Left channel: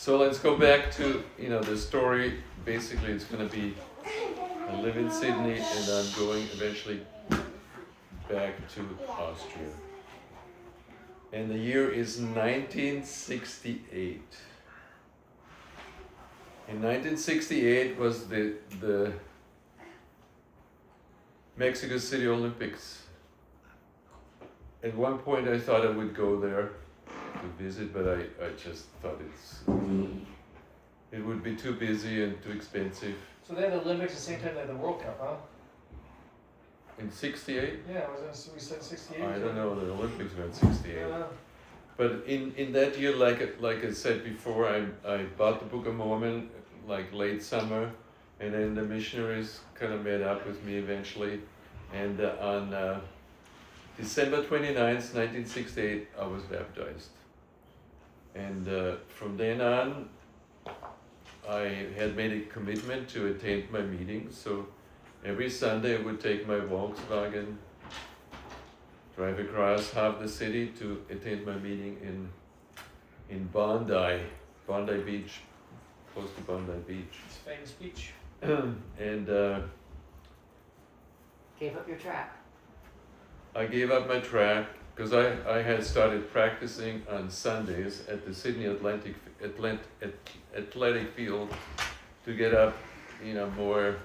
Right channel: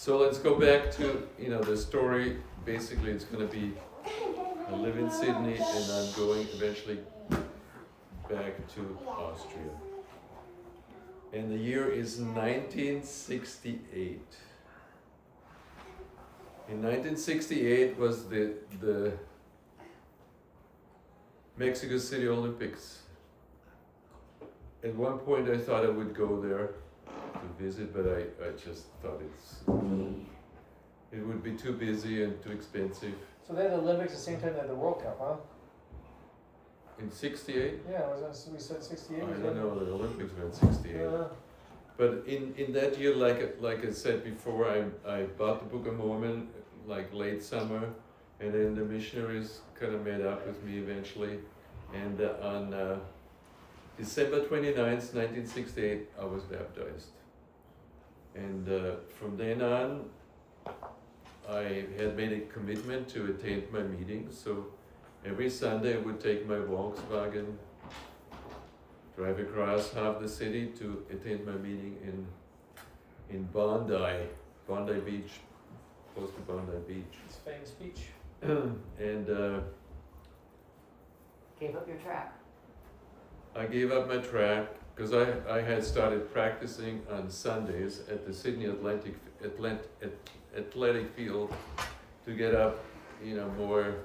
So let's go back to, the story. Basically, it's going to be I live in Sydney and I'm going eventually back to Austria. And the year is 1968. In 1968 was the Mexico City Olympics. At one point I thought I would go there to visit, but I just thought it would be too busy and too expensive. So they had the Olympics at the same time they had the World Cup, huh? In 68? Yeah, we said 68. I don't know, the Olympics were in 68. But in that year, like I said before, I bought the Book of Mormon like late summer, and then the missionaries kind of met up with me eventually. And on December 29th, 1968, I was baptized. And from then on, I had made a commitment to attend my meetings. So every Sunday I would take my Volkswagen, drive across half the city to attend my meeting in Bondi Beach, close to Bondi Beach. It's a famous beach. And Gave up your track. I gave up my track because I had started practicing on Sundays at the Sydney Athletic Field to get up, more,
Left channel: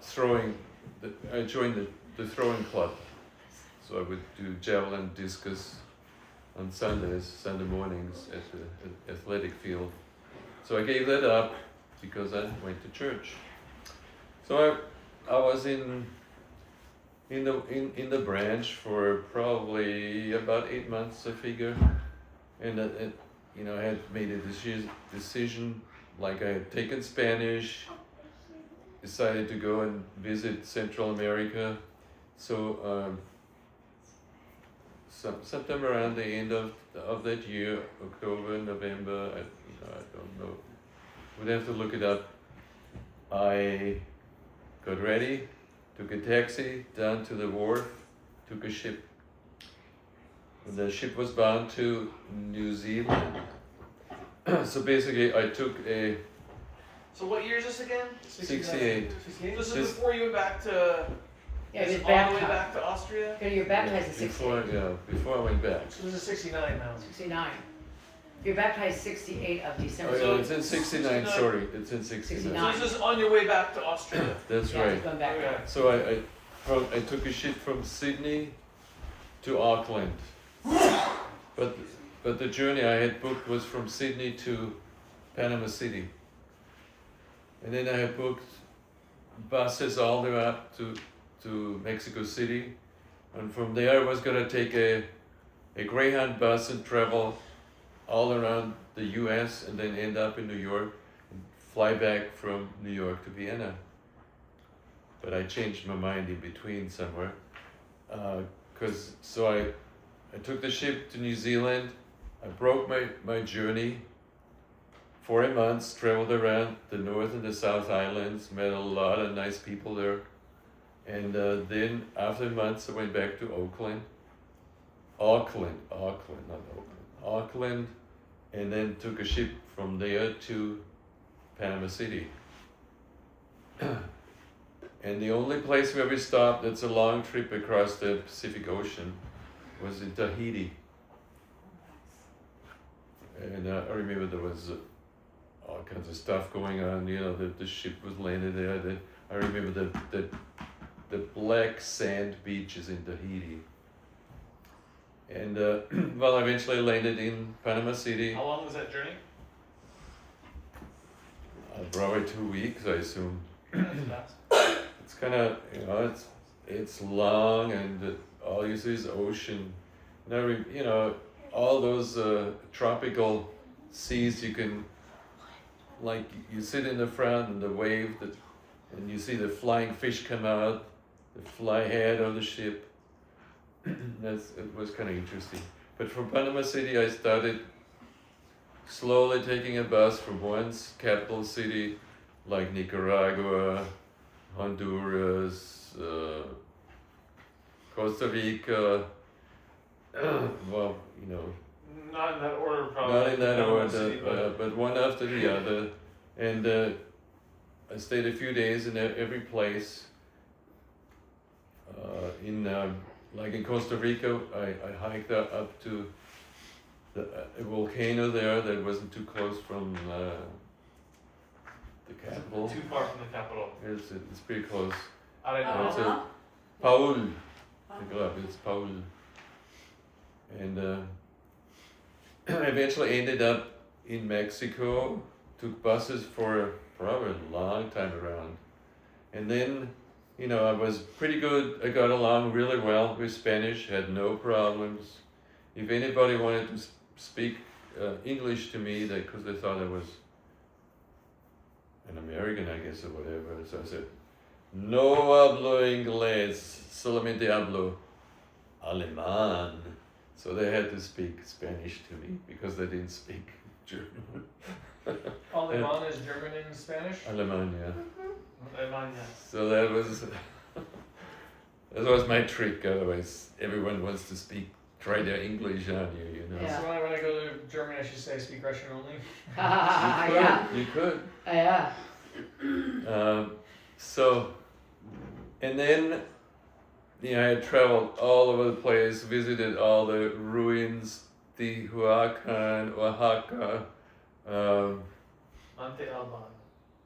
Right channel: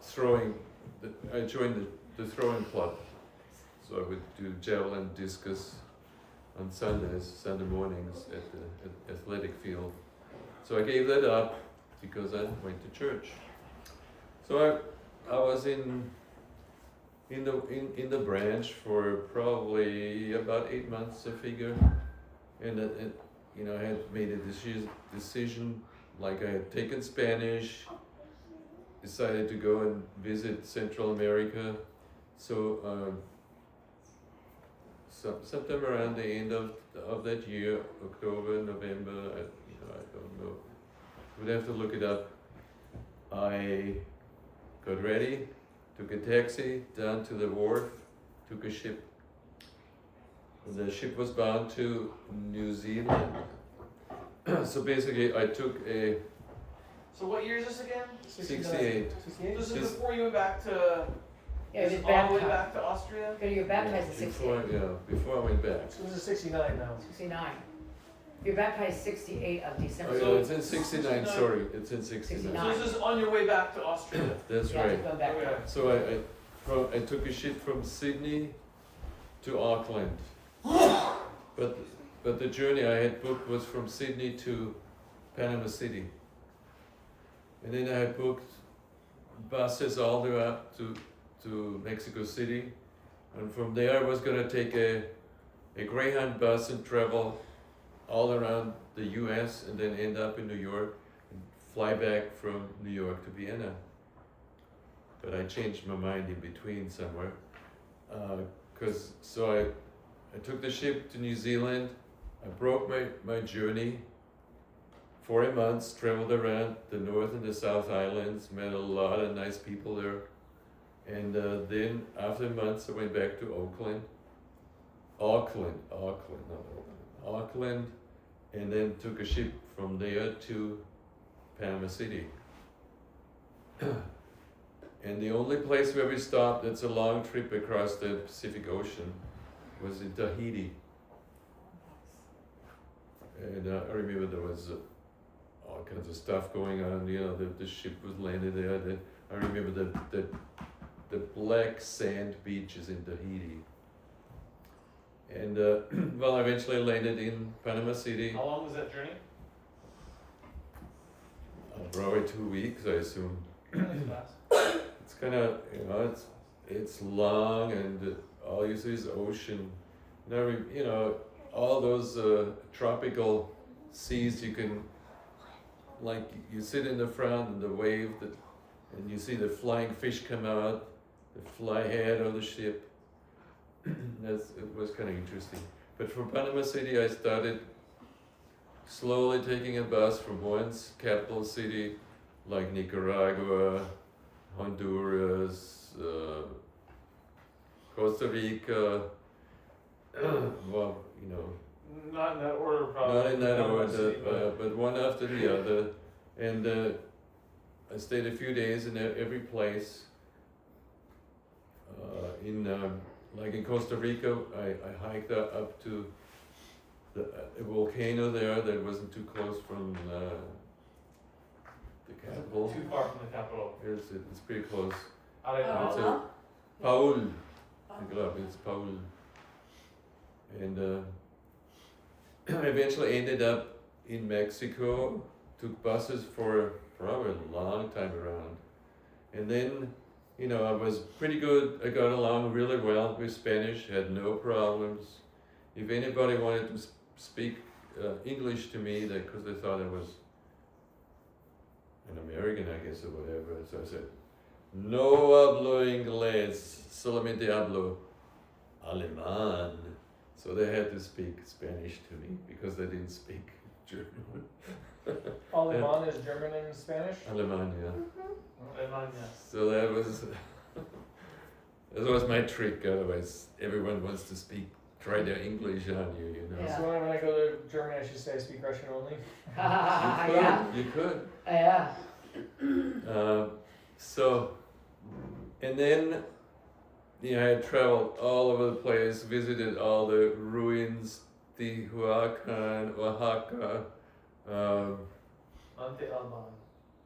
throwing. I joined the throwing club. So I would do javelin, discus on Sunday mornings at the athletic field. So I gave that up because I went to church. So I was in the branch for probably about 8 months, I figure, and I had made a decision. Like I had taken Spanish, decided to go and visit Central America. So sometime around the end of that year, October, November, I don't know. Would have to look it up. I got ready, took a taxi down to the wharf, took a ship. And the ship was bound to New Zealand. So basically, I took a. So what year is this again? 68. 68? This is before you went back to. Yeah, is you're it all the way baptized. back to Austria? Yeah, you're baptized at 68. Before I went back. So this is 69 now. 69. You're baptized 68 of Oh, December. yeah, it's in 69, sorry, it's in 69. 69. So this is on your way back to Austria. That's Yeah, right. going back. Okay. So I took a ship from Sydney to Auckland. But the journey I had booked was from Sydney to Panama City. And then I had booked buses all the way up to Mexico City. And from there I was gonna take a Greyhound bus and travel all around the US and then end up in New York and fly back from New York to Vienna. But I changed my mind in between somewhere. So I took the ship to New Zealand. I broke my journey. 4 months, traveled around the North and the South Islands, met a lot of nice people there. And then after months, I went back to Auckland, not Auckland, and then took a ship from there to Panama City. And the only place where we stopped, that's a long trip across the Pacific Ocean, was in Tahiti. And I remember there was all kinds of stuff going on. The ship was landed there. I remember the black sand beaches in Tahiti. And I eventually landed in Panama City. How long was that journey? Probably 2 weeks, I assume. Fast. It's kind of, it's long, and all you see is ocean. All those tropical seas, you can, like, you sit in the front and the wave, and you see the flying fish come out, the fly head of the ship. It was kind of interesting. But from Panama City, I started slowly taking a bus from one capital city, like Nicaragua, Honduras, Costa Rica, Not Not in that order, probably. not in that Panama City, order, but one after the other. And I stayed a few days in every place. Like in Costa Rica, I hiked up to a volcano there that wasn't too close from the capital. Too far from the capital. It's pretty close. Arenas. It's a Paul. I glaube, it's Paul. And I eventually ended up in Mexico, took buses for probably a long time around. And then, I was pretty good. I got along really well with Spanish, had no problems. If anybody wanted to speak English to me, because they thought I was an American, I guess, or whatever. So I said, no hablo inglés, solamente hablo alemán. So they had to speak Spanish to me because they didn't speak German. Alemán is German and Spanish? Alemán, yeah. Alemania. So that was my trick. Otherwise, everyone wants to try their English on you, Yeah. So when I go to Germany, I should say I speak Russian only? You could. Yeah. And then, I had traveled all over the place, visited all the ruins, Teotihuacan, Oaxaca, Monte Alban.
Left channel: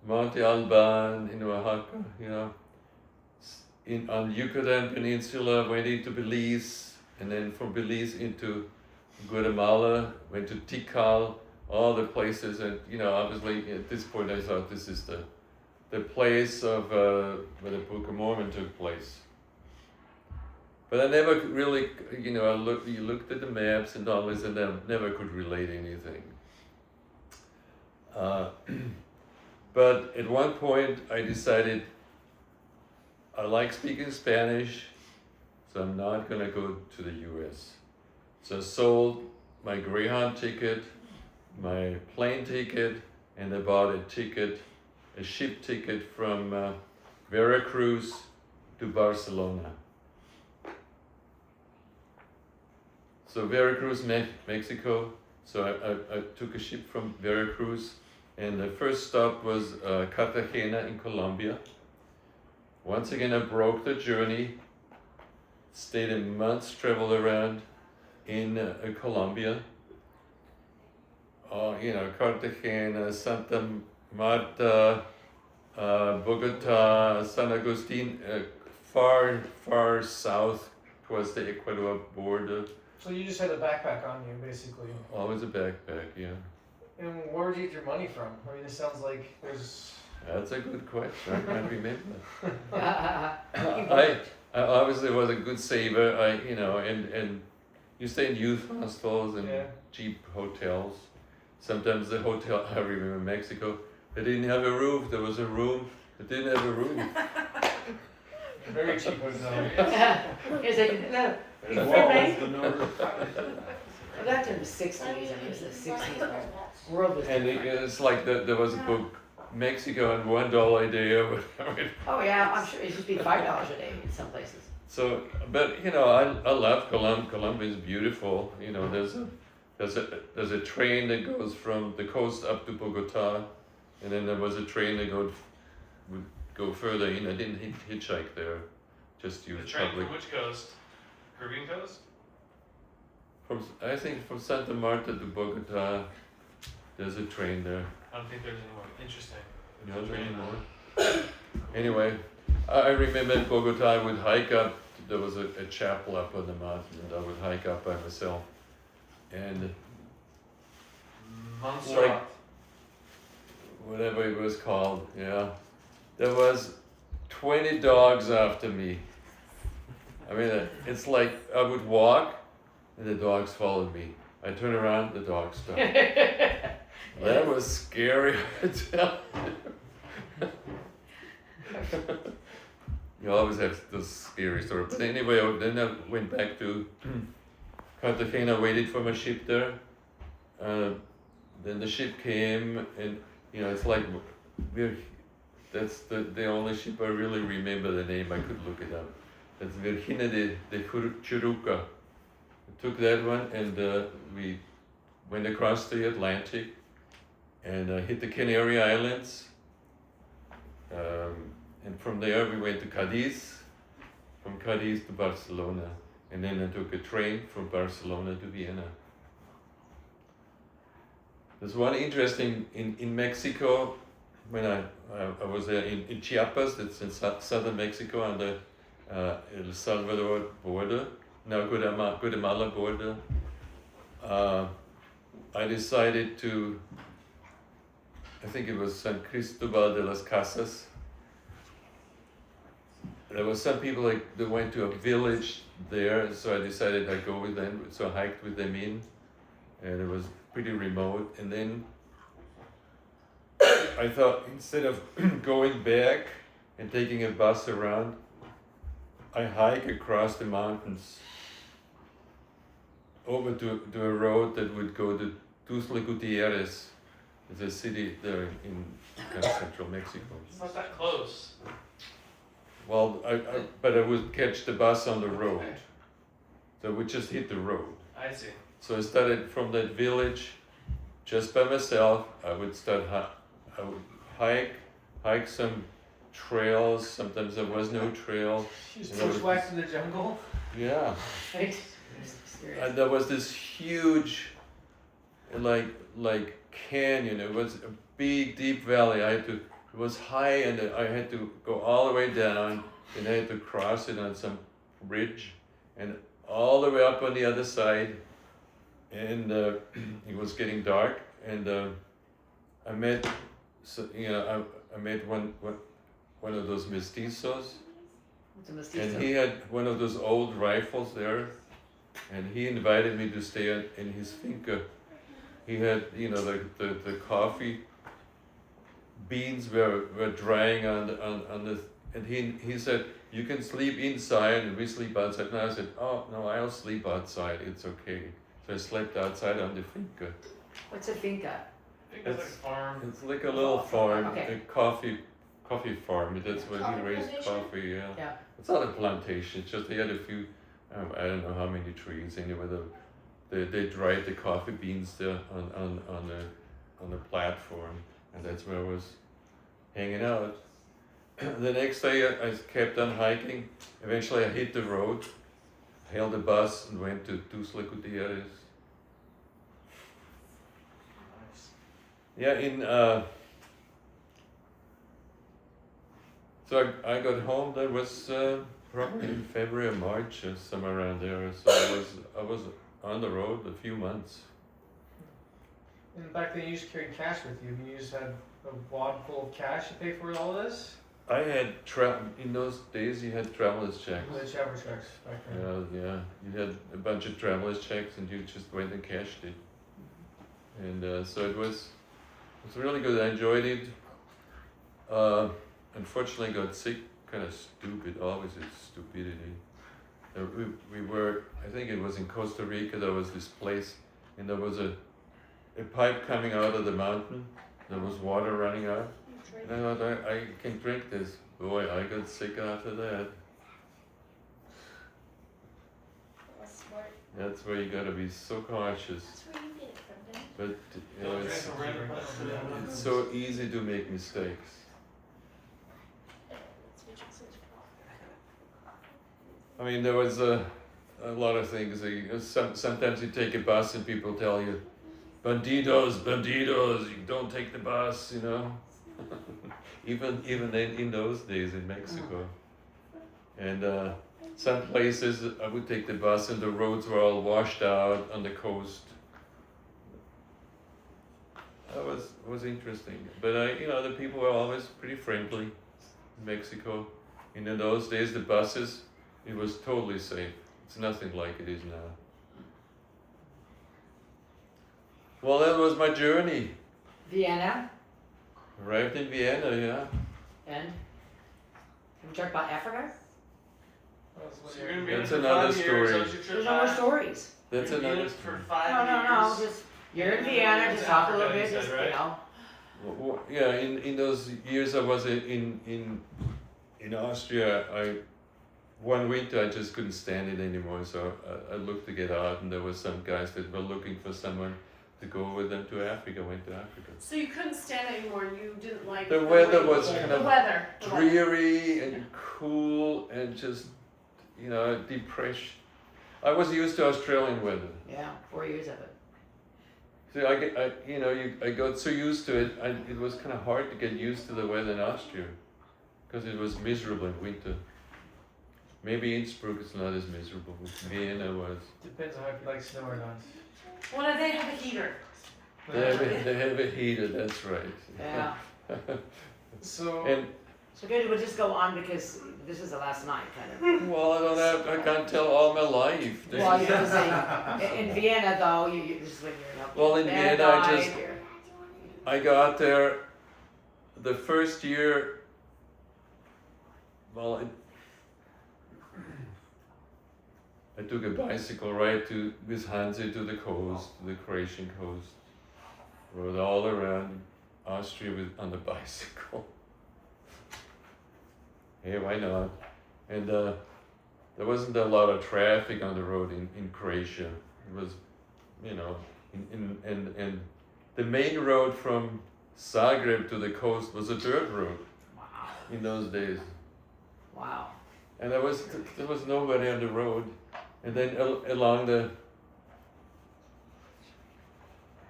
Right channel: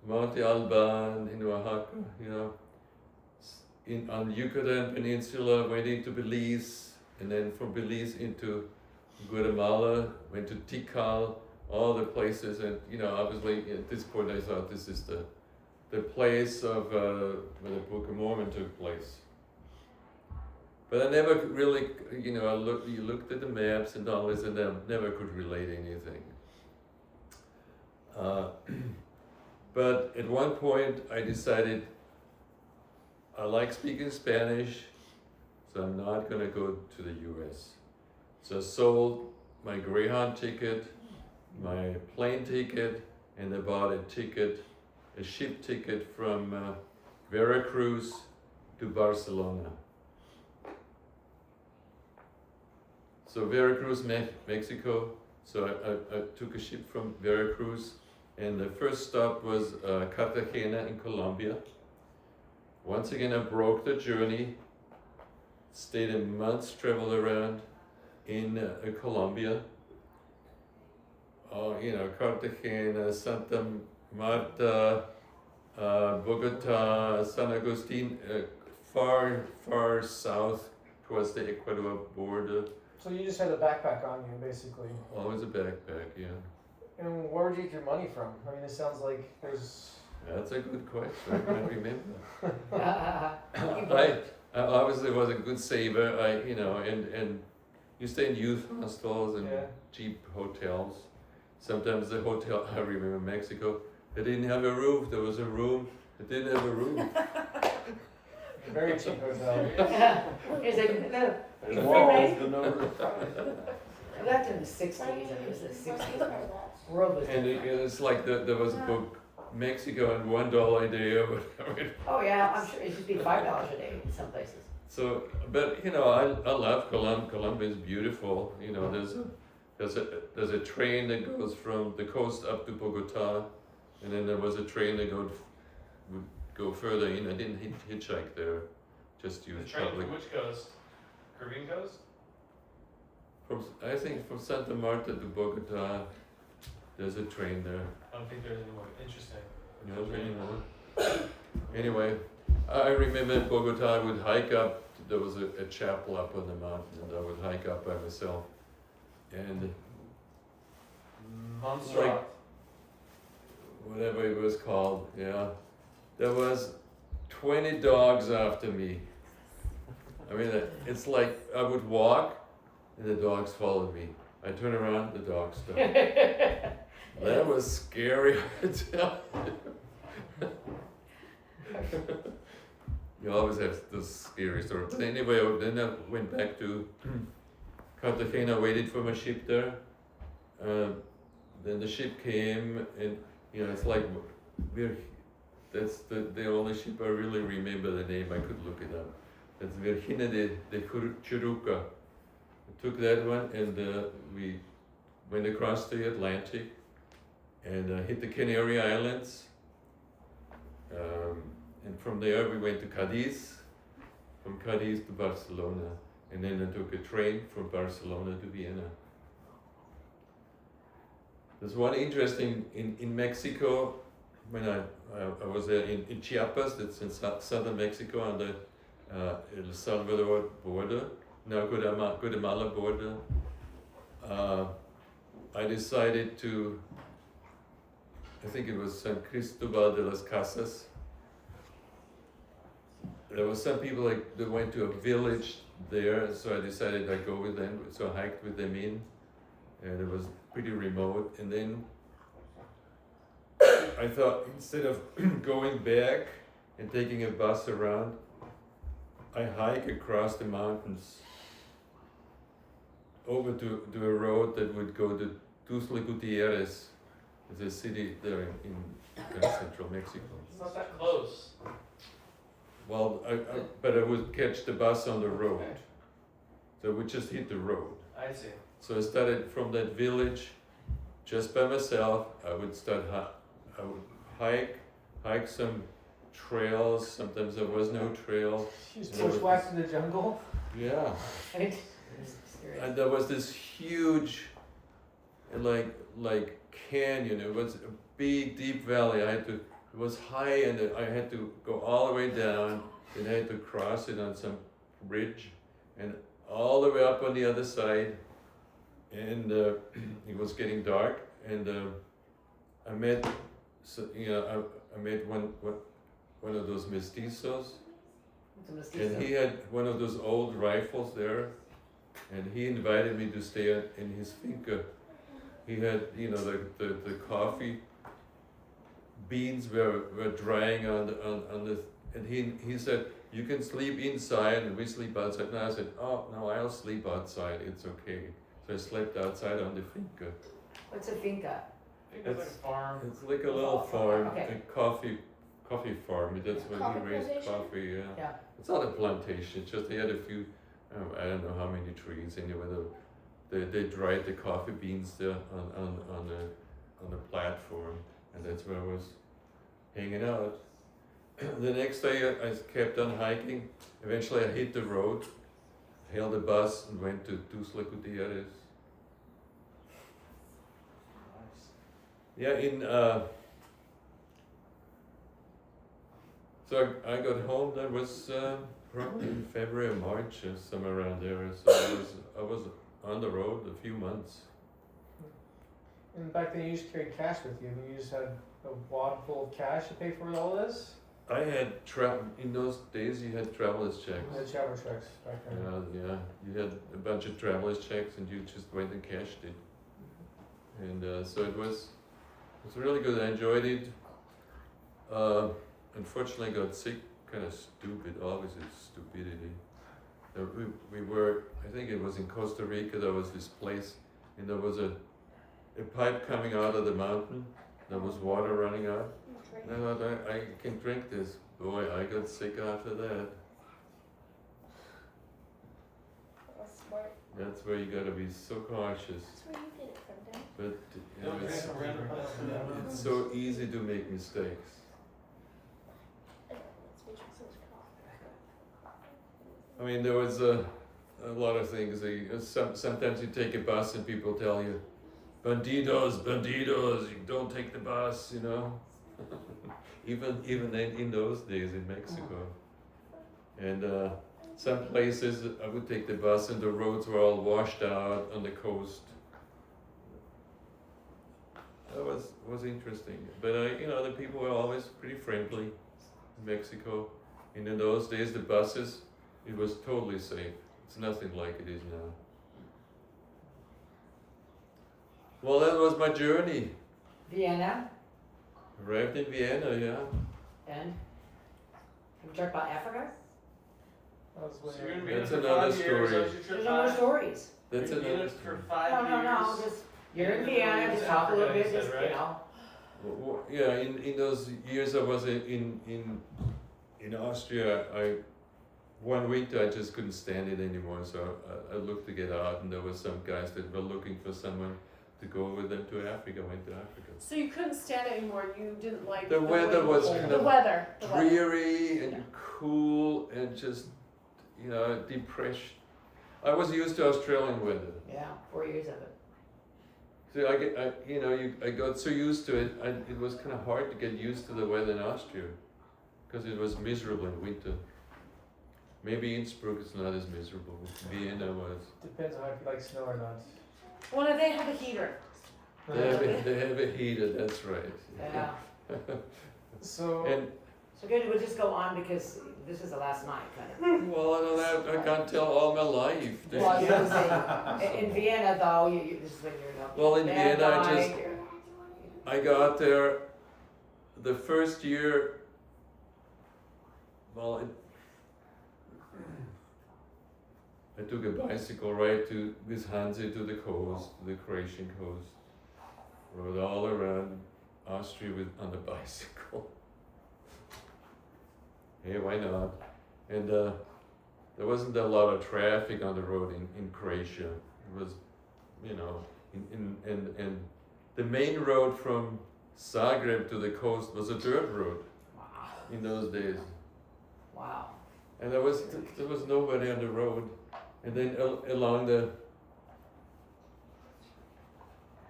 Monte Alban in Oaxaca, on Yucatan Peninsula, went into Belize, and then from Belize into Guatemala, went to Tikal, all the places, and obviously at this point I thought this is the place of where the Book of Mormon took place. But I never really, you looked at the maps and all this, and I never could relate anything. But at one point I decided I like speaking Spanish, so I'm not going to go to the US. So I sold my Greyhound ticket, my plane ticket, and I bought a ship ticket from Veracruz to Barcelona. So Veracruz, Mexico. So I took a ship from Veracruz, and the first stop was Cartagena in Colombia. Once again, I broke the journey, stayed a month, traveled around in Colombia. Cartagena, Santa Marta, Bogota, San Agustin, far south towards the Ecuador border. So you just had a backpack on you, basically. Always a backpack, yeah. And where would you get your money from? I mean, it sounds like there's... That's a good question. I can't remember. I obviously was a good saver. And you stay in youth hostels and cheap hotels. Sometimes the hotel, I remember in Mexico, they didn't have a roof. There was a room that didn't have a roof. Very cheap hotel. It's like, no, The it's walls, free. the number. That's in the 60s, I mean, it was the 60s. World was And it's like there was a book, Mexico, and $1 a day or whatever. Oh yeah, I'm sure it should be $5 a day in some places. So, but I love Colombia. Colombia is beautiful. There's a train that goes from the coast up to Bogota, and then there was a train that would go further in. I didn't hitchhike there, just The used train public. from which coast? Caribbean coast? I think from Santa Marta to Bogota, there's a train there. I don't think there's any more. Interesting. Not anymore. Anyway, I remember in Bogota I would hike up. There was a chapel up on the mountain, and I would hike up by myself. And Montserrat. Like- whatever it was called, yeah, there was 20 dogs after me. I mean, it's like I would walk, and the dogs followed me. I turn around, the dogs stopped. That was scary, I tell you. You always have those scary stories. But anyway, then I went back to Cartagena, waited for my ship there. Then the ship came, and it's like that's the only ship I really remember the name. I could look it up. That's Virginia de Churuca. I took that one, and we went across the Atlantic and hit the Canary Islands. And from there we went to Cadiz, from Cadiz to Barcelona. And then I took a train from Barcelona to Vienna. There's one interesting, in Mexico, when I was there in Chiapas, that's in southern Mexico on the El Salvador border, now Guatemala border. I decided to, I think it was San Cristobal de las Casas. There were some people that went to a village there, so I decided I'd go with them. So I hiked with them in, and it was pretty remote. And then I thought, instead of going back and taking a bus around, I hike across the mountains over to a road that would go to Tuxtla Gutierrez. It's a city there in kind of central Mexico. It's not that close. Well, but I would catch the bus on the road. So I would just hit the road. I see. So I started from that village just by myself. I would I would hike some trails. Sometimes there was no trail. You just You know, bushwhacked in the jungle. Yeah. Right? And there was this huge, like canyon. It was a big, deep valley. It was high, and I had to go all the way down, and I had to cross it on some bridge, and all the way up on the other side. And it was getting dark, and I met, I met one of those mestizos, It's a mestizo. and he had one of those old rifles there, and he invited me to stay in his finca. He had, the coffee beans were drying on the, and he said, you can sleep inside and we sleep outside. And I said, oh no, I'll sleep outside, it's okay. So I slept outside on the finca. What's a finca? I think it's like a farm. It's like a little farm, Okay. a coffee farm. That's where he Coffee raised plantation? coffee. Yeah. Yeah. It's not a plantation. It's just they had a few. I don't know how many trees. Anyway, they dried the coffee beans there on the platform, and that's where I was hanging out. The next day I kept on hiking. Eventually I hit the road, hailed a bus, and went to Tuxtla Gutierrez. Nice. Yeah, so I got home. That was probably in February or March, or somewhere around there. So I was on the road a few months. And back then you just carried cash with you. I mean, you just had a wad full of cash to pay for all this. I had in those days you had traveler's checks. The travel checks back then. Yeah. You had a bunch of traveler's checks, and you just went and cashed it. And so it was really good. I enjoyed it. Unfortunately, I got sick. Kind of stupid. Always is stupidity. We were. I think it was in Costa Rica. There was this place, and there was a pipe coming out of the mountain. There was water running out. And I thought, I can drink this. Boy, I got sick after that. That's smart. That's where you gotta be so cautious. That's where you get it from, then. But Don't drink from random places. it's so easy to make mistakes. That's what you said. I mean, there was a lot of things. Sometimes you take a bus and people tell you, bandidos, you don't take the bus, even in those days in Mexico. And some places I would take the bus and the roads were all washed out on the coast. That was interesting. But the people were always pretty friendly in Mexico. And in those days, the buses, it was totally safe. It's nothing like it is now. Well, that was my journey. Vienna, Arrived in Vienna, yeah. and we talked about Africa. That was when So you you're were- gonna be in That's for another 5 years. story. That was your trip There's no more back. stories. That's You're gonna be in another. for 5 No, years. just, you're in And then Vienna, we'll just go talk a to little Africa, bit, you just, said, right? Yeah, in those years I was in Austria. One winter I just couldn't stand it anymore, so I looked to get out, and there were some guys that were looking for someone to go with them to Africa. Went to Africa. So you couldn't stand it anymore. You didn't like The weather way- was kind the of weather. The weather. dreary and cool and just, you know, depression. I was used to Australian weather. Yeah, 4 years of it. So I got so used to it. It was kind of hard to get used to the weather in Austria, because it was miserable in winter. Maybe Innsbruck is not as miserable. Vienna was. Depends on if you like snow or not. Well, no, they have a heater. They have a heater. That's right. Yeah. So, And So good, we'll just go on because this is the last night, kind of. well, I don't have. I can't tell all my life. This Well, is- you know, saying, in Vienna though, this is when you're not. Well, in bad Vienna, guy. I got there the first year. Well, I took a bicycle ride with Hansi to the coast, to the Croatian coast. Rode all around Austria on the bicycle. Hey, why not? And there wasn't a lot of traffic on the road in Croatia. It was, you know, and the main road from Zagreb to the coast was a dirt road Wow. in those days. Wow. And there was nobody on the road. And then along the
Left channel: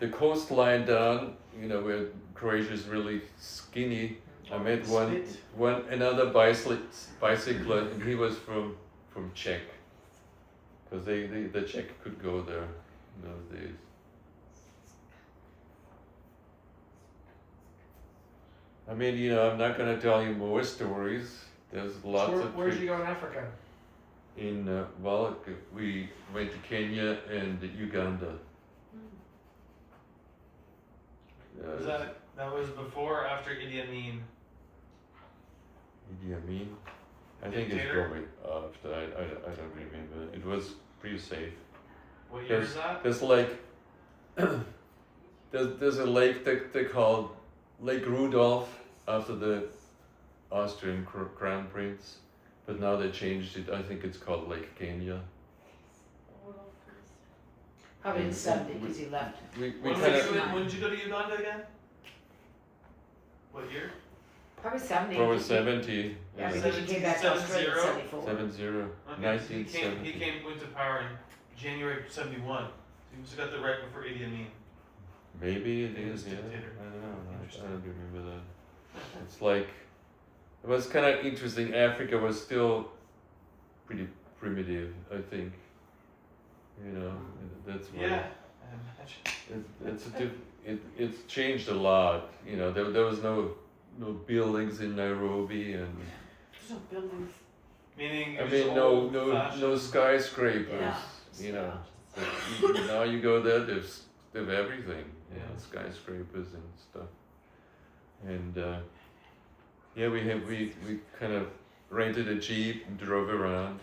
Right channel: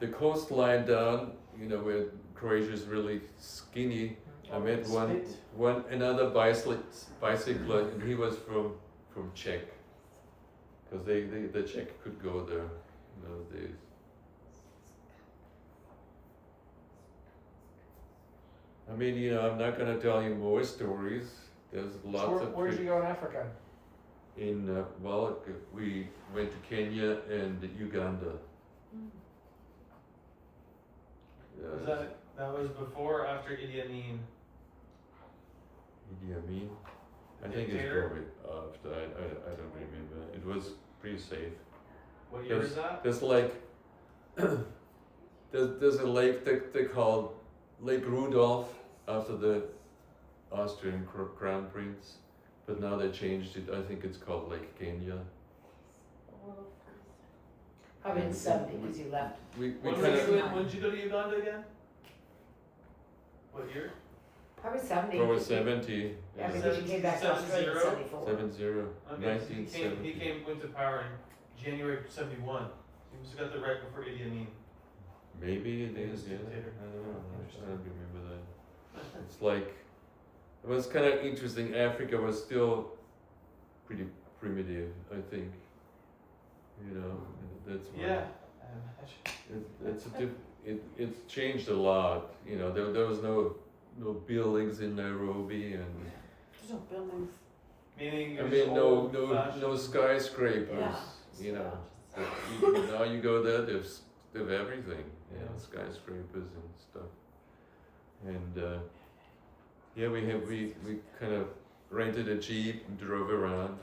coastline down, you know, where Croatia is really skinny, I met another bicycler, and he was from Czech, because the Czech could go there in those days. I mean, you know, I'm not gonna tell you more stories. There's lots of where'd you go in Africa? we went to Kenya and Uganda. Was that was before or after Idi Amin? Idi Amin? I think it's Dictator? probably after. I don't remember. It was pretty safe. What year is that? There's like there's a lake they call Lake Rudolph after the Austrian crown prince, but now they changed it. I think it's called Lake Kenya. Probably in the 70s because he left. We When kind did of you go to Uganda again? What year? Probably 70. probably 70. Yeah, Yeah. because he came back to Australia in 70? 74. 70. Okay, so he 1970. went to power in January of '71. So he must have got there right before Idi Amin. Maybe it He was is, yeah. dictator. I don't know. I Interesting. don't remember that. It's like, it was kind of interesting. Africa was still pretty primitive, I think. You know, that's why. Yeah, I imagine. It's changed a lot. You know, there was no buildings in Nairobi, and There's no buildings. Meaning, I it was mean old no fashioned. skyscrapers. Yeah. You know, but now you go there, there's everything. You know, skyscrapers and stuff. And yeah, we kind of rented a jeep and drove around.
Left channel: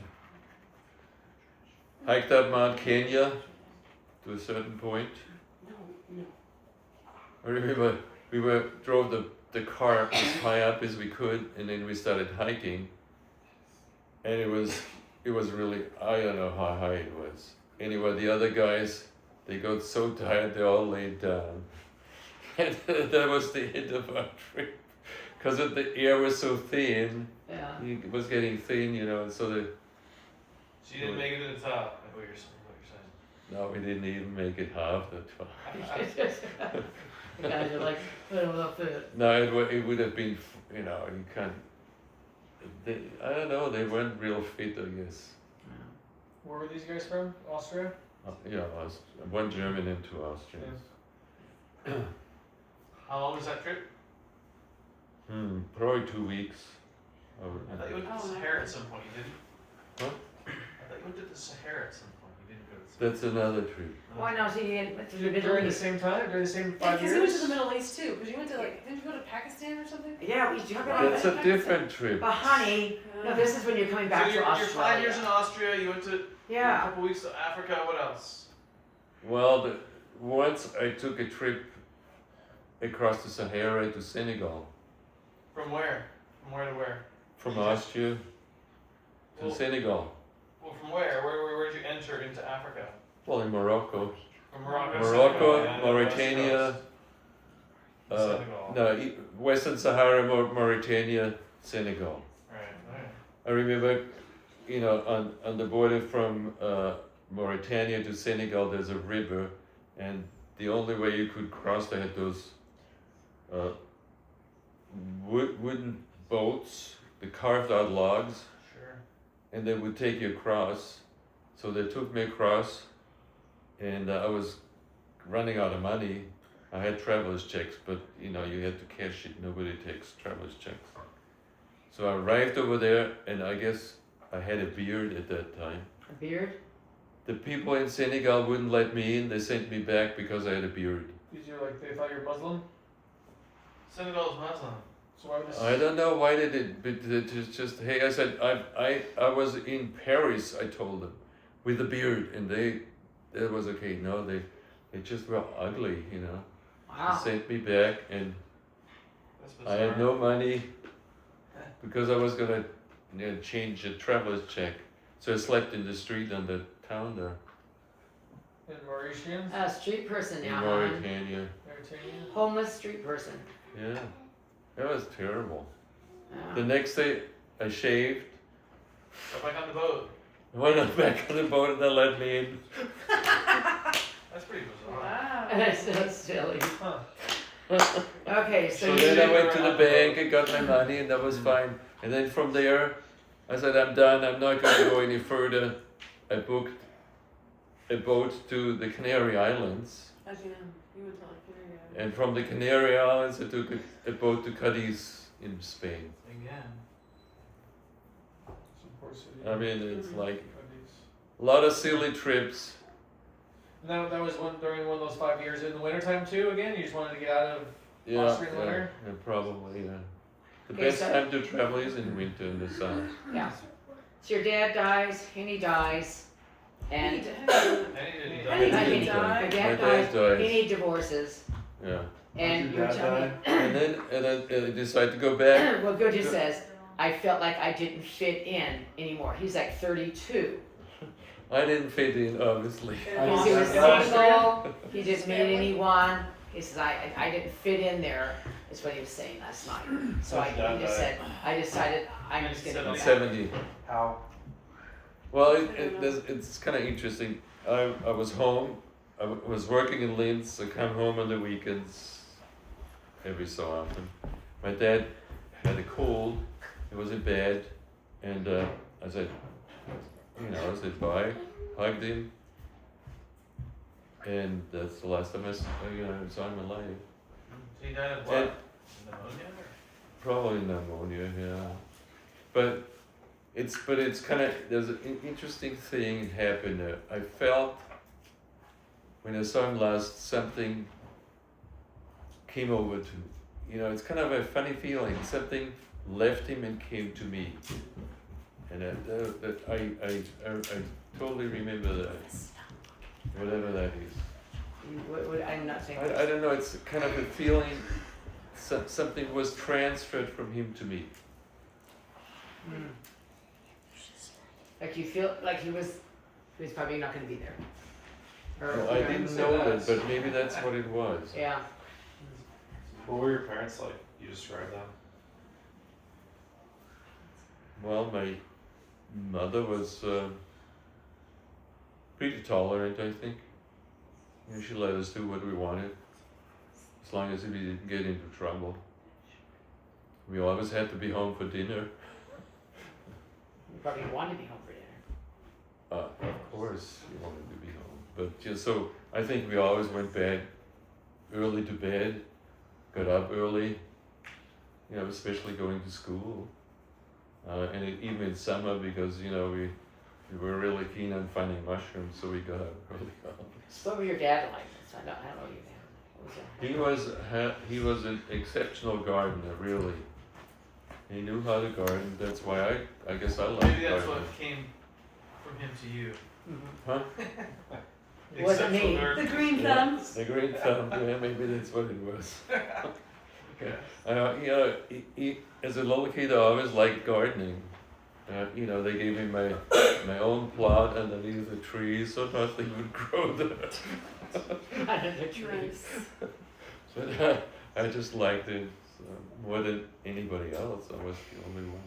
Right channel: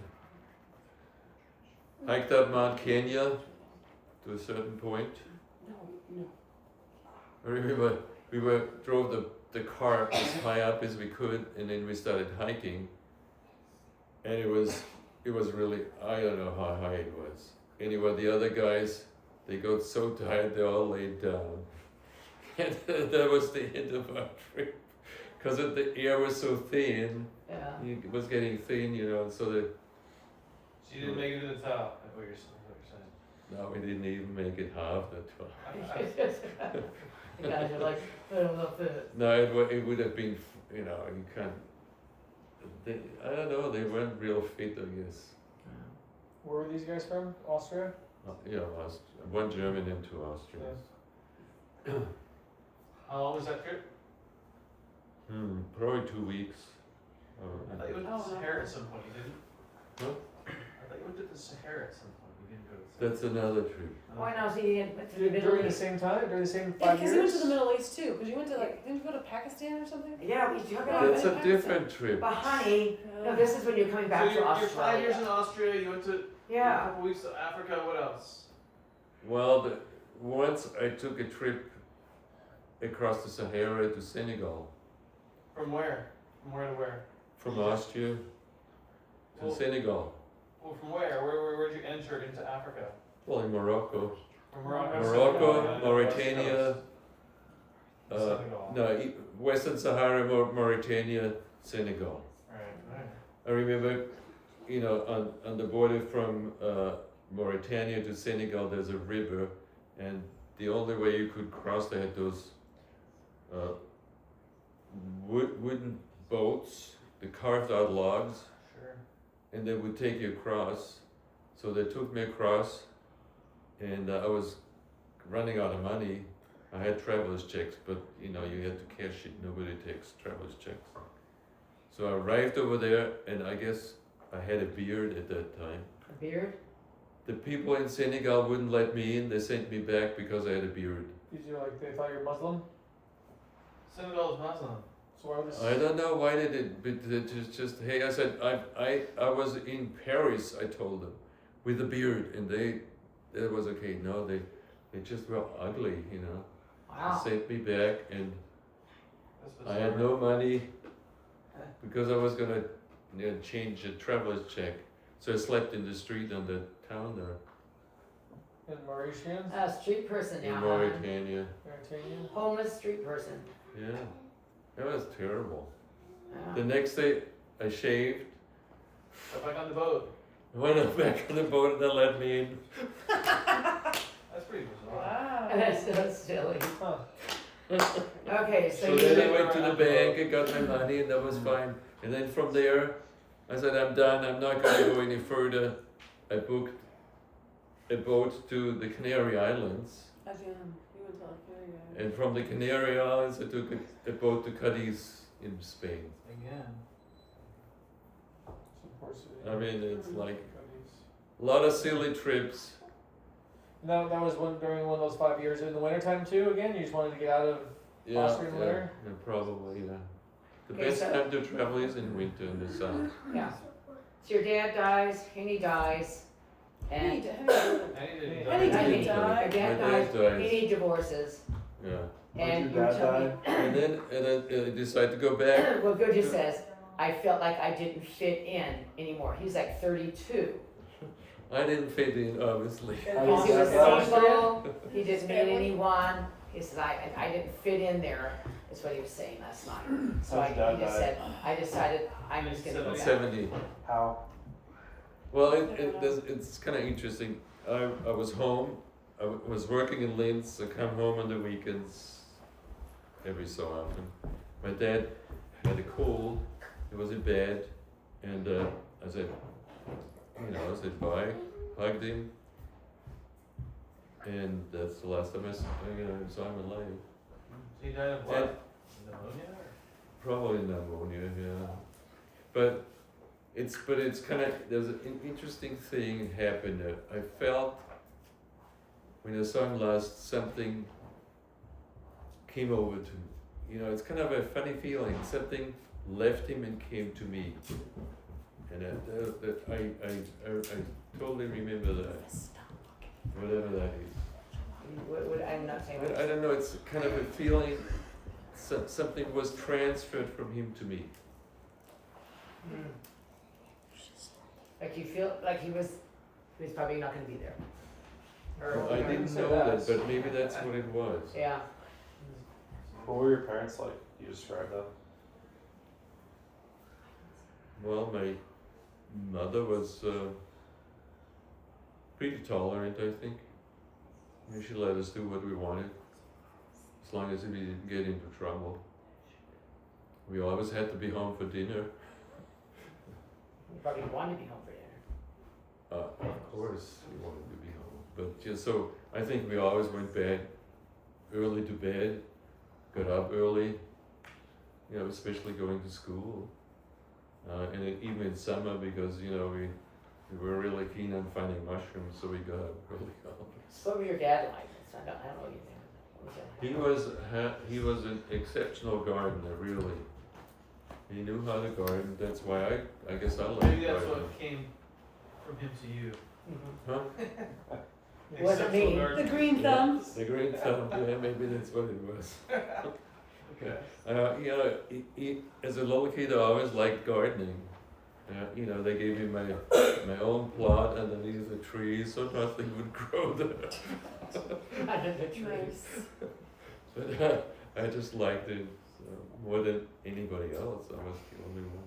Hiked up Mount Kenya to a certain point. I remember drove the car as high up as we could, and then we started hiking. And it was really, I don't know how high it was. Anyway, the other guys, they got so tired they all laid down. And that was the end of our trip. Because the air was so thin, Yeah. it was getting thin, you know, so So you didn't make it to the top. What you're saying. no, we didn't even make it half that far. The guys are like, put him up there. No, it would have been, you know, you can't, I don't know, they weren't real fit, I guess. Where were these guys from? Austria? Yeah, one German and two Austrians. How long was that trip? Probably 2 weeks. I thought you went to the Oh, Sahara at some point. You didn't? Huh? I thought you went to the Sahara at some point. You didn't go to the That's another trip. Why not? So you didn't through the Middle During the East? same time? During the same Yeah, 5 because he went to years? the Middle East too. Because you went to didn't you go to Pakistan or something? Yeah, we do. That's a different trip. But honey, no, this is when you're coming back So to you're Australia. 5 years in Austria. You went to a Yeah. couple weeks to Africa. What else? Well, once I took a trip across the Sahara to Senegal, From where? From where to where? from Austria to Well- Senegal. Well, from where? Where'd you enter into Africa? Well, in Morocco. From Morocco, Senegal, Mauritania, Senegal. no, Western Sahara, Mauritania, Senegal. Right, right. I remember, you know, on the border from Mauritania to Senegal, there's a river, and the only way you could cross, they had those wooden boats, the carved out logs, Sure. and they would take you across. So they took me across, and I was running out of money. I had traveler's checks, but you know, you had to cash it. Nobody takes traveler's checks. So I arrived over there, and I guess I had a beard at that time. A beard? The people in Senegal wouldn't let me in. They sent me back because I had a beard. Because you're like, they thought you're Muslim? Senegal is Muslim. So why was I don't know why they did, but they just hey, I said I was in Paris. I told them with a beard, and that was okay. No, they just were ugly, you know. Wow. They sent me back, and That's I had bizarre. no money because I was gonna change a traveler's check. So I slept in the street on the town there in Mauritians? A street person in now, huh? Mauritania. Mauritania? Homeless street person. Yeah, that was terrible. Wow. The next day, I shaved. Go back on the boat. I went up back on the boat, and they let me in. That's pretty bizarre. Wow. That's so silly. Huh. Okay, so So you then I did- went to the bank and got my money, and that was fine. And then from there, I said, I'm done. I'm not going to go any further. I booked a boat to the Canary Islands. As you went to like Canary. And from the Canary Islands, I took a boat to Cadiz in Spain. Again. Some poor city. I mean, it's like Cadiz. a lot of silly trips. That was during one of those 5 years in the wintertime too, again? You just wanted to get out of Yeah, Austrian yeah, winter? probably, yeah. The Okay, best so- time to travel is in winter in the south. Yeah. So your dad dies, Henny dies, and Any Any My did dad die. dies, dies. Henny divorces, Yeah. and Your you're dad telling me, And then I decided to go back. well, Good just says, I felt like I didn't fit in anymore. He's like 32. I didn't fit in, obviously. Because he was Yeah. single, he didn't meet anyone. He says, I didn't fit in there, is what he was saying last night. So How'd your he dad just die? said, I decided I'm just gonna go I'm back. 70. How? Well, it's kind of interesting. I was home. I was working in Linz. I come home on the weekends every so often. My dad had a cold. He was in bed, and I said, I said bye, hugged him, and that's the last time I saw him alive. So he died of And what? Pneumonia? Or? probably pneumonia, yeah. But it's kind of, there's an interesting thing happened there. I felt when I saw him last, something came over to me. It's kind of a funny feeling. Something left him and came to me. And I totally remember that, whatever that is. I'm not saying. I don't know, it's kind of a feeling, something was transferred from him to me. Hmm. Like you feel like he was probably not gonna be there. Or- Well, I didn't know that, but maybe that's what it was. Yeah. What were your parents like? You described them. Well, my mother was pretty tolerant, I think. She let us do what we wanted, as long as we didn't get into trouble. We always had to be home for dinner. You probably wanted to be home for dinner. Of course, we wanted to be home. But just so, I think we always went early to bed, got up early, especially going to school. And even in summer, because, we were really keen on finding mushrooms, so we got up early always. What was your dad like? I don't know your dad. He was an exceptional gardener, really. He knew how to garden. That's why I guess I like Maybe that's gardening. what came from him to you. Huh? Wasn't me. Exceptional garden. The green Yeah. thumbs. The green thumb. Yeah, maybe that's what it was. Okay. He, as a little kid, I always liked gardening. They gave me my own plot underneath the tree, so nothing would grow there. under the tree. Nice. But I just liked it more than anybody else. I was the only one.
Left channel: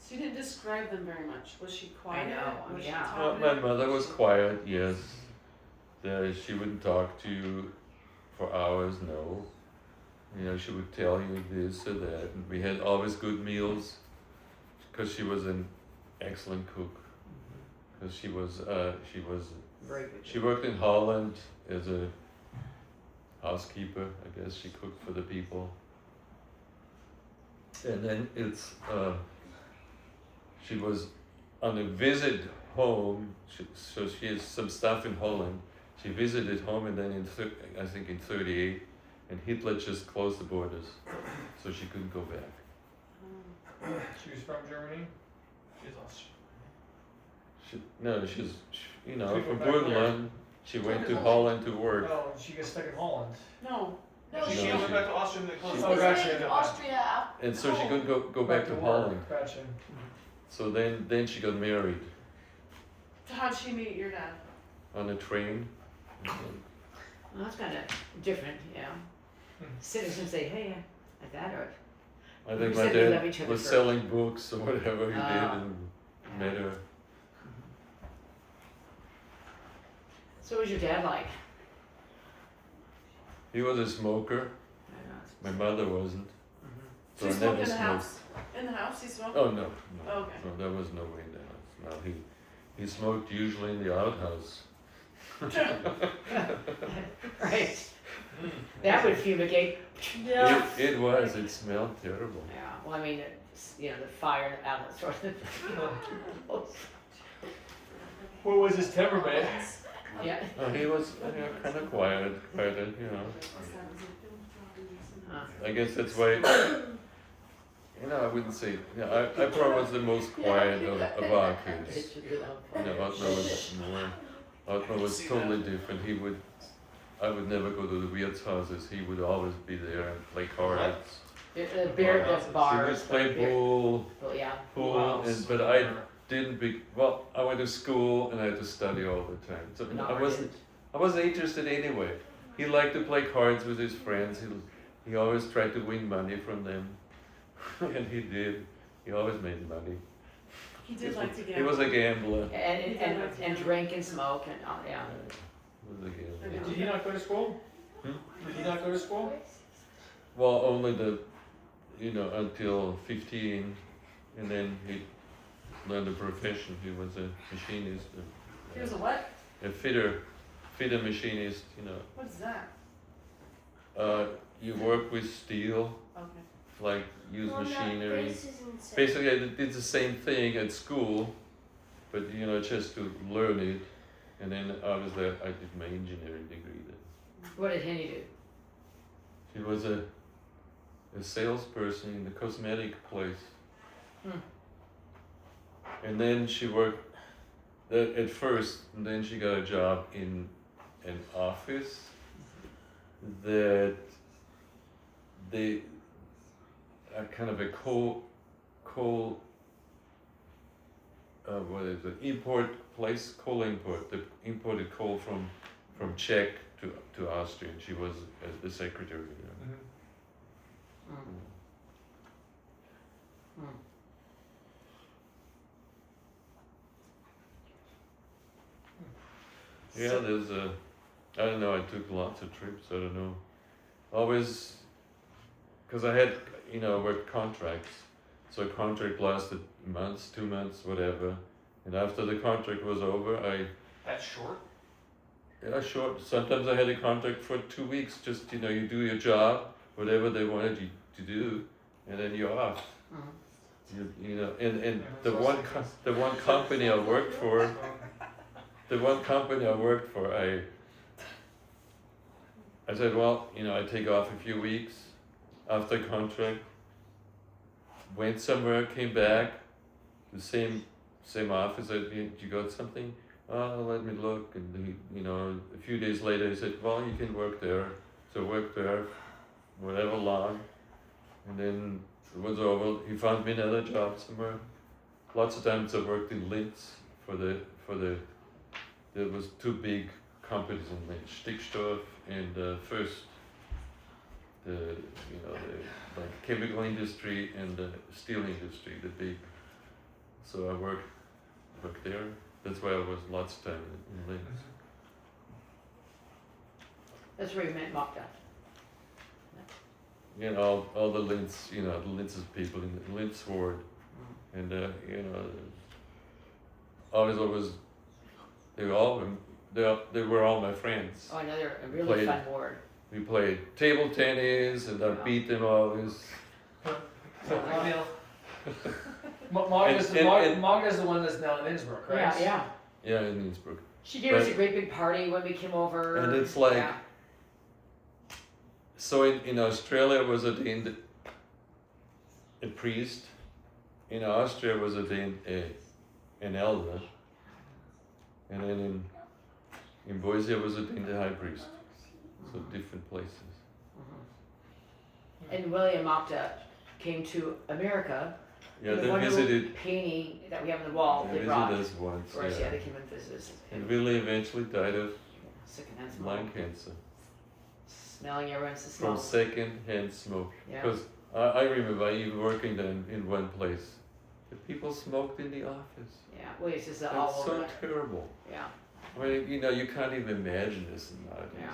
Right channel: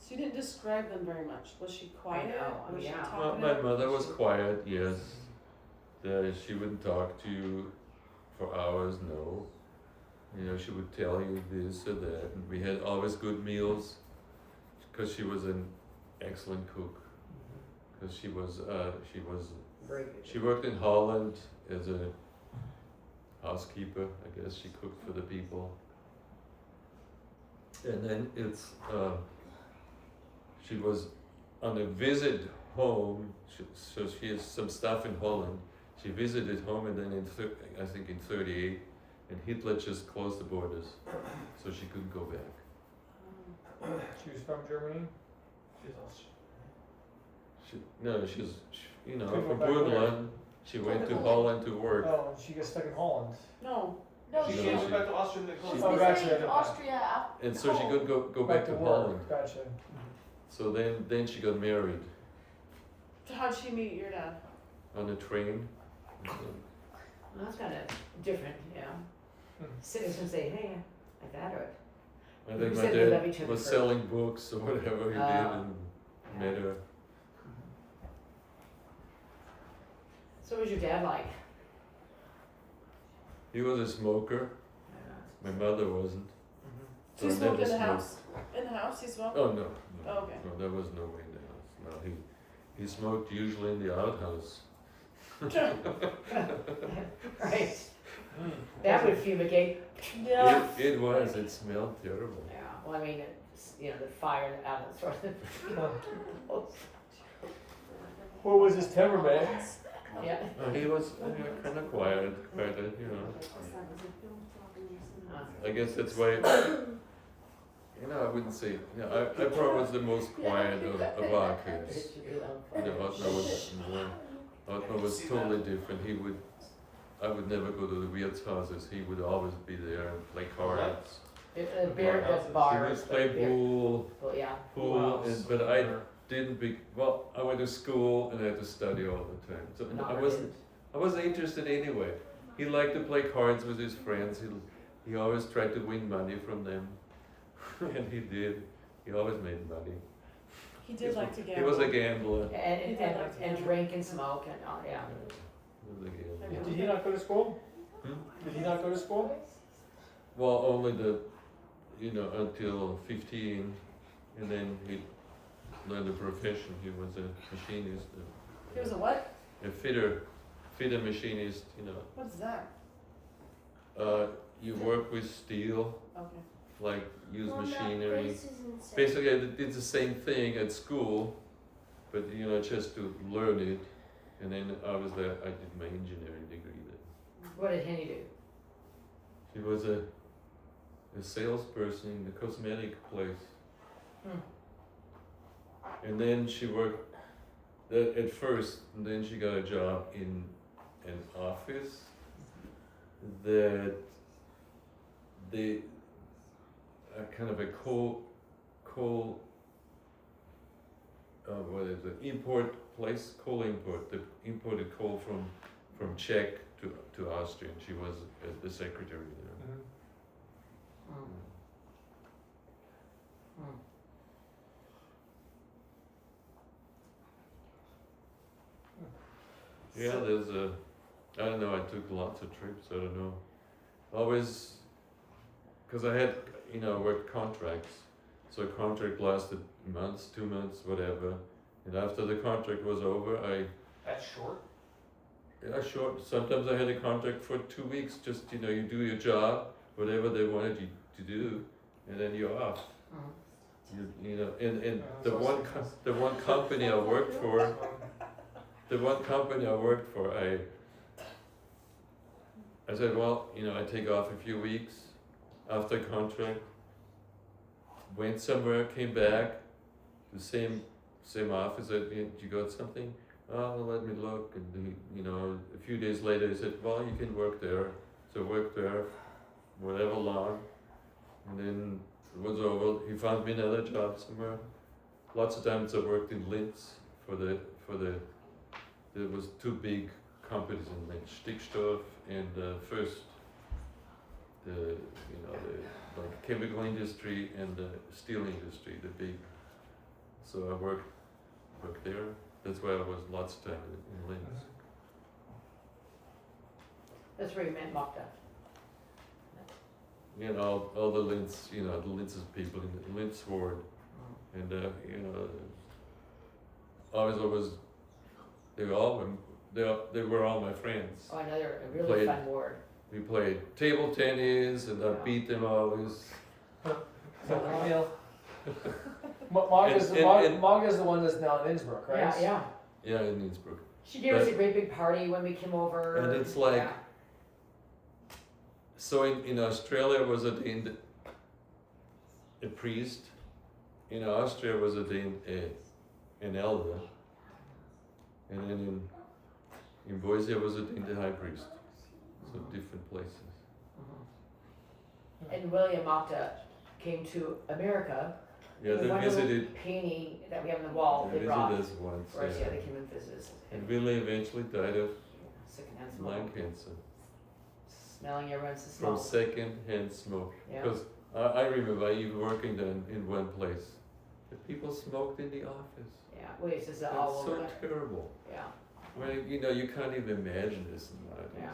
So you didn't describe them very much. Was she quiet? know, Was she yeah. Well, talkative? my mother was quiet, yes. She wouldn't talk to you for hours, no. You know, she would tell you this or that, and we had always good meals, because she was an excellent cook. Because she was Very good. she worked in Holland as a housekeeper, I guess. She cooked for the people. And then she was on a visit home, so she has some stuff in Holland. She visited home, and then I think in 38, and Hitler just closed the borders, so she couldn't go back. She was from Germany. She's Austrian. She's She from went back Burgenland. She went to Holland to work. Oh, and she got stuck in Holland. No. No, She she No, went back to Austria and they closed she- the Oh, was border. gotcha. in Austria after. And so she couldn't go back to work. Holland. Gotcha. So then she got married So how'd she meet your dad? on a train. Well, that's kind of different, yeah. Citizens say, hey, like that, or I You think my said you love dad each other was for- selling books or whatever he did, Oh. and met her. So what was your dad like? He was a smoker. Yeah. My mother wasn't. So She I smoked never in the smoked. house? In the house he smoked? Oh no. Okay. No, there was no way in the house. No, he smoked usually in the outhouse. Right. That would fumigate. Yeah. It was. It smelled terrible. Yeah, well, I mean, the fire outlets sort of. What was his temperament? Yeah. He was kind of quiet, I guess that's why. I wouldn't say. I probably was the most quiet of our kids. Otmar was totally different. I would never go to the Wirt's houses. He would always be there and play cards. The beer, the He bar. would play pool, Yeah. but I didn't I went to school and I had to study all the time. So No, I wasn't interested anyway. He liked to play cards with his friends. He always tried to win money from them. And he did. He always made money. He did like to gamble. He was a gambler. And drink and smoke and, yeah. He was a gambler. Did he not go to school? Hmm? Did he not go to school? Well, only until 15, and then he learned a profession. He was a machinist. He was a what? A fitter machinist, What's that? You work with steel, Okay. like use Well, no, machinery. this is insane. Basically, I did the same thing at school, but just to learn it. And then I did my engineering degree there. What did Henny do? She was a salesperson in the cosmetic place. Hmm. And then she worked at first, and then she got a job in an office that they kind of a coal what is it, import place, coal import. They imported coal from Czech to Austria, and she was the secretary there. Yeah, there's I don't know, I took lots of trips, I don't know. Always, because I had, worked contracts. So a contract lasted months, 2 months, whatever. And after the contract was over, That's short. short, sometimes I had a contract for 2 weeks, just, you do your job, whatever they wanted you to do, and then you're off. And the one company I worked for, I said, well, I take off a few weeks after contract, went somewhere, came back, the same office, said, you got something? Oh, let me look, and a few days later he said, well, you can work there. So I worked there, whatever long, and then it was over. He found me another job somewhere. Lots of times I worked in Linz there was 2 big companies in Linz, Stickstoff and first the like chemical industry and the steel industry, the big. So I worked there. That's why I was lots of time in Linz. That's where you met Magda. You know, all the Linz, the Linz's people in the Linz ward, and always they were all my friends. Oh, another a really Played- fun ward. We played table tennis, and I beat them always. Like Neil. And- Maga's the one that's now in Innsbruck, right? Yeah, yeah. Yeah, in Innsbruck. She gave us But- a great big party when we came over. And it's like, Yeah. so in Australia was ordained a priest, in Austria was ordained an elder, and then in Boise was ordained a high priest. So different places. And William Magda came to America. Yeah, and the they wonderful visited. painting that we have on the wall. They They brought visited us once. for us. Yeah. Yeah, they came and visited us. And Willie eventually died of Secondhand smoke. lung cancer Smelling everyone's from smell. second-hand smoke. Yeah. Because I remember even working there in one place, the people smoked in the office. Yeah, well, it's just all That's over. so terrible. Yeah, I mean, you can't even imagine this nowadays. Yeah.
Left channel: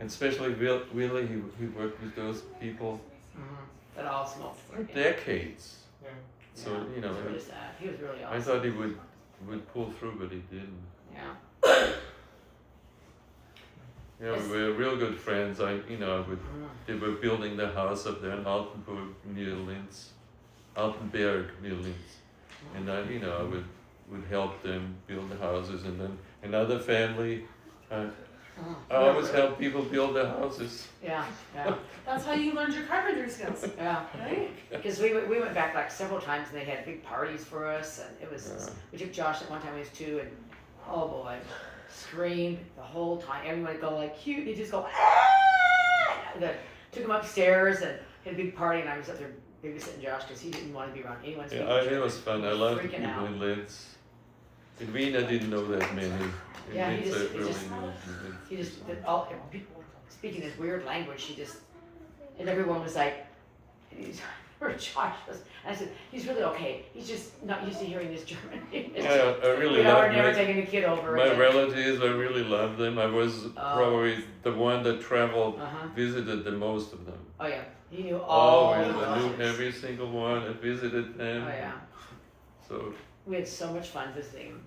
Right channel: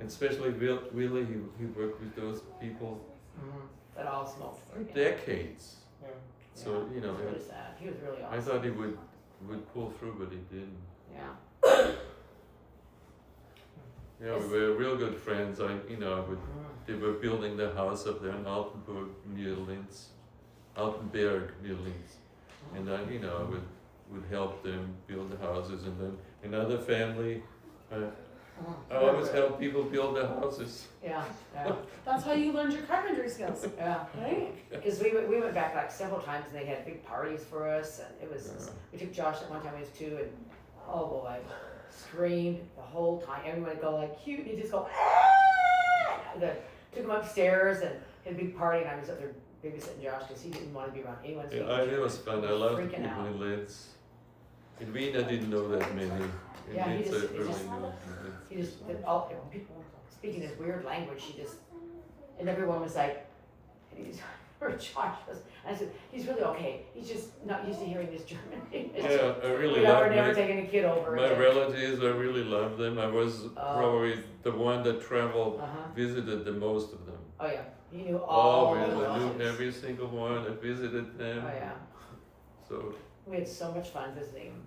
And especially Willie, he worked with those people that all smoked. for decades. Yeah. So, It was really sad. He was really awesome. I thought he would pull through, but he didn't. Yeah. Yeah, we were real good friends. They were building the house up there in Altenburg near Linz, Altenberg near Linz, and I would help them build the houses, and then another family. I always help people build their houses. Yeah, yeah, That's how you learned your carpentry skills, yeah. right? Because we went back like several times and they had big parties for us and it was, Yeah. we took Josh at one time, he was 2 and oh boy, screamed the whole time. Everyone would go like cute, he'd just go ah! Took him upstairs and had a big party and I was up there babysitting Josh because he didn't want to be around anyone's Yeah, it was fun. I loved the freaking people out. in Linz. In Wien, I didn't know that many. In Yeah, he Linz, just- I he really just- knew. He just, people speaking this weird language, he just, and everyone was like, he's, or Josh was, and I said, he's really okay, he's just not used to hearing this German English. Yeah, I really We are loved never my, taking a kid over. my relatives. I really loved them. I was Oh. probably the one that traveled, Uh-huh. visited the most of them. Oh, yeah, he knew all Always, the I knew cousins. every single one. I visited them. Oh, yeah, So, we had so much fun visiting him,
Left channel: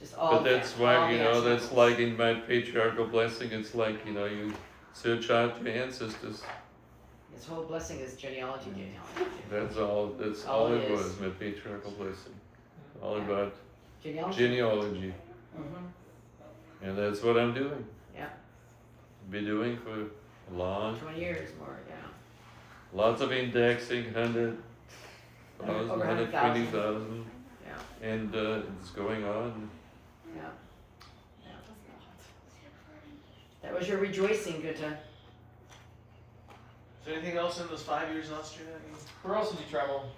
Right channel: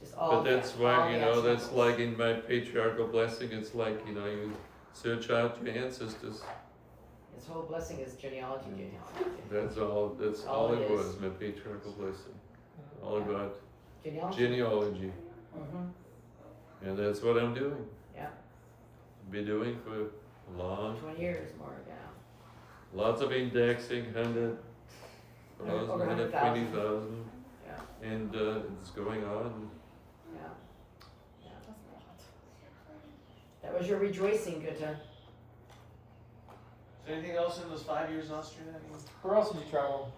just all. but that's all why, the that's ancestors. like in my patriarchal blessing, it's like, you search out your ancestors. This whole blessing is genealogy. That's all All it it is. was, my patriarchal blessing. All about Genealogy. genealogy. Mm-hmm, And that's what I'm doing. yeah, Be doing for a long, 20 years more, yeah. lots of indexing, 100,000, Over 120,000. Yeah. And it's going on. Yeah. That was your rejoicing, Goethe. Is there anything else in those 5 years in Austria? I mean, Where else did you travel?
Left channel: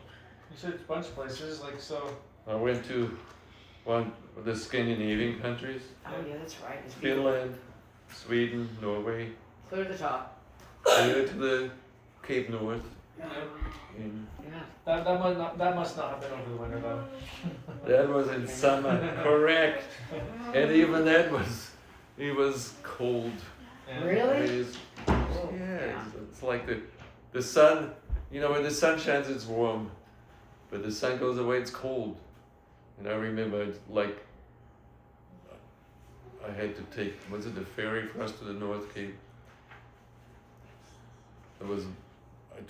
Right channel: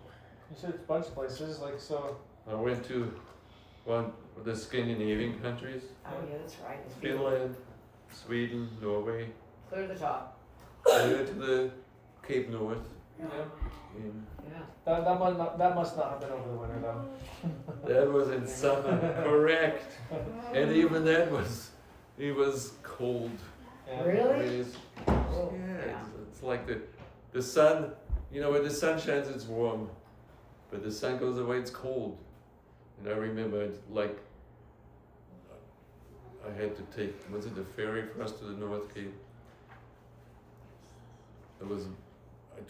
You said a bunch of places, like so. I went to one of the Scandinavian countries, Oh, yeah, that's right. It's beautiful. Finland, Sweden, Norway, Clear to the top. clear to the Cape North. In, Yeah. That must not have been over the winter though. that was in summer, correct. And even that it was cold. Yeah. Really? It is, Oh, yeah, it's like the sun, when the sun shines, it's warm, but the sun goes away, it's cold. And I remember, I had to take, was it the ferry for us to the North Cape? I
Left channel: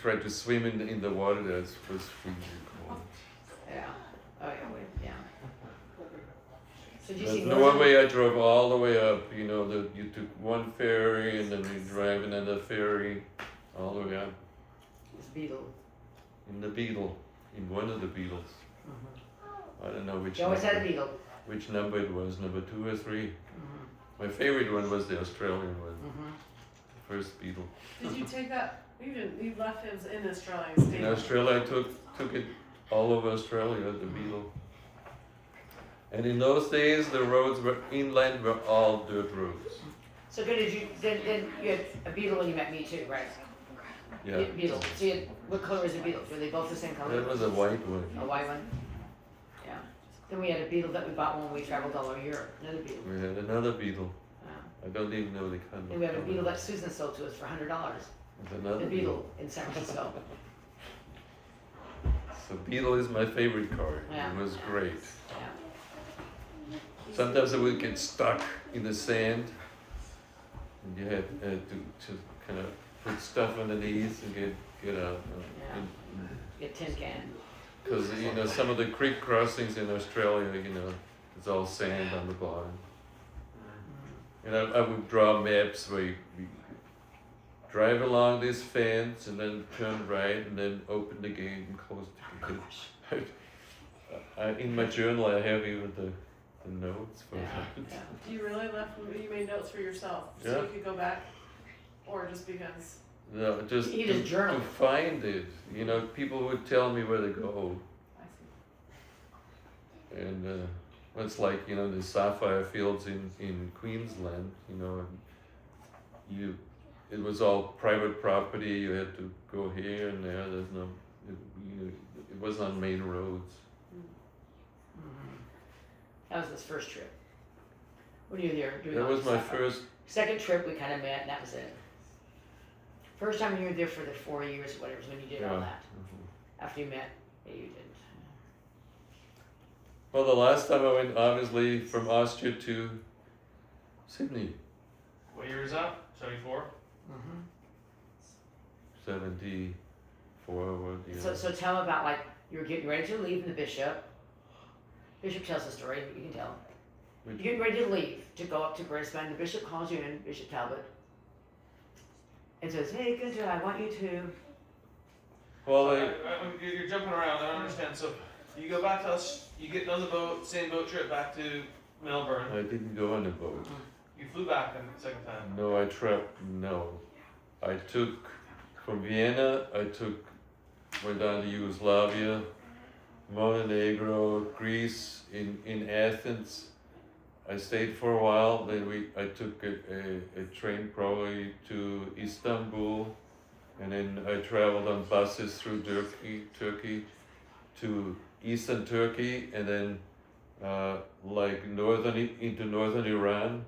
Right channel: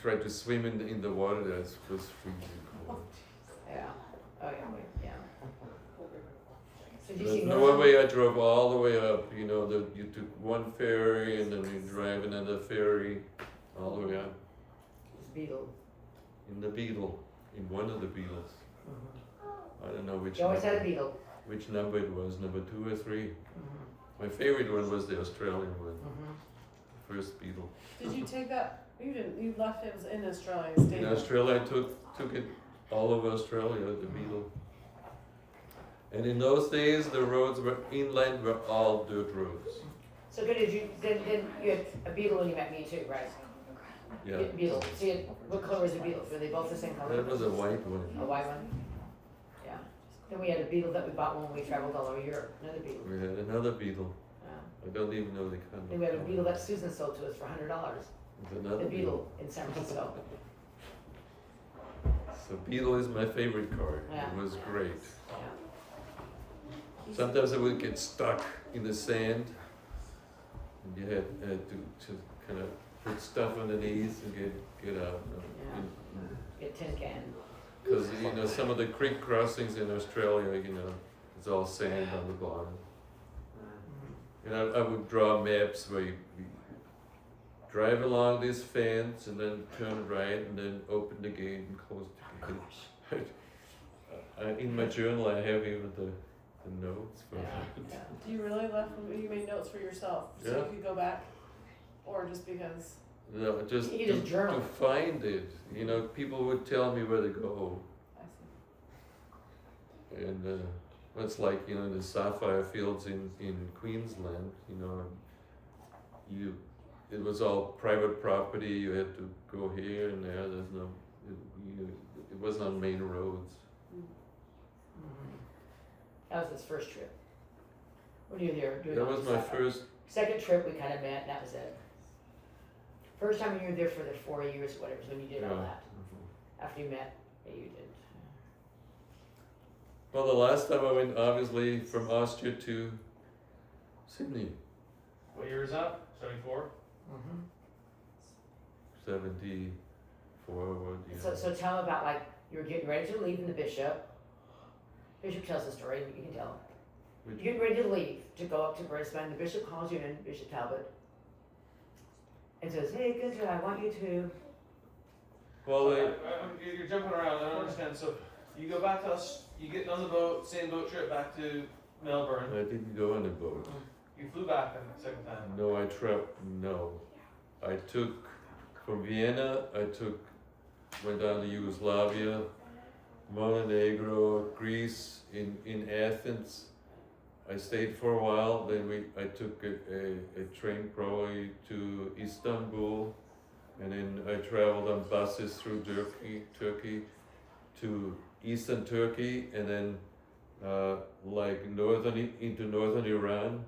tried to swim in the water that was freezing cold. Yeah. Oh, yeah, wait, yeah. So did you But see Norway, I drove all the way up, you took one ferry and then you drive another ferry all the way up. This beetle. In the Beetle, in one of the Beetles. I don't know which You always had a number, beetle. which number it was, number 2 or 3. Mm-hmm. My favorite one was the Australian one, Mm-hmm. the first Beetle. Did you take that? You left it was in Australia. In Australia, I took it all over Australia, the Beetle. And in those days, the roads were inland were all dirt roads. So good, did you, then you had a beetle when you met me too, right? You Yeah, had Beetle, so you had, what color was the beetle? Were they both the same color? that was a white one. A white one? Yeah. Then we had a beetle that we bought when we traveled all over Europe, another beetle. We had another beetle. Yeah. I don't even know the kind of. And we have a beetle that Susan sold to us for $100. It's another The beetle in San Francisco. So Beetle is my favorite car. Yeah. It was great. Yeah. Sometimes I would get stuck in the sand, and you had to kind of put stuff underneath and get out. Get tin can. Because you know some of the creek crossings in Australia, you know, it's all sand on the bottom. And I would draw maps where you drive along this fence and then turn right and then open the gate and close the gate. In my journal, I have even the notes for that. Do you really you made notes for yourself so Yeah. you could go back, or just because? No, just You just journal. to find it. You know, people would tell me where to go. I see. And it's like, you know, the sapphire fields in Queensland, you know, it was all private property. You had to go here and there. There's no, it wasn't on main roads. That was his first trip. When you were there doing That all was this my stuff. first. Second trip, we kind of met, and that was it. First time you were there for the 4 years or whatever, is when you did all Yeah. that. After you met, yeah, you didn't. Well, the last time I went, obviously, from Austria to Sydney, What year is that? 74? 74. What? Yeah. So tell about, like, you were getting ready to leave in the Bishop. Bishop tells the story, you can tell. You're Which- getting ready to leave, to go up to Brisbane. The Bishop calls you in, Bishop Talbot, and says, hey, Günther, I want you to. Well, You're jumping around, I don't understand. So you go back to us, you get on the boat, same boat trip back to Melbourne. I didn't go on a boat. You flew back then the second time. No, I took from Vienna. Went down to Yugoslavia, Montenegro, Greece, in Athens. I stayed for a while. Then I took a train probably to Istanbul, and then I traveled on buses through Turkey to eastern Turkey, and then like into northern Iran,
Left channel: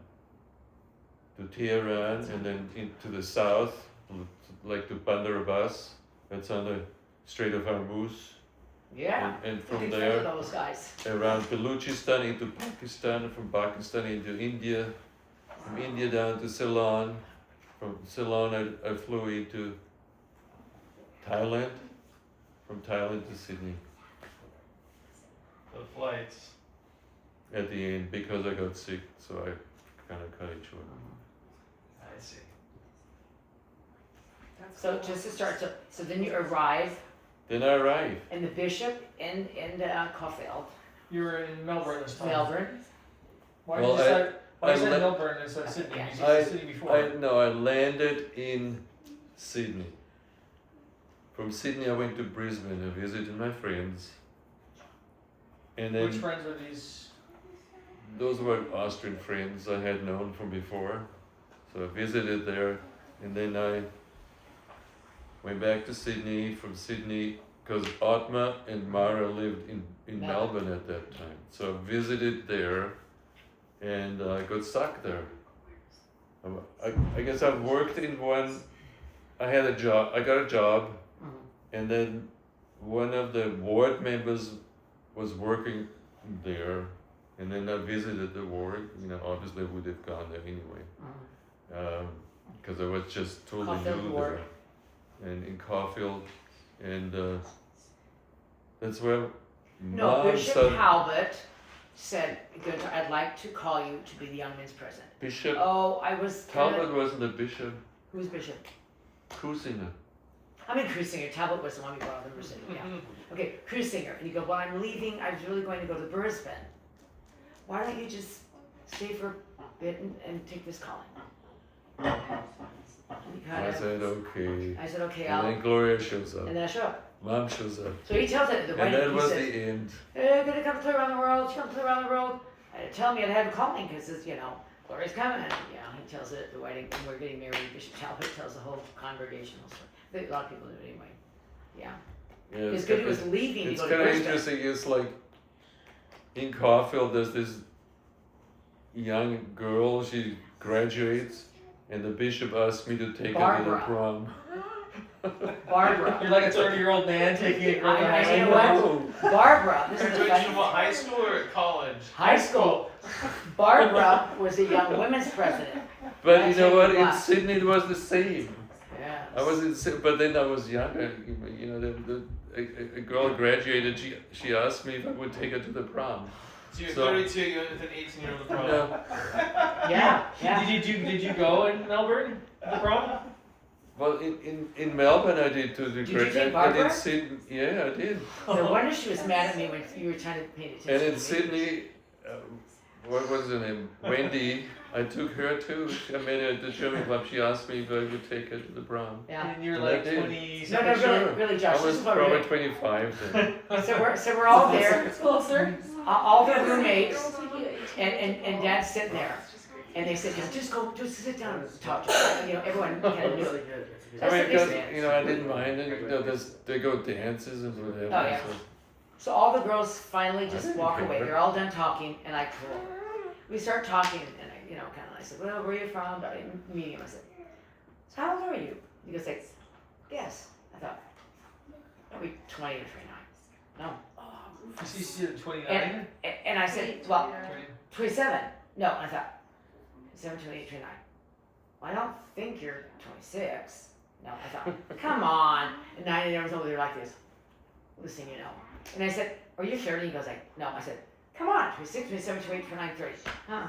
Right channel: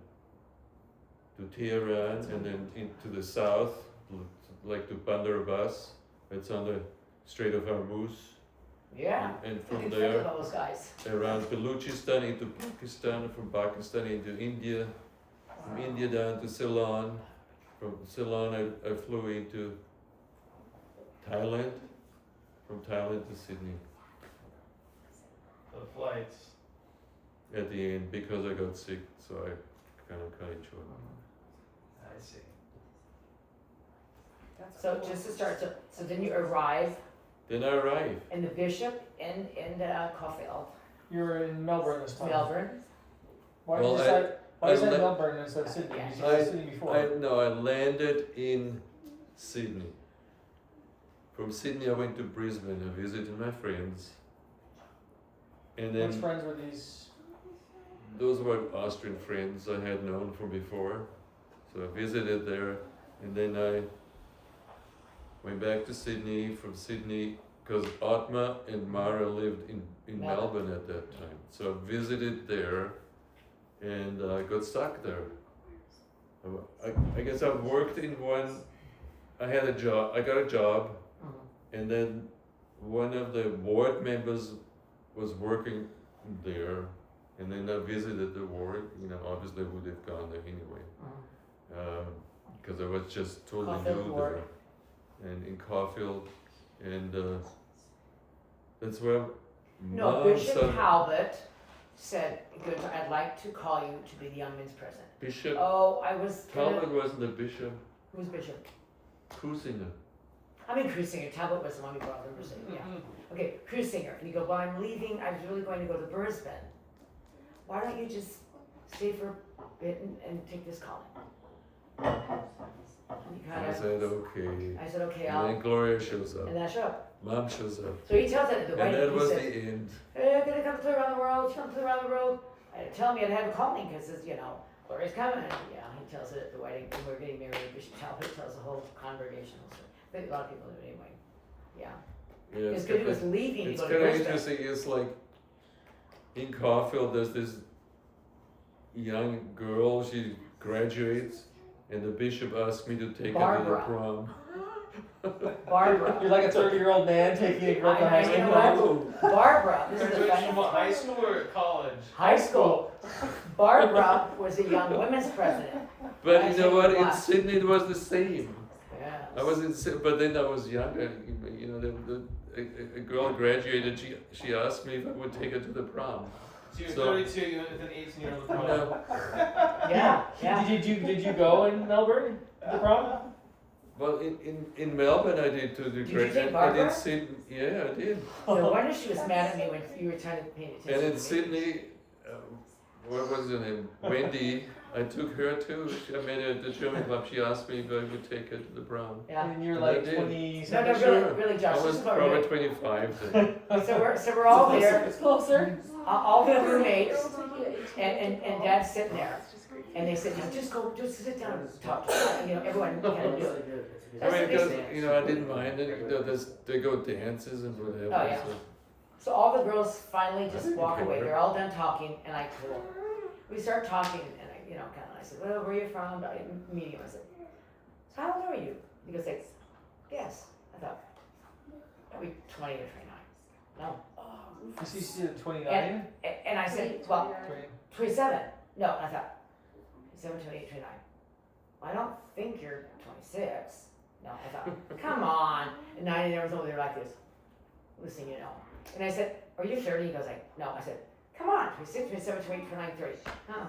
to Tehran, and then into the south, like to Bandar Abbas. That's on the Strait of Hormuz. Yeah. And You from can there, friend with those guys. around Baluchistan into Pakistan, from Pakistan into India, from India down to Ceylon. From Ceylon, I flew into Thailand, from Thailand to Sydney The flights. at the end because I got sick, so I kind of cut it short. I see. So just to start, so then you arrive Then I arrived. in the Bishop in Caulfield, You were in Melbourne this time. Melbourne. Why Well, did you decide? Why I is that le- Melbourne instead of Sydney? Yeah. You said Sydney before. I landed in Sydney. From Sydney, I went to Brisbane. I visited my friends. And then Which friends were these? those were Austrian friends I had known from before. So I visited there, and then I went back to Sydney. From Sydney, because Atma and Mara lived in Melbourne at that time. So I visited there, and I got stuck there. I guess I worked in one, I had a job, I got a job, and then one of the ward members was working there, and then I visited the ward. You know, obviously I would have gone there anyway, because I was just totally Caulfield new ward. there, and in Caulfield, and that's where No, Mom Bishop said, Talbot said, Günther, I'd like to call you to be the young men's president. Bishop Oh, I was. Talbot wasn't a bishop, Who's Bishop? Cruisinger. I mean, Cruisinger. Talbot was the one we brought over. Yeah. Okay, Cruisinger. And you go, well, I'm leaving. I was really going to go to Brisbane. Why don't you just stay for a bit and take this calling? And you I said okay. I said, okay, And I'll. then Gloria shows up. And then I show up. Mom shows up. So he tells it at the And wedding. that He was says, the end. "Hey, gonna come through around the world. She comes through around the world." And tell me I'd have a calling because Gloria's coming. He tells it at the wedding when we're getting married. Bishop Talbot tells the whole congregational story. A lot of people do it anyway. Yeah. Yeah, Because he was leaving to it's go to kind of Brisbane. interesting. It's like in Caulfield, there's this young girl. She graduates, and the bishop asked me to take her to the Barbara. prom. Barbara. You're like a 30-year-old man taking a girl to high I school. know. Barbara. This is the Graduation funny from what, high school or college? High school. Barbara was a young women's president. But you know what? In Wow. Sydney, it was the same. Yeah. I was but then I was younger. A girl graduated. She asked me if I would take her to the prom. So you're So- 32, you went with an 18-year-old prom. No, Yeah. Yeah. Did you go in Melbourne to the prom? well, in Melbourne I did to the Did you take and in Barbara? Sydney, yeah, I did. No wonder she was mad at me when you were trying to pay attention. And in to me. Sydney, what was her name? Wendy. I took her too. I met her at the German club. She asked me if I would take her to the prom. Yeah. And you were And I like did. 27. No, Sure. really, Josh. I This was is what probably we're 25 then. so we're all there, It's closer. all the roommates, and Dad's sitting there, and they said, just sit down and talk. Everyone kind of knew. I mean, because I didn't mind it. They go dances and whatever. Oh, yeah. So all the girls finally just didn't walk away. care. They're all done talking, and I cool. We start talking, and I said, well, where are you from? Meeting him. I said, so how old are you? He goes like, yes. I thought, are we 20 or 29? No. She's 29. And I said, well, 27. No, and I thought, 27, 28, 29. Well, I don't think you're 26. No, I thought, come on. And 9 years over there like this. Listen, And I said, are you 30? He goes like, no. I said, come on, 26, 27, 28, 29, 30. Huh.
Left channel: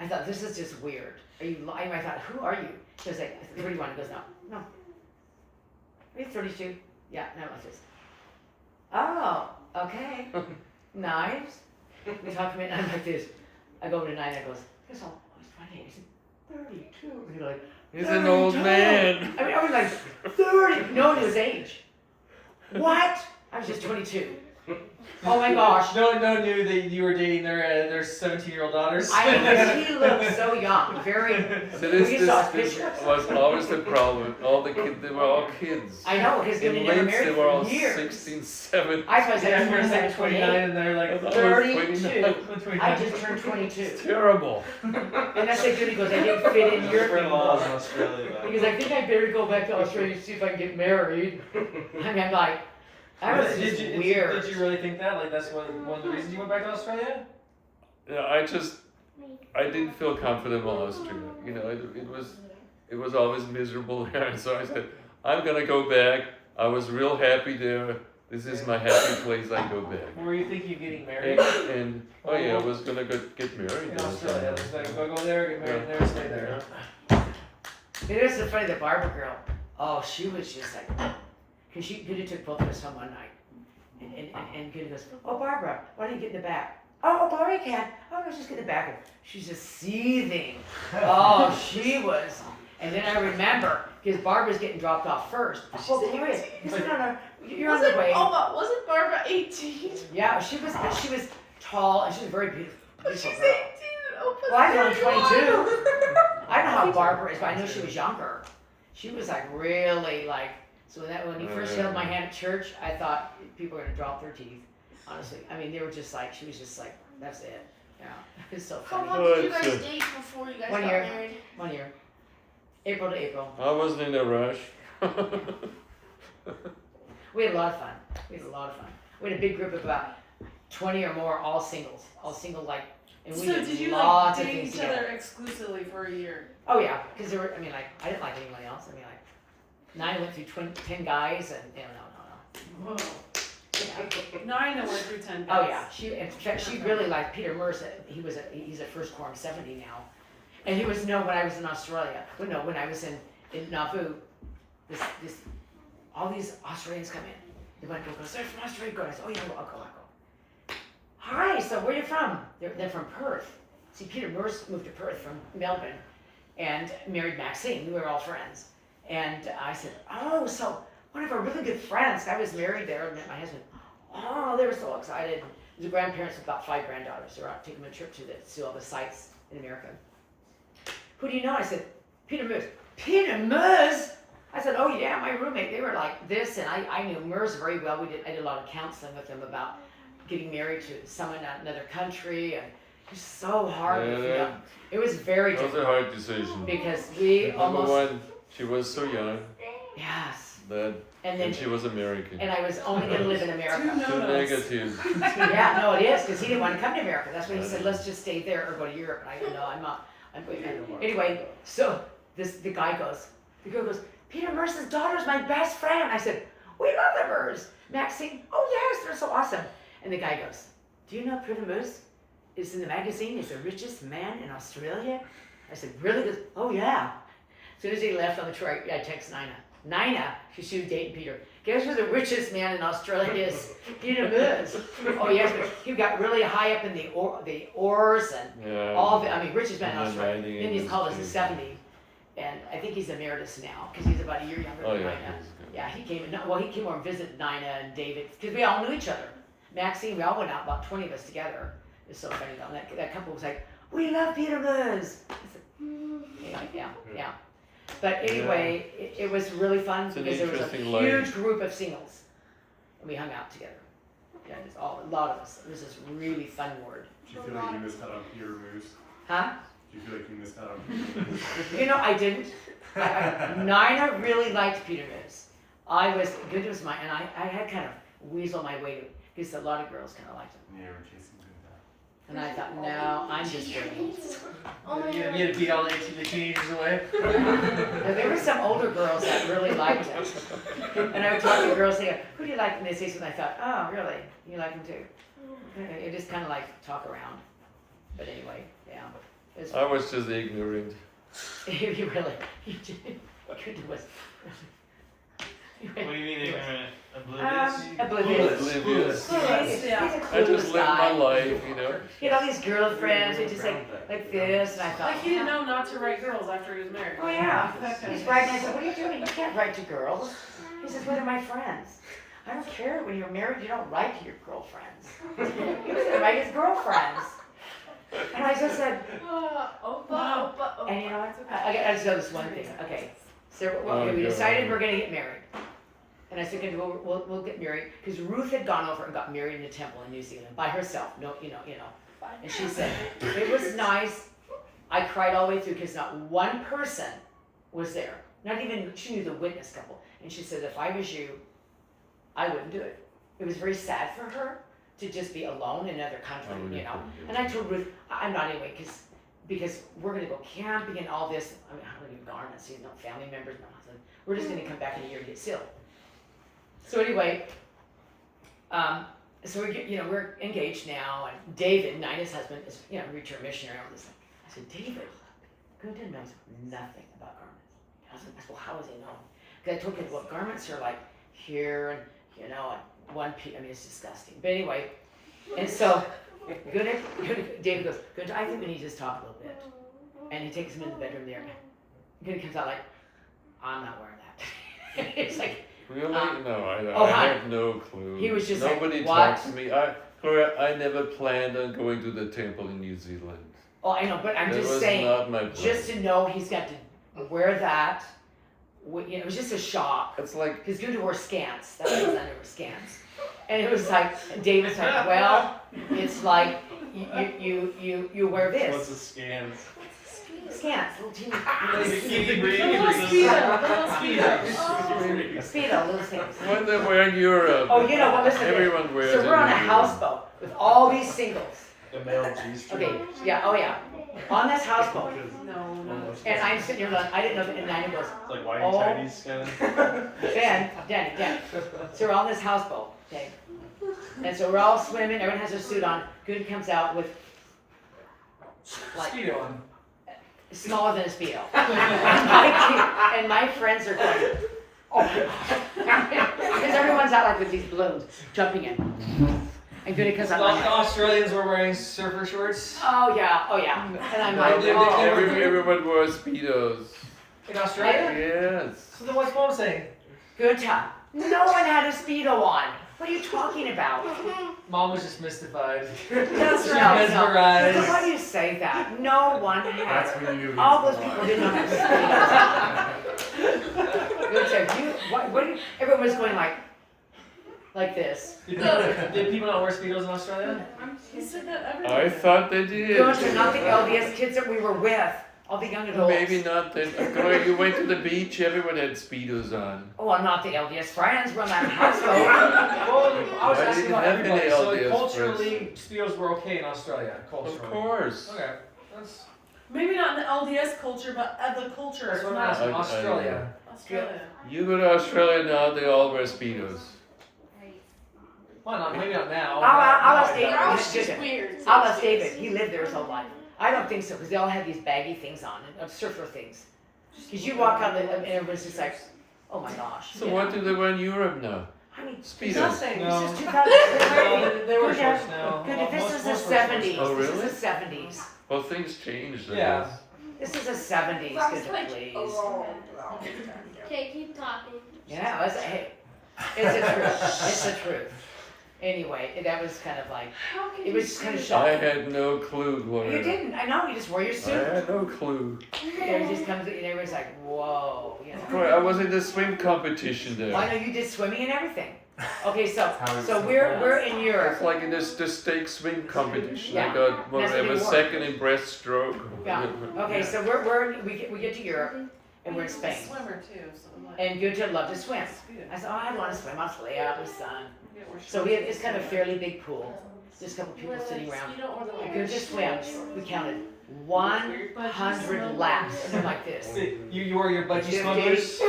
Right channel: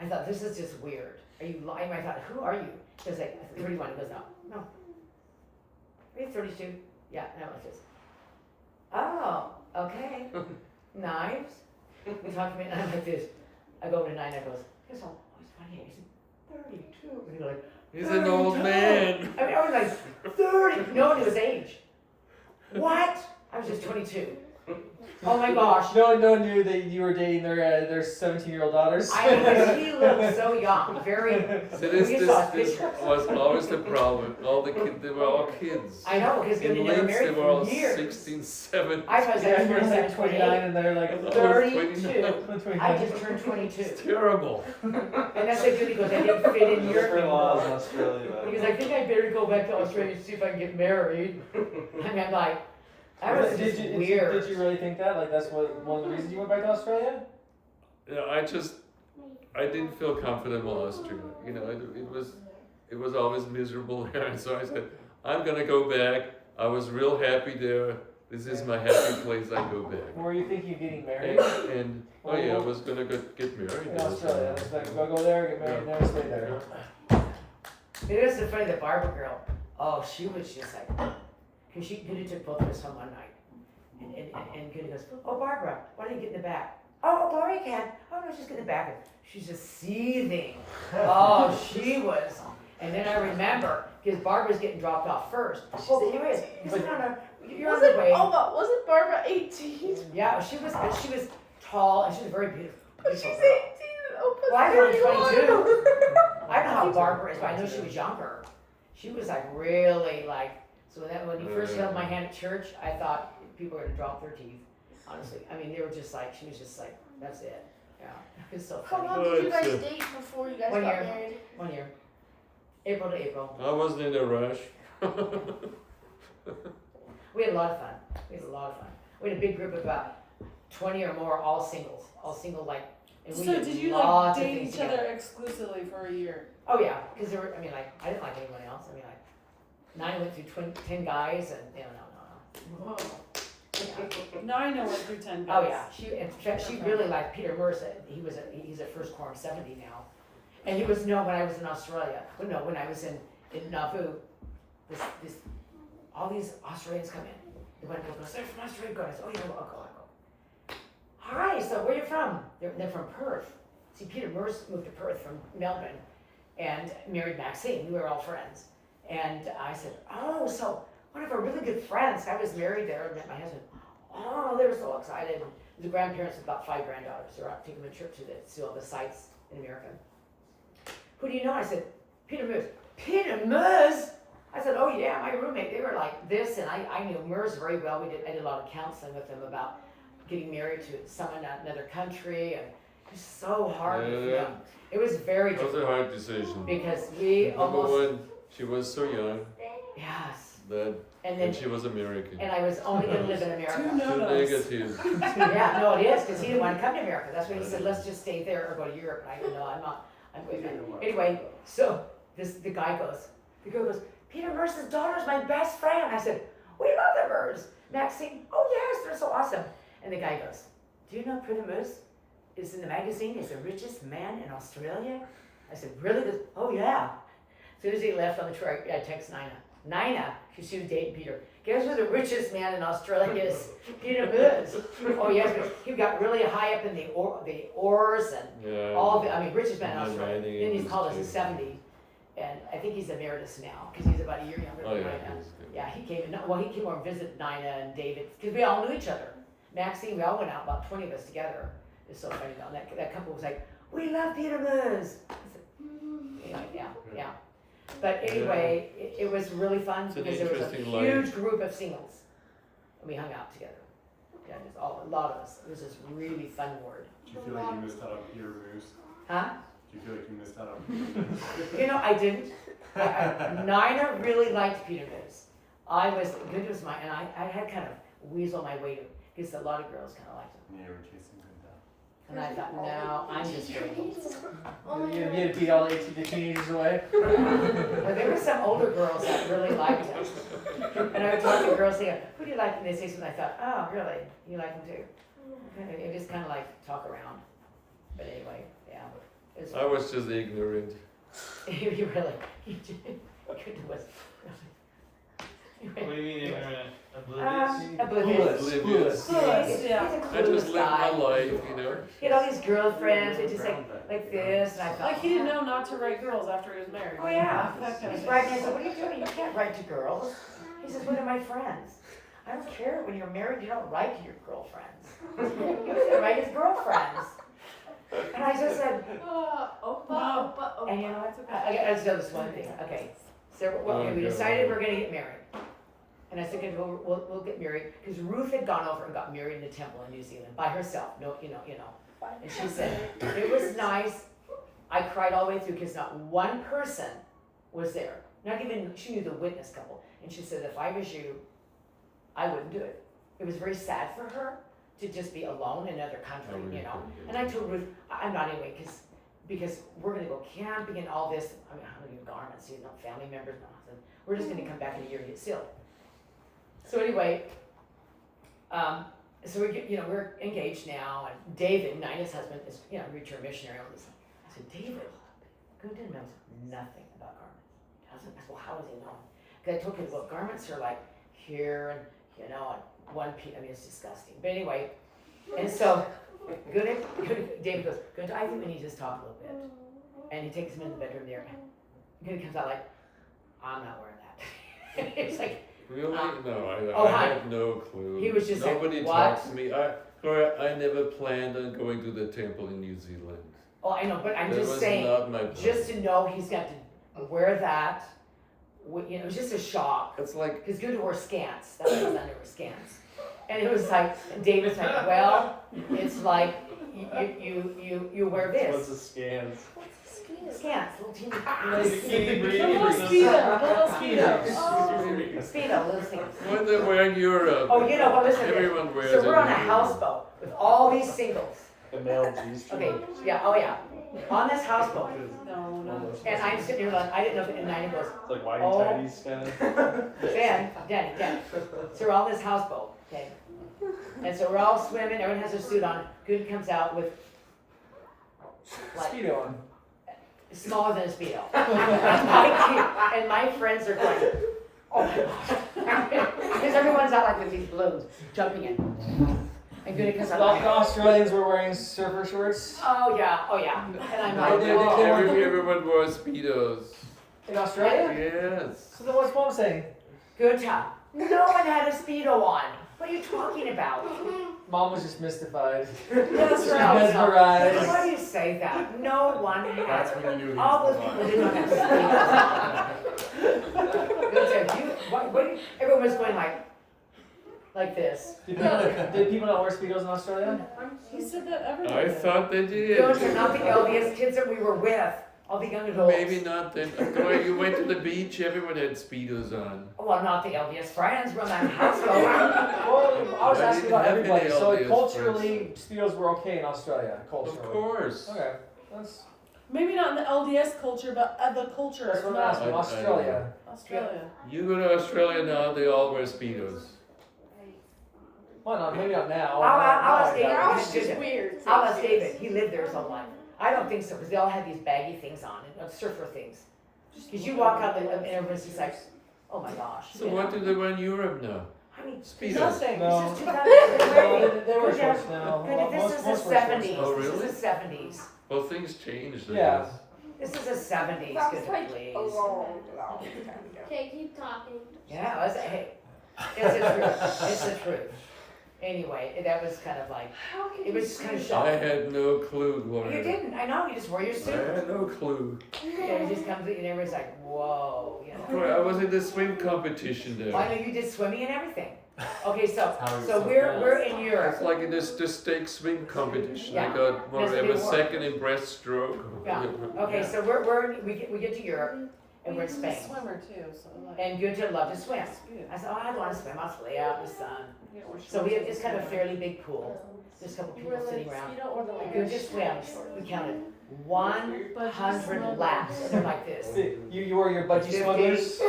I thought, this is just weird. Are you lying? I thought, who are you? He goes like, 31. He goes, no. Are you 32? Yeah, no, it's just, oh, okay. Knives? We talk to me, and I'm like this. I go over to 9, I goes, he's all, oh, he's 28. He said, 32. And he's like, He's an old 32. man. I was like, 30. No one knew his age. What? I was just 22. Oh my gosh. No one knew that you were dating their 17-year-old daughters. He looked so young, very. So We saw this pictures. was always the problem. All the kids, they were all kids. I know, because they In never Linz, they married were all for years. 16, 17. I was Yeah, like, you're like 29 28, and they're like I thought I was 32. 29. I just turned It's 22. terrible. And that's like good, he goes, I didn't fit in your Different laws in anymore. Australia. back Because I think I better go back to Australia and see if I can get married. I mean, I'm like, that was just weird. Did you really think that? Like that's one of the reasons you went back to Australia? Yeah, I didn't feel comfortable in Austria. It was always miserable there. And so I said, I'm gonna go back. I was real happy there. This is my happy place. I go back. Were you thinking of getting married And oh yeah, I was gonna get married in there. Australia? Just like, go there, get married there, stay there. It was so funny, the Barbara girl. Oh, she was just like, because Goody took both of us home one night. And Goody goes, oh, Barbara, why don't you get in the back? Oh, Gloria can. Oh, no, just get in the back. She's just seething. Oh, she was. And then I remember, because Barbara's getting dropped off first. Well, Gloria, you're on the way. Wasn't Barbara 18? Yeah, she was tall and she was very beautiful. She's 18 girl. and Opa's Well, I'm only 31. 22. I know how Barbara is, but I knew she was younger. She was like really like, so when he first held my hand at church, I thought people were gonna drop their teeth. Honestly, I mean, they were just like, she was just like, that's it. Yeah, it's so How funny. long did you But, guys date before you guys 1 got year. married? 1 year, April to April. I wasn't in a rush. We had a lot of fun. We had a big group of about 20 or more, all single like, and we So did did you lots like of date things each together. other exclusively for a year? Oh yeah, because there were, I mean, like, I didn't like anyone else. I mean, like, 9 went through 10 guys, and no. Whoa. 9 went through 10 Oh guys. yeah, in fact, she really liked Peter Mercer. He's at first corps 70 now, and he was when I was in Australia. But no, when I was in Nauvoo, all these Australians come in. They went to go, they're from Australia. Go. I said, oh yeah, I'll go. Hi, so where are you from? They're from Perth. See, Peter Mercer moved to Perth from Melbourne, and married Maxine. We were all friends. And I said, oh, so one of our really good friends. I was married there and met my husband. Oh, they were so excited. The grandparents of about 5 granddaughters. They were out taking a trip to all the sites in America. Who do you know? I said, Peter Moose. Peter Moose? I said, oh yeah, my roommate. They were like this, and I knew Moose very well. I did a lot of counseling with them about getting married to someone in another country. And it was so hard with them. It was very That was a difficult hard decision. because we Number almost, one, she was so young yes. that, And and then, she was American. and I was only going to live in America. Two Too no-nos. negative. Yeah, no, it is, because he didn't want to come to America. That's why he said, let's just stay there or go to Europe. And I said, no, I'm not. Anyway, so the guy goes, Peter Merce's daughter's my best friend. I said, we love the Mers. Maxine, oh yes, they're so awesome. And the guy goes, do you know Peter Merce is in the magazine? He's the richest man in Australia. I said, really? He goes, oh yeah. As soon as he left on the tour, I text Nina. Nina, because she was dating Peter. Guess who the richest man in Australia is? Peter Merce. Oh yes, but he got really high up in the oars and Yeah. all the, I mean, richest man in And then Australia. writing Then he's industry. called us in '70, and I think he's emeritus now because he's about a year younger Oh than yeah, Nina. he's good. Yeah, he came. Well, he came over and visited Nina and David because we all knew each other. Maxine, we all went out, about 20 of us together. It's so funny though. And that couple was like, "We love Peter Moose." Yeah. But anyway, it was really fun It's an because there was a interesting huge life. group of singles, and we hung out together. Yeah, just a lot of us. It was this really fun word. Do you feel like you missed out on Peter Moose? Huh? Do you feel like you missed out on Peter Moose? You know, I didn't. Nina really liked Peter Moose. I was good as my, and I had kind of weasel my way to it because a lot of girls kind of liked him. Yeah, we're chasing good stuff. And I thought, no, I'm just kidding. You had to beat all the teenagers away. And there were some older girls that really liked him. And I would talk to girls saying, who do you like? And they say something. I thought, oh, really? You like him too? It just kind of like talk around. But anyway, yeah. It I was just ignorant. you really, you did. Good was What do you mean ignorant? Oblivious? oblivious. Oblivious. Yeah. I just lived my life, you know. He had all these girlfriends, and just like this, and I thought, Like he didn't know not to write girls after he was married. oh yeah. That kind He's of writing, I said, what are you doing? You can't write to girls. He says, what are my friends? I don't care, when you're married, you don't write to your girlfriends. You can write his girlfriends. And I just said, and you know what? I just know this one thing, okay. So we decided we're gonna get married. And I said, okay, we'll get married, because Ruth had gone over and got married in the temple in New Zealand by herself, no, you know. And she said, it was nice. I cried all the way through because not one person was there. Not even, she knew the witness couple. And she said, if I was you, I wouldn't do it. It was very sad for her to just be alone in another country, I really you know. couldn't do And I told Ruth, I'm not anyway, because we're gonna go camping and all this. I mean, I'm gonna get garments, you know, family members, no nothing. We're just gonna come back in a year and get sealed. So anyway, so we're engaged now, and David, Nina's husband, is, you know, return missionary. All this. I said, David, Gunter knows nothing about garments. I said, well, how does he know? Because I told him, well, garments are like here and, you know, and one piece. I mean, it's disgusting. But anyway, and so David goes, Gunter, I think we need to just talk a little bit. And he takes him in the bedroom there. Gunter comes out like, I'm not wearing that. It's like, Really? No, oh, I hi. have no clue. He was just like, Nobody what? talks to me. Gloria, I never planned on going to the temple in New Zealand. oh, I know, but I'm That just was saying, not my plan. just to know he's got to wear that, you know, it was just a shock. It's like, Because Gunter wore scants. That's what his underwear scants. And it was like, and David's like, well, it's like you wear What's this. a scans? Scants, little teeny, Bikini brief A little or something. speedo, little scants. when they were in Europe, Oh, you know what? Listen. everyone wears So it we're on in a Europe. houseboat with all these singles. The male G-string. Okay, yeah, oh yeah, on this houseboat. No. And I'm sitting here, going, I didn't know that. And Nina goes, It's like whitey Oh. tighties kind of. Danny. So we're on this houseboat, okay? And so we're all swimming, everyone has their suit on. Good comes out with like Speedo on. smaller than a Speedo. And my friends are going, oh my gosh. Because everyone's out like with these balloons, jumping in. And Goody comes out like, The Australians were wearing surfer shorts. oh yeah. And I'm No, like, they- oh. Everyone wore Speedos. In Australia? Yes. So then what's mom saying? Good time. No one had a Speedo on. What are you talking about? Mom was just mystified. That's She's right. mesmerized. Why do you say that? No one had. That's when you knew he All was those alive. people did not have Speedos. Good job. What, everyone was going like this. Did people not wear Speedos in Australia? He said that everywhere. I thought they did. Those are not the LDS kids that we were with. All the young adults. Maybe not then. You went to the beach, everyone had Speedos on. Oh, I'm not the LDS friends. We're not in household. Well, I was I asking didn't about have any everybody. So LDS culturally, Speedos were okay in Australia. Culturally. Of course. Okay. That's Maybe not in the LDS culture, but other cultures. that's what I'm not asking. I- Australia. Australia. You go to Australia now, they all wear Speedos. Well, not maybe not now. I'll ask No, David. I don't. It's just weird. I'll ask David. He lived there his whole life. I don't think so, because they all had these baggy things on, surfer things. Because you walk out and everyone's just like, oh my gosh. So what do they wear in Europe now? I mean, Speedos. nothing. No. This is No, 2000. they were Good, shorts now. Good, Well, this most- is the most were shorts. 70s. Oh, really? This is the 70s. Well, things changed, I Yeah. guess. This is the 70s, good please. Okay, keep talking. Yeah, hey, it's the truth. It's the truth. Anyway, that was kind of like, How can it was just kind of I shocking. had no clue what You it didn't, I know, you just wore your I suit. had no clue. And it just comes, and everyone's like, whoa, you know. Boy, I was in the swim competition I there. know you did swimming and everything. Okay, so How is so it we're fast? in It's Europe. like in this the stake swim competition. I Yeah. got That's whatever what they wore. second in breaststroke. Yeah. Okay, so we get to Europe and we're in He's a Spain. swimmer too, so like. And Gunter loved to swim. That's good. I said, oh, I want to swim. I'll just lay out in the sun. Yeah, we're So we have this kind of fairly big pool. Just a couple people sitting around. You don't wear the like. Gunter swims. We counted 100 laps. They're like this. You wore your budgie 50, smugglers.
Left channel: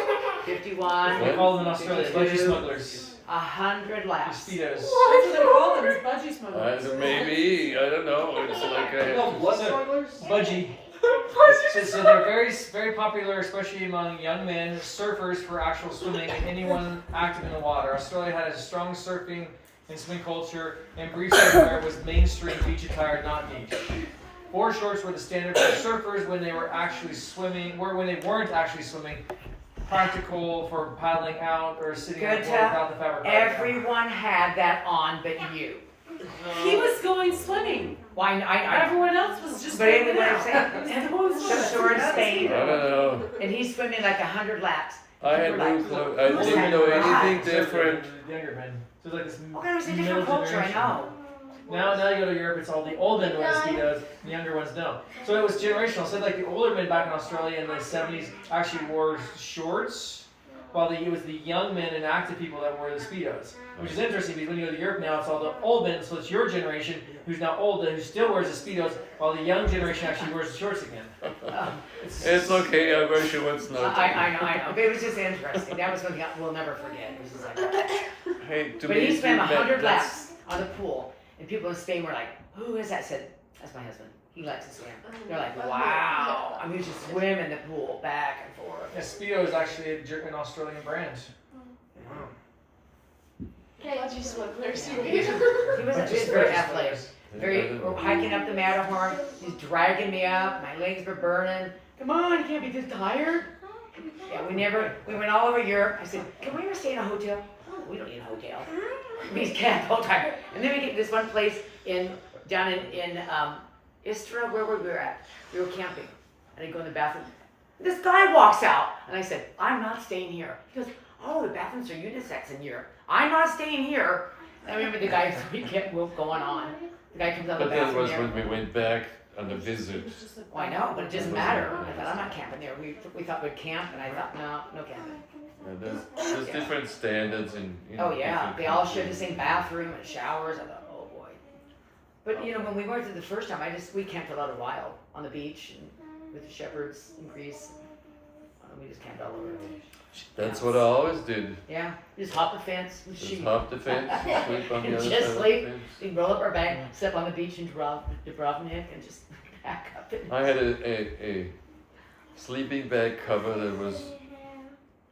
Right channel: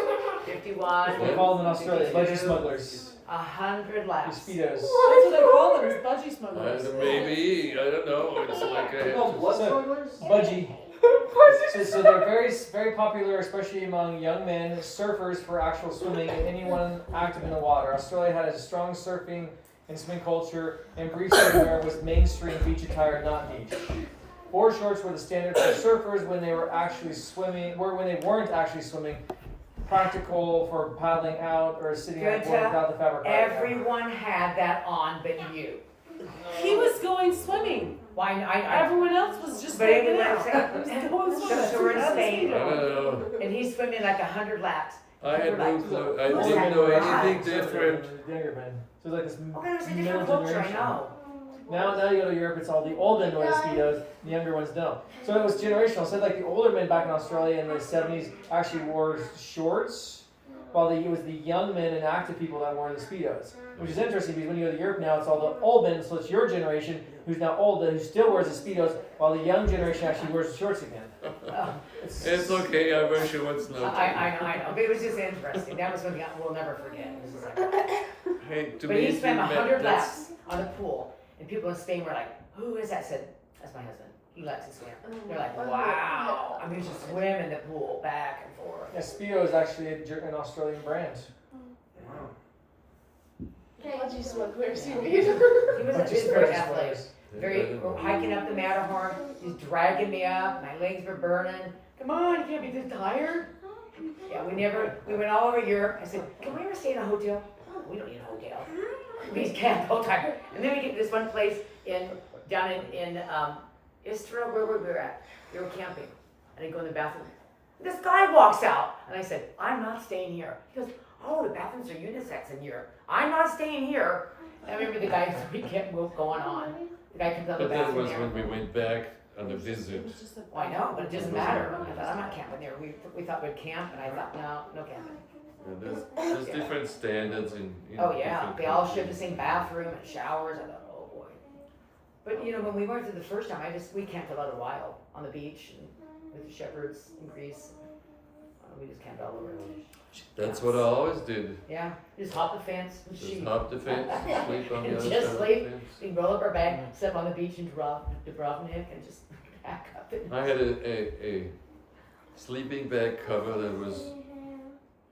51, They call them in Australia budgie 52, smugglers. 100 Your laps. Speedos. That's what they call them, is budgie smugglers. Maybe, I don't know. It's like Budgie. So they're very popular, especially among young men, surfers for actual swimming, and anyone active in the water. Australia has a strong surfing and swimming culture, and brief surfwear was mainstream beach attire, not niche. Board shorts were the standard for surfers when they were actually swimming, or when they weren't actually swimming. Practical for paddling out or sitting on the Good board to- without the fabric. Everyone had that on but you. He was going swimming. Why? I Everyone else was just. But anyway, hanging out. I'm saying- Going So swimming. we're in I Spain, don't know. and he's swimming like 100 laps. I had no clue. I Who's didn't that? know anything different. Younger men. So it's like this Okay, it's a middle different culture, I generation. know. Now you go to Europe, it's all the old men wear the Speedos, the younger ones don't. So it was generational. So like the older men back in Australia in the 70s actually wore shorts, while it was the young men and active people that wore the Speedos. Which is interesting because when you go to Europe now, it's all the old men, so it's your generation who's now old, who still wears the Speedos, while the young generation actually wears the shorts again. Oh, It's okay, I wear shorts now. I know. But it was just interesting. That was something we'll never forget. It was just like, Hey, to but me, he swam 100 that's laps on the pool, and people in Spain were like, "Who is that?" I said, "That's my husband. He likes to swim." They're like, "Wow!" I mean, just swim in the pool back and forth. Yeah, Speedo is actually an Australian brand. Okay, Budgie smugglers, you mean? He was Bunch of very Speedos athletic. smugglers. Very hiking up the Matterhorn. He's dragging me up. My legs were burning. Come on, you can't be this tired. Yeah, we went all over Europe. I said, can we ever stay in a hotel? Oh, we don't need a hotel. We camp all the time. And then we get to this one place down in Istra, where we were at. We were camping. And I go in the bathroom. This guy walks out. And I said, I'm not staying here. He goes, oh, the bathrooms are unisex in Europe. I'm not staying here. And I remember the guy, we kept going on. The guy comes out of But the that bathroom was there. when we went back on a visit. Well, I know, but it doesn't matter. I thought, I'm not camping there. We thought we'd camp, and I thought, no camping. There's different standards in Oh, yeah, different they all shared the countries. same bathroom and showers. I thought, oh, boy. But, when we went to the first time, we camped a lot of wild on the beach and with the shepherds in Greece. We just camped all over. That's what I always did. Yeah, just hop the fence and Just shoot. hop the fence, sleep on the other Just side of sleep. the fence. We roll up our bag, step on the beach and drop Dubrovnik and just back up. I had a sleeping bag cover that was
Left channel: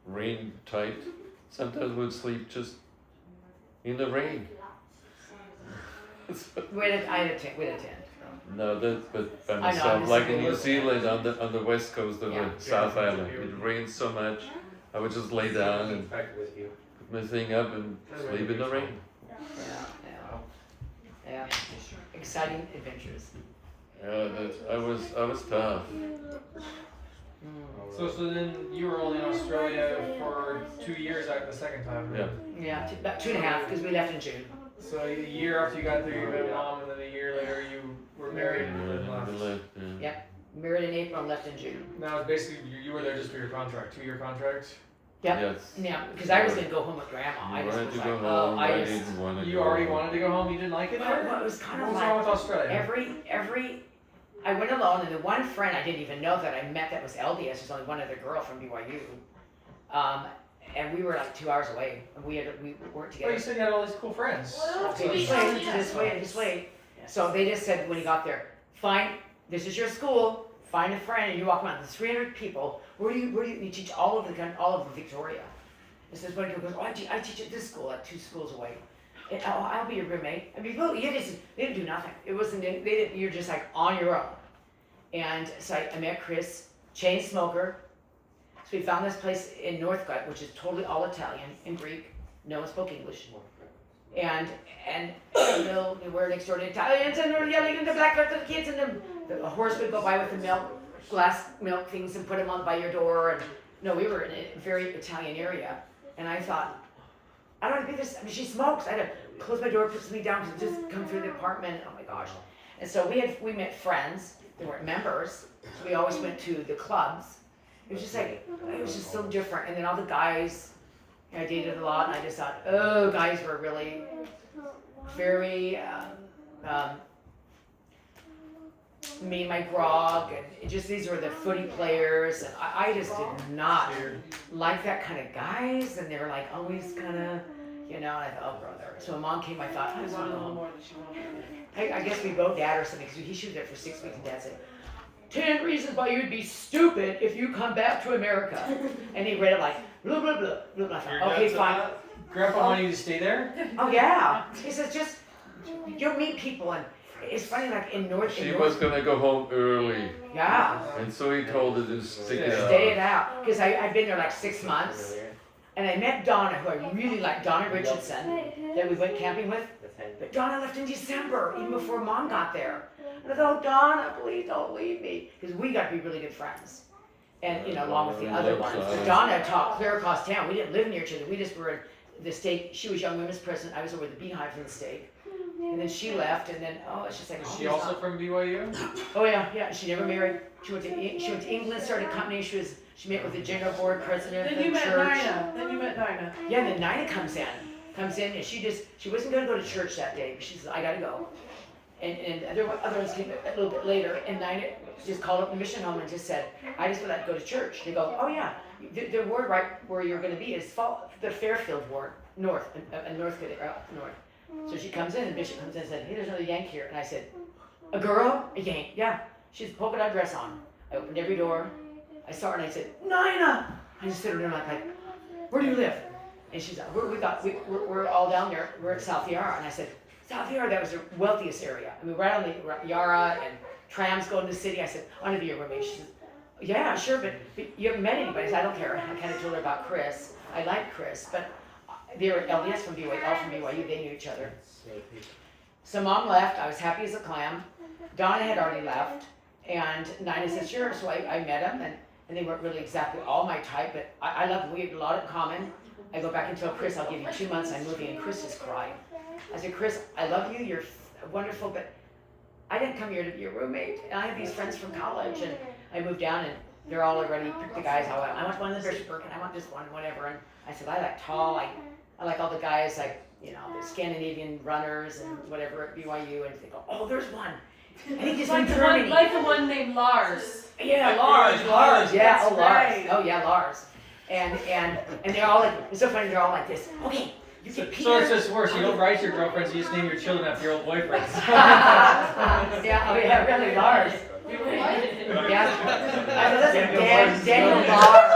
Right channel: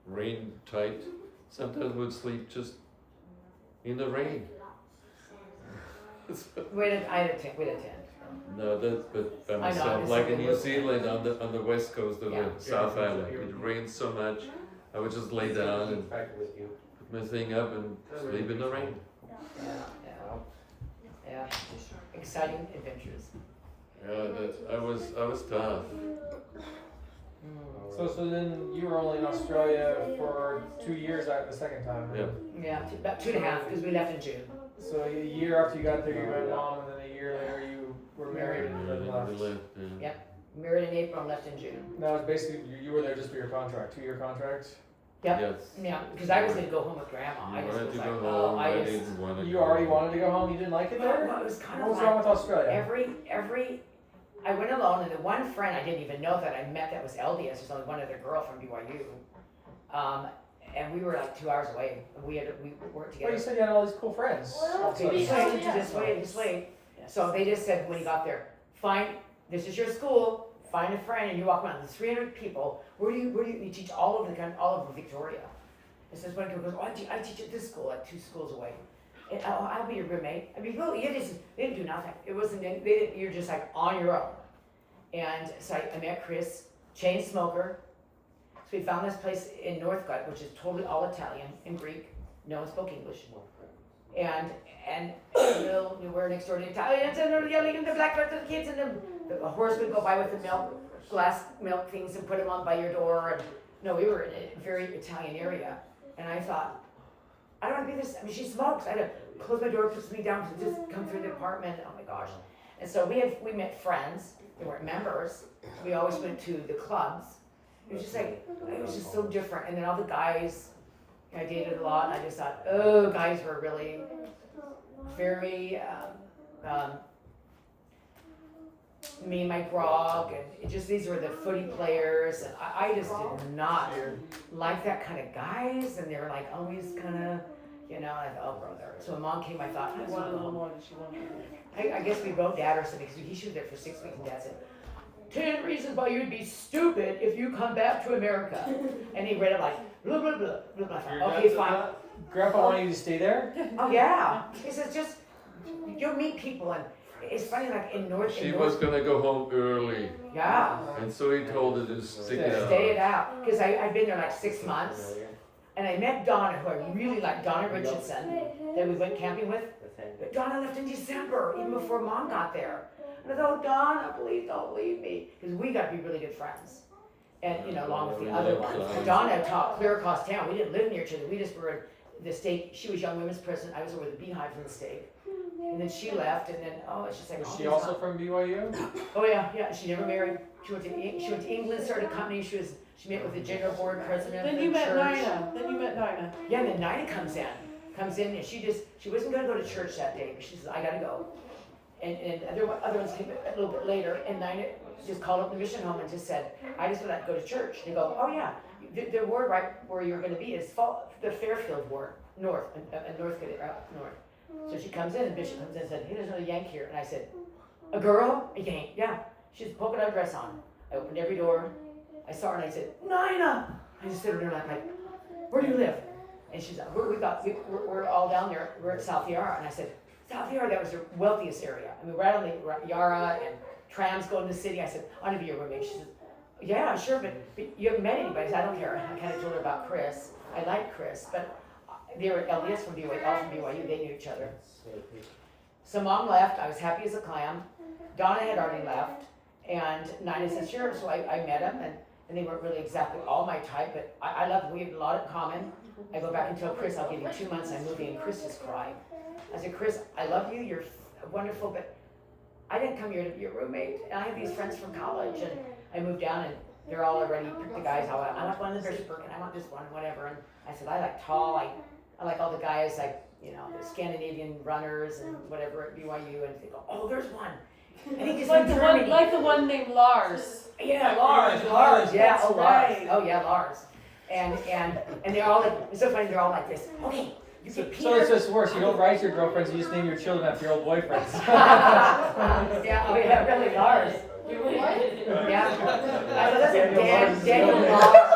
rain tight. Sometimes would sleep just in the rain. I had a tent. No, but by I know, myself, I'm like in just New saying. Zealand on the west coast of Yeah. the South Island, it rained so much. I would just lay down and my thing up and sleep in the rain. Yeah. Exciting adventures. I was tough. So then you were only in Australia for 2 years at the second time. Yeah. Yeah, about 2.5 because we left in June. So a year after you got there, you met mom, and then a year later you were married and left. Yeah. Married in April and left in June. Now basically you were there just for your contract, 2-year contract. Yep. Yes. Yeah, because I was gonna go home with Grandma. I You just wanted was to like, go oh, home. I didn't want to You go already home. wanted to go home. You didn't like it there. Well, it was kind What of was like wrong with Australia? every I went alone, and the one friend I didn't even know that I met that was LDS. There's only one other girl from BYU, and we were like 2 hours away. And we weren't Well, together. you said you had all these cool friends. Okay, just wait. So they just said when you got there, this is your school, find a friend, and you walk around. There's 300 people. Where do you teach all over the country, all over Victoria? It says one girl goes, oh, I teach at this school, like 2 schools away. And I'll be your roommate. I mean, really, they didn't do nothing. It wasn't. You're just like on your own. And so I met Chris, chain smoker. So we found this place in Northcote, which is totally all Italian and Greek. No one spoke English. And we're next door to Italians, and they're yelling, and the black at the kids, and the horse would go by with the glass milk things, and put them on by your door. And no, we were in a very Italian area, and I thought, I don't want to be this. I mean, she smokes. I had to close my door, puts me down to just come through the apartment. Oh my gosh! And so we met friends. They weren't members. We always went to the clubs. It was just like it was just so different. And then all the guys. I dated a lot, and I just thought, oh, guys were really very me and my grog, and these were the footy players, and I just did not like that kind of guys, and they were like always kind of, I thought, oh brother. So when mom came, I thought, I want a little more than she wanted. I guess we wrote dad or something, because he should have there for 6 weeks, and dad said, 10 reasons why you'd be stupid if you come back to America. And he read it like, blah, blah, blah, blah, blah. Your Okay, dad's fine. Grandpa wanted you to stay there? Oh, yeah. He says, just, you'll meet people. And it's funny, like in North. She was gonna go home early, Yeah. and so he told her to stick it out. Stay it out. Because I'd been there like 6 months. And I met Donna, who I really liked, Donna Richardson, that we went camping with. But Donna left in December, even before Mom got there. And I thought, Donna, please don't leave me. Because we got to be really good friends. And, along with the other ones. But Donna taught clear across town. We didn't live near each other. We just were in the stake. She was young women's president. I was over the beehive in the stake. And then she left, and then, it's just like, Was she also from BYU? Oh, yeah. She never married. She went to England, started a company. She met with the general board president Then of you the met church. Nina. Yeah, then Nina comes in, and she wasn't gonna go to church that day, but she says, I gotta go. And others came a little bit later, and Nina just called up the mission home and just said, I just would like to go to church. They go, oh yeah, the ward right where you're gonna be is the Fairfield ward, north. So she comes in, and Bishop comes in and said, hey, there's another Yank here. And I said, a girl? A Yank, yeah. She has a polka dot dress on. I opened every door. I saw her and I said, Nina! I just stood there like, where do you live? And she's like, we're all down there. We're at South Yarra. And I said, South Yarra, that was the wealthiest area. I mean, right on the Yarra, and trams going to the city. I said, I'm gonna be your roommate. She said, yeah, sure, but you haven't met anybody. I said, I don't care. I kind of told her about Chris. I like Chris, but they were LDS from BYU, all from BYU. They knew each other. So Mom left. I was happy as a clam. Donna had already left. And Nina said, sure. So I met them, and they weren't really exactly all my type, but I love them. We had a lot in common. I go back and tell Chris, I'll give you 2 months, I'm moving, and Chris just cried. I said, Chris, I love you, you're wonderful, but I didn't come here to be your roommate. And I have these friends from college, and I moved down, and they're all already picked the guys out. I want one in the Bishop and I want this one, whatever. And I said, I like tall, I like all the guys, like, the Scandinavian runners and whatever at BYU, and they go, oh, there's one. And he just Like went the to one, Germany. like the one named Lars. Yeah, Like Lars, Lars, yeah, that's oh Lars, right. oh yeah, Lars, and they're all like, it's so funny, they're all like this. Okay, you get Peter. So it's just worse. You don't write your girlfriends, you just name your children after your old boyfriends. Yeah, oh yeah, really, Lars. Yeah, I know that's Daniel Lars.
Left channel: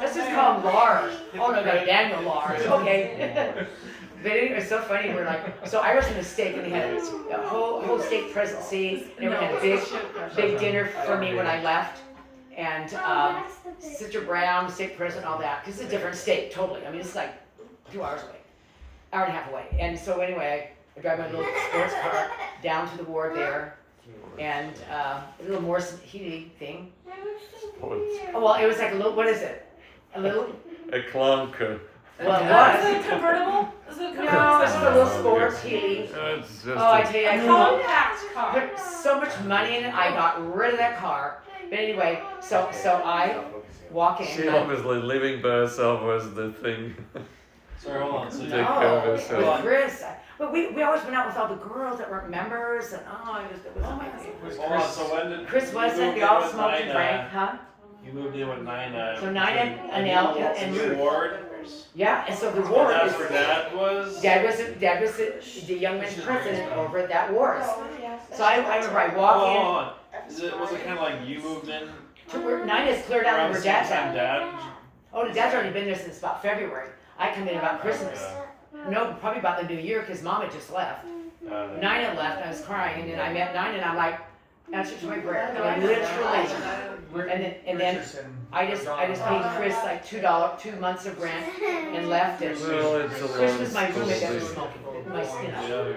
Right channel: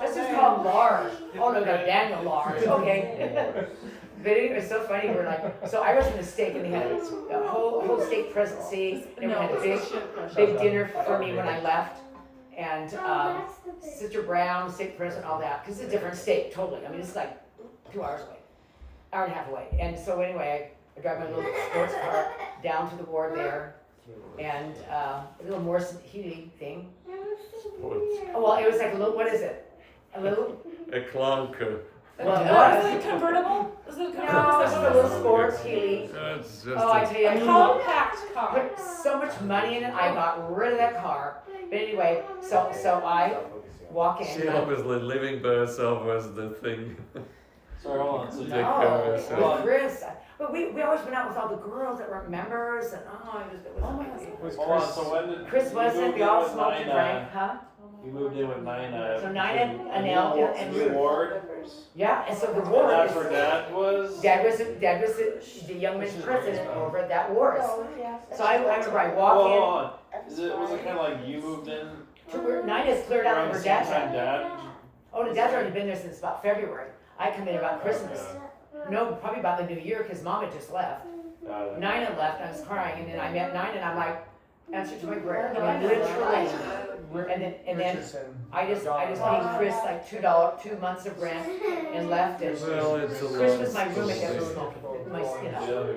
Let's just call him Lars. Oh no, Daniel Lars. Okay. But it was so funny. We're like, so I was in the stake, and they had a whole stake presidency. They had a big dinner for me when I left, and Oh, that's the big. Sister Brown, state president, all that, because it's a different state, totally. I mean, it's like 2 hours away, hour and a half away. And so anyway, I drive my little sports car down to the ward there, and a little Morrison Healy thing. Sports. Oh, well, it was like a little, what is it? A little, A clunker. well, it Is was. it convertible? Is it No, convertible? it's a little sports Healy. It's just Oh, I a, tell you, I A put compact car. so much money in it, I got rid of that car. But anyway, so I walk in. she obviously living by herself was the thing. Sorry, hold on. So Take you- care of Oh, yourself. with Chris. But we always went out with all the girls that weren't members, and it was amazing. Was hold on, Chris? so when did Chris you wasn't, moved we in all with smoked and Nina? drank, huh? You moved in with Nina. So Nina, Anel, and Ruth. Ward. Yeah, and so the And ward that's where is, Dad was. Dad was the young men's president over at that ward. So I remember I Well, walk hold in, on. Was it kind of like you moved in to where Nina's cleared out around of the her same dad's time house. Dad? Oh, the dad's already been there since about February. I come in about Christmas. No, probably about the New Year, because Mom had just left. Nina left, I was crying, and then I met Nina, and I'm like, answer to my prayer. I mean, literally. And then I just paid Chris like $2 months of rent and left, and Well, it's a Chris long was my roommate that was story. smoking,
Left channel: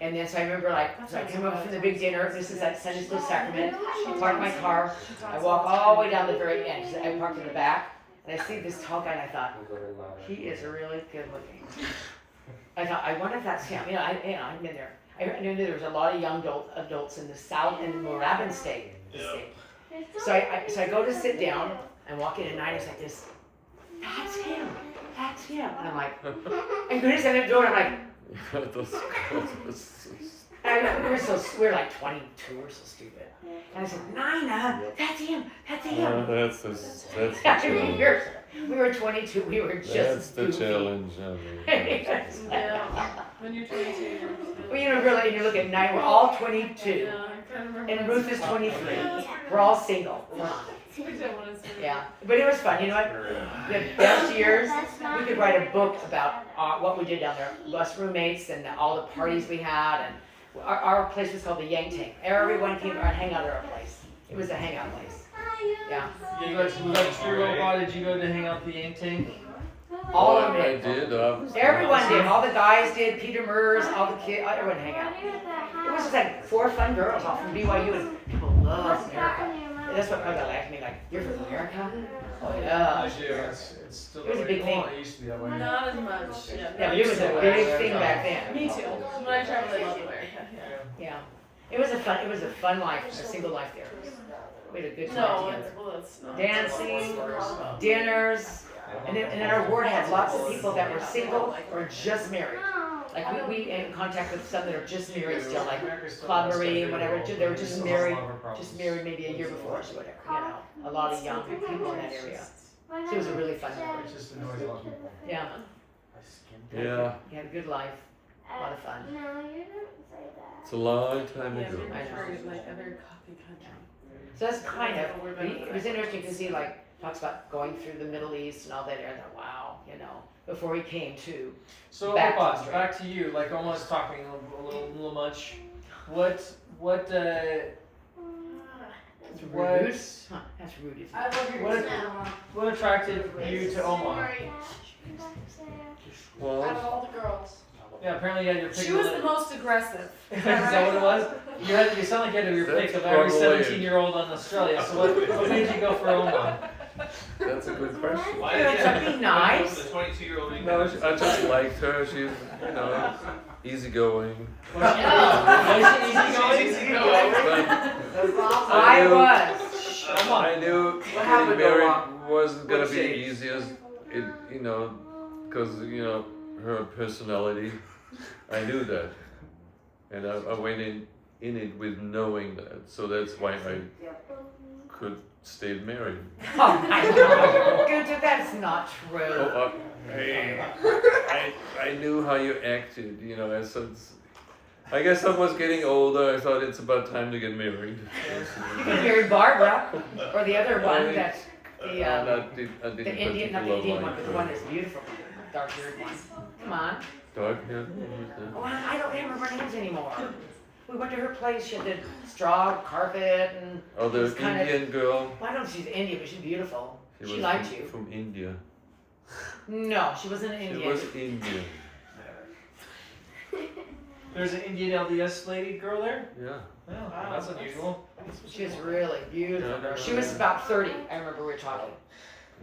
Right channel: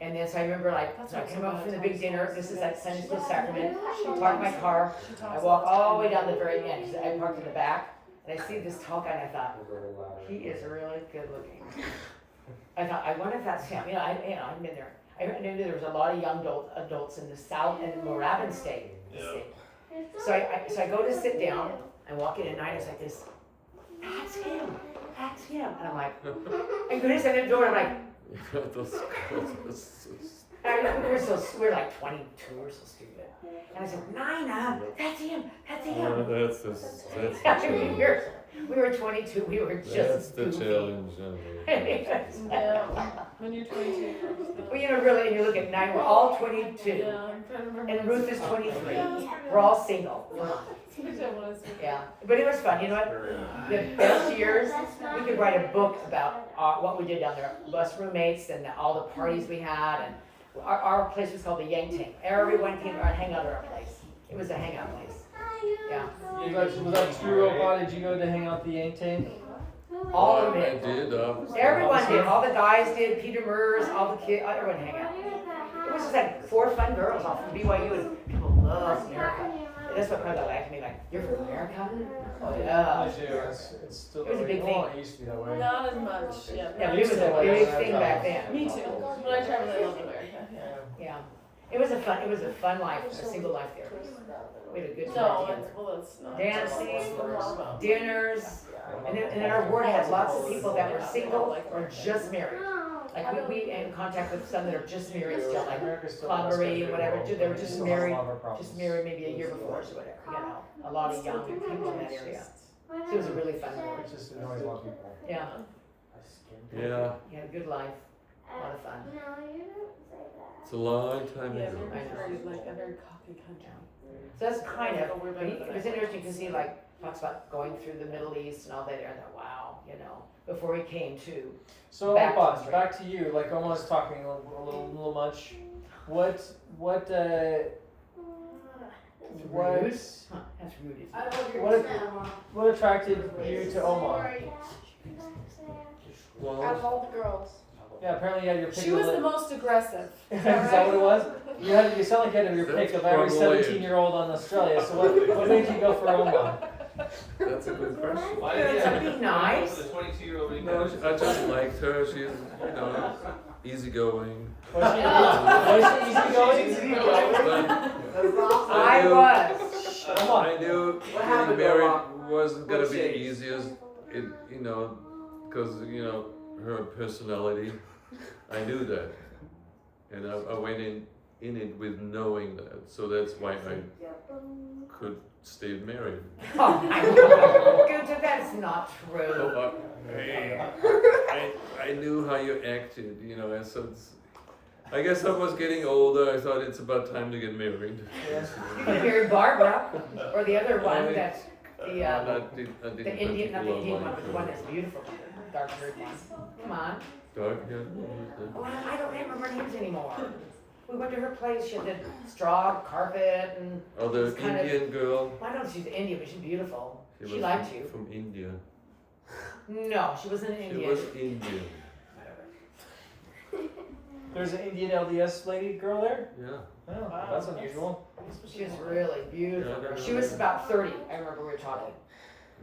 and then so I remember like, so I come up from the big dinner, this is at Sunday School Sacrament, I park my car, I walk all the way down the very end, because I parked in the back, and I see this tall guy, and I thought, he is really good looking. I thought, I wonder if that's him, I've been there. I knew there was a lot of young adults in the South and Moorabbin State. So I go to sit down and walk in, and Nina's like this, that's him, and I'm like, and goodness, I didn't do it, I'm like, Those girls were so we were like 22 or so stupid. And I said, Nina, that's him. that's the I mean, challenge. we were 22, we were That's just the goofy. challenge. Yeah. When you're 22. Well, really, and you look at Nina, we're all 22. Yeah, I kind of remember. And Ruth is 23. We're all single. Come on. We don't want to see. Yeah, but it was fun. You know what? The best years, we could write a book about what we did down there. Us roommates and all the parties we had, and our place was called the Yang Tank. Everyone came and hang out at our place. It was a hangout place. Yeah. You guys, was that true, Opa? Did you go to hang out the Yang Tank? All of I it. did. Everyone did. All the guys did. Peter Murs, all the kids. Everyone hang out. It was just like 4 fun girls all from BYU, and people loved America. That's what kind of laughed at me, like, you're from America? Oh, yeah. I do. It's still It was a big thing. It used to be that way. Not as much. Yeah. Yeah, it was a big thing back then. Me too. When I traveled, I loved America. Yeah. Yeah. It was a fun life, a single life there. We had a good time No, together. it's not. Dancing, dinners, and then our ward had lots of people that were single or just married. Like we in contact with some that are just married still, like Claude Marie and whatever, they were just married maybe a year before us or whatever, a lot of young people in that area. So it was a really fun time. It just annoys a lot of people. Yeah, Yeah, you had a good life, a lot of fun. No, you didn't say that. it's a long time Yeah, ago. we're very, like a very cocky country. So that's kind of, it was interesting because he like talks about going through the Middle East and all that, and I thought, wow, before he came to. So Back to Opa, Australia. back to you. Like almost talking a little much. What Rude? Huh, that's rude, isn't it? I love your What- now. what attracted you to Omar? Well, Out of all the girls. Yeah, apparently you had your pick. She of was the- the most aggressive. Is that what it was? You sound like you had your pick That's of every probably it. 17-year-old on Australia. So what made you go for Omar? that's a good question. Why Yeah, did something you nice. go for the 22-year-old No, I just liked her. She's, easygoing. Was she easygoing? But I knew- was. Come on. I knew What happened, getting married Noah? wasn't gonna What be the changed? easiest. Because her personality. I knew that, and I went in it with knowing that. So that's why I could stay married. Oh, I know. Good, that's not true. Oh, I knew how you acted, and so I guess I was getting older. I thought it's about time to get married. You could marry Barbara, or the other one that's I the didn't Indian, not the particularly Indian one, like but the one that's beautiful, dark haired one. Come on. dark hair. Well, I don't remember names anymore. We went to her place. She had the straw carpet and. Oh, the It's kind of- Indian girl. I don't know if she's Indian, but she's beautiful. She She was liked from, you. from India. No, she wasn't She Indian. was Indian. There's an Indian LDS lady girl there? Yeah. Oh, that's unusual. She was really beautiful. Yeah, I don't She know was that. about 30. I remember we were talking.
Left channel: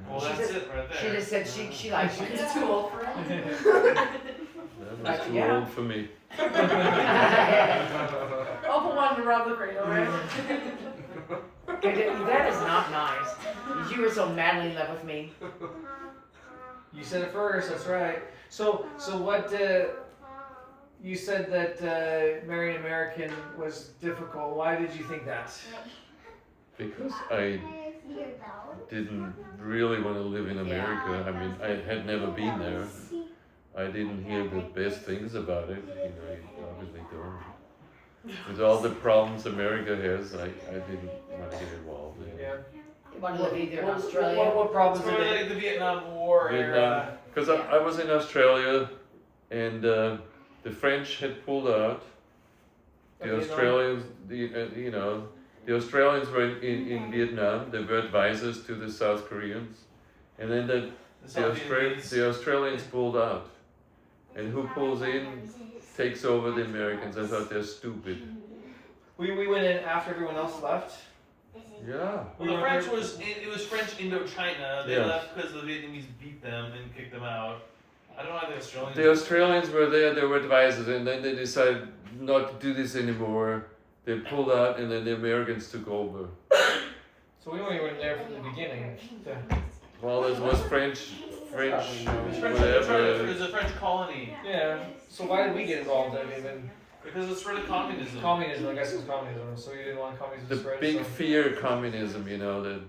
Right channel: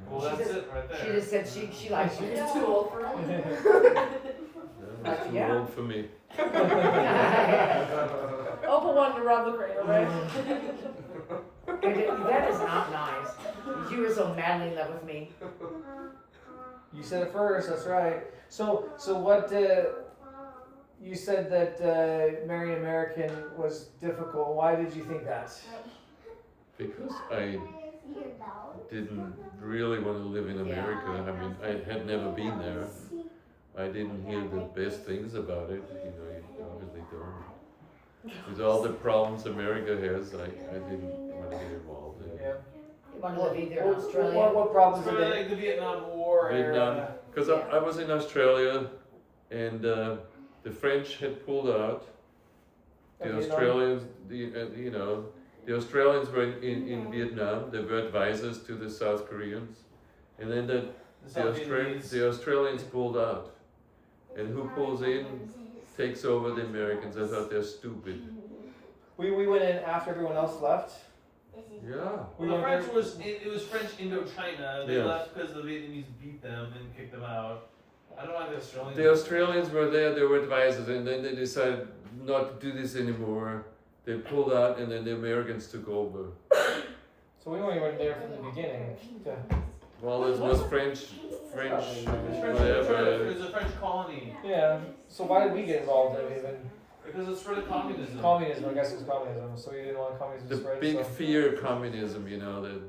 Well, She that's just- it right She there. just said she liked you. It's too old for him. That was too Yeah. old for me. Opa wanted to rub the radar, right? That is not nice. You were so madly in love with me. You said it first, that's right. So what, you said that marrying an American was difficult. Why did you think that? Because I didn't really want to live in America. I mean, I had never been there. I didn't hear the best things about it. You know, you obviously don't. With all the problems America has, I didn't want to get involved in it. Yeah. You want to live either in What Australia. problems It's did really it? like the Vietnam War Vietnam, era. because I was in Australia, and the French had pulled out. The Vietnam? Australians, you know, the Australians were in Vietnam. They were advisors to the South Koreans, and then The South Vietnamese. the Australians pulled out. And who pulls in takes over the Americans. I thought they're stupid. We went in after everyone else left. Yeah. Well, the French it was French Indochina. They Yes. left because the Vietnamese beat them and kicked them out. I don't know why the Australians. The Australians were there, they were advisors, and then they decided not to do this anymore. They pulled out, and then the Americans took over. So we weren't even there from the beginning. Well, it was French, It was French, it whatever. was a French colony Yeah. So why did we get involved in it even? because it's sort of communism. Communism, I guess it was communism. So you didn't want communism The to spread. big so. fear communism, you know, that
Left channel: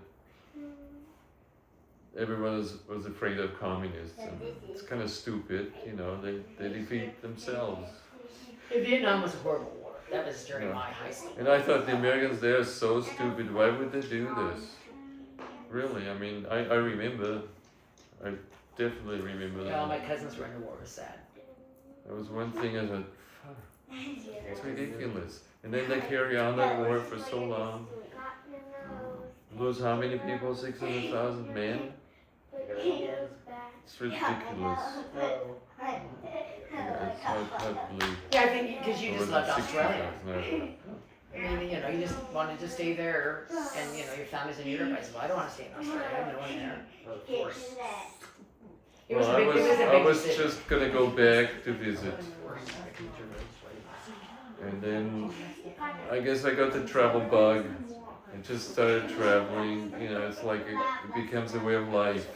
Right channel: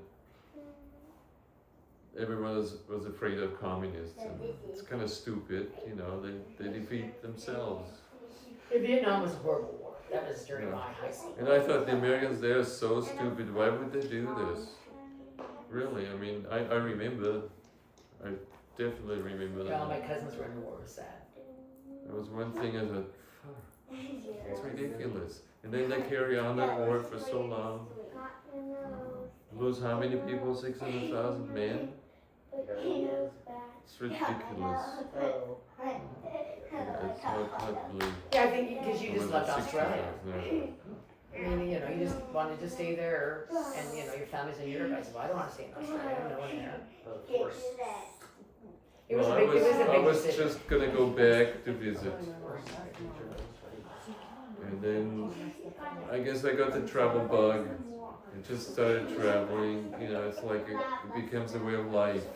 everyone was afraid of communists. And it's kind of stupid, you know, they defeat themselves. Vietnam was a horrible war. That was during Yeah. my high school. And I thought the Americans, they're so stupid. Why would they do this? Really, I mean, I remember, I definitely remember Yeah, all my that. cousins were in the war. It was sad. That was one thing I thought, "Fuck, it's ridiculous. And then they carry on that war for so long. Lose how many people? 600,000 men? It's ridiculous. Yeah, it's hard to believe. Yeah, I think because you just loved Australia. 60,000. I mean, you know, you just wanted to stay there, and you know, your family's in Europe. I said, well, I don't want to stay in Australia. I have no one there. It was Well, a big, it was a I big was decision. just gonna go back to visit. And then I guess I got the travel bug and just started traveling. You know, it's like it becomes a way of life.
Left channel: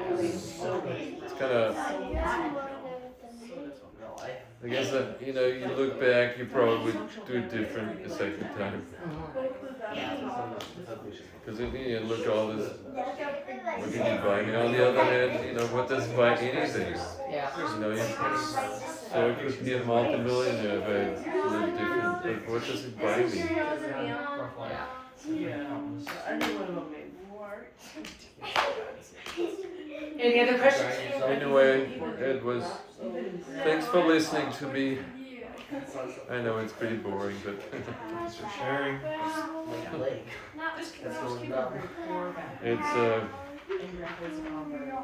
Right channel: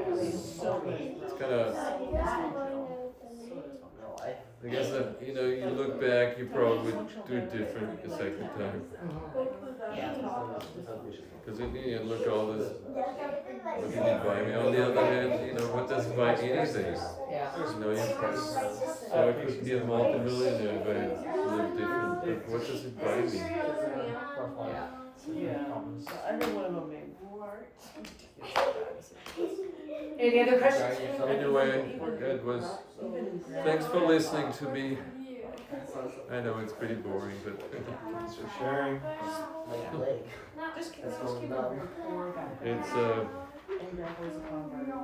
It's kind of, I guess that, you know, you look back, you probably would do it different the second time. Because you look at all this, what did he buy me? On the other hand, you know, what does buy anything? Yeah. You know, so I could be a multimillionaire if I lived different, but what does it buy me? Rough life. Yeah. I think one of them made war. Any other questions? Anyway, it was, thanks for listening to me. I know it's pretty boring, but Thanks for sharing. Just going numb. it's, And Grandpa's a convert, and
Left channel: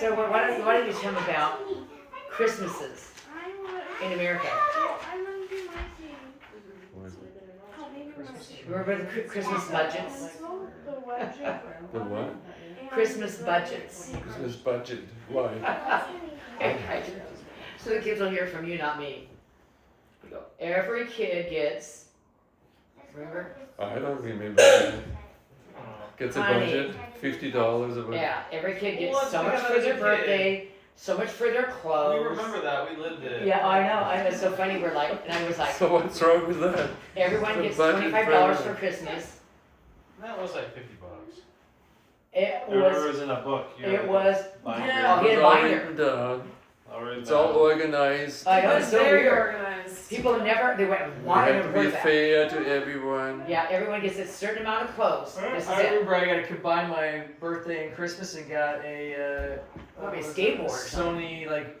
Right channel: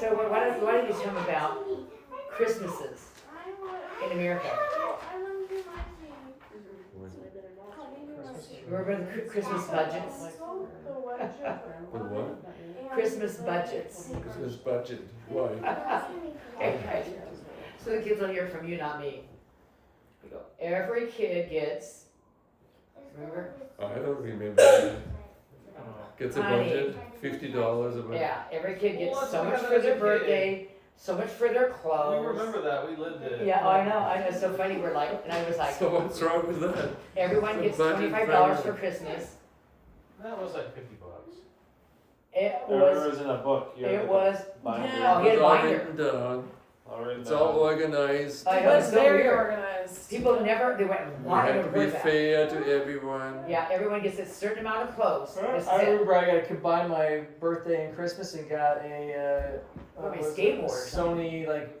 So why don't you tell me about Christmases in America? Remember the Christmas budgets? the what? Christmas budgets. Christmas budget, why? Okay. So the kids will hear from you, not me. You go, every kid gets, remember? I don't remember that. Gets a Honey. budget, $50 a month. Yeah, every kid Well, gets it's so because much I for was a their kid. birthday, so much for their We clothes. remember that. We lived it. Yeah, oh, I know. I know. It's so funny. We're like, and I was like, So what's wrong with that? everyone the gets budget $25 for for Christmas. That was like $50. It I remember it was. was in a book. You had It like was. a binder. Oh, It he was had a all binder. written down. I'll write It's that all down. organized. I It know, was it's so very weird. organized. People never, they went, We why have have to I be heard that? fair to everyone. Yeah, everyone gets a certain amount of clothes. This is I it. remember I got to combine my birthday and Christmas and got a What, a was it? skateboard or something? Sony like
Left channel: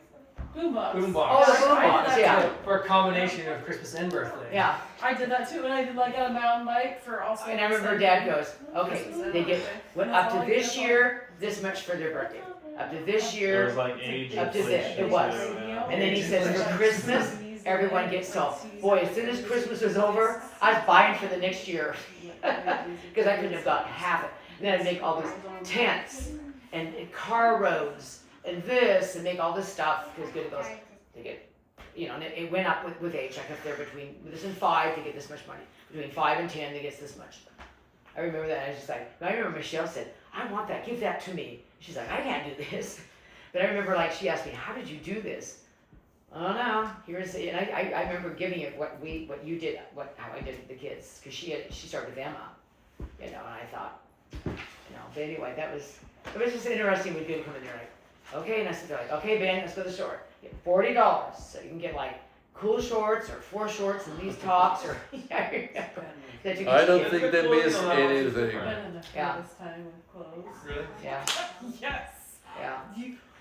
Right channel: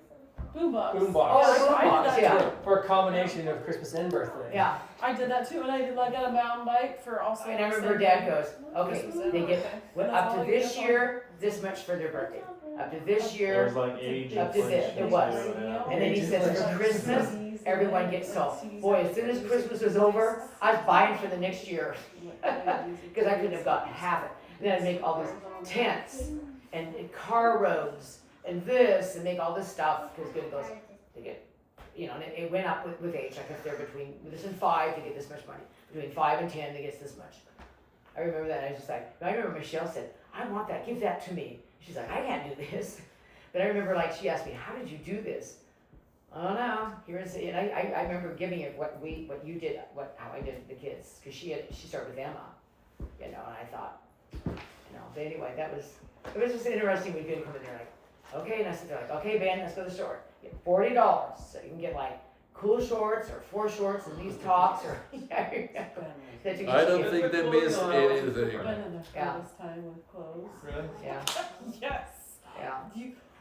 Boombox. boombox. Oh, the I did boombox, that yeah. too. For a combination of Christmas and birthday. Yeah, I did that too, and I did like on a mountain bike for also. and I remember Dad goes, okay, Christmas and they get, birthday. well, That's up to all you this get. year, this much for their birthday. Up to this There year, was like age Up to this, inflation it was. too, yeah. and then he says for Christmas, everyone gets so, boy, as soon as Christmas was over, I was buying for the next year. Because I couldn't have gotten half it. And then I'd make all these tents and car roads and this and make all this stuff because good it goes, they get, and it went up with age. Like if they're between this and 5, they get this much money. Between 5 and 10, they get this much. I remember that. I was just like, I remember Michelle said, I want that. Give that to me. She's like, I can't do this. But I remember like she asked me, how did you do this? I don't know. Here's and I remember giving it what you did, how I did the kids, because she started with Emma, and I thought, but anyway, it was just interesting when people come in there like, okay, and I said, they're like, okay, Ben, let's go to the store. Get $40, so you can get like cool shorts or 4 shorts and these tops or. I don't think they miss anything. Been in the Yeah. hardest time with clothes. Really? Yeah, Yes. yeah.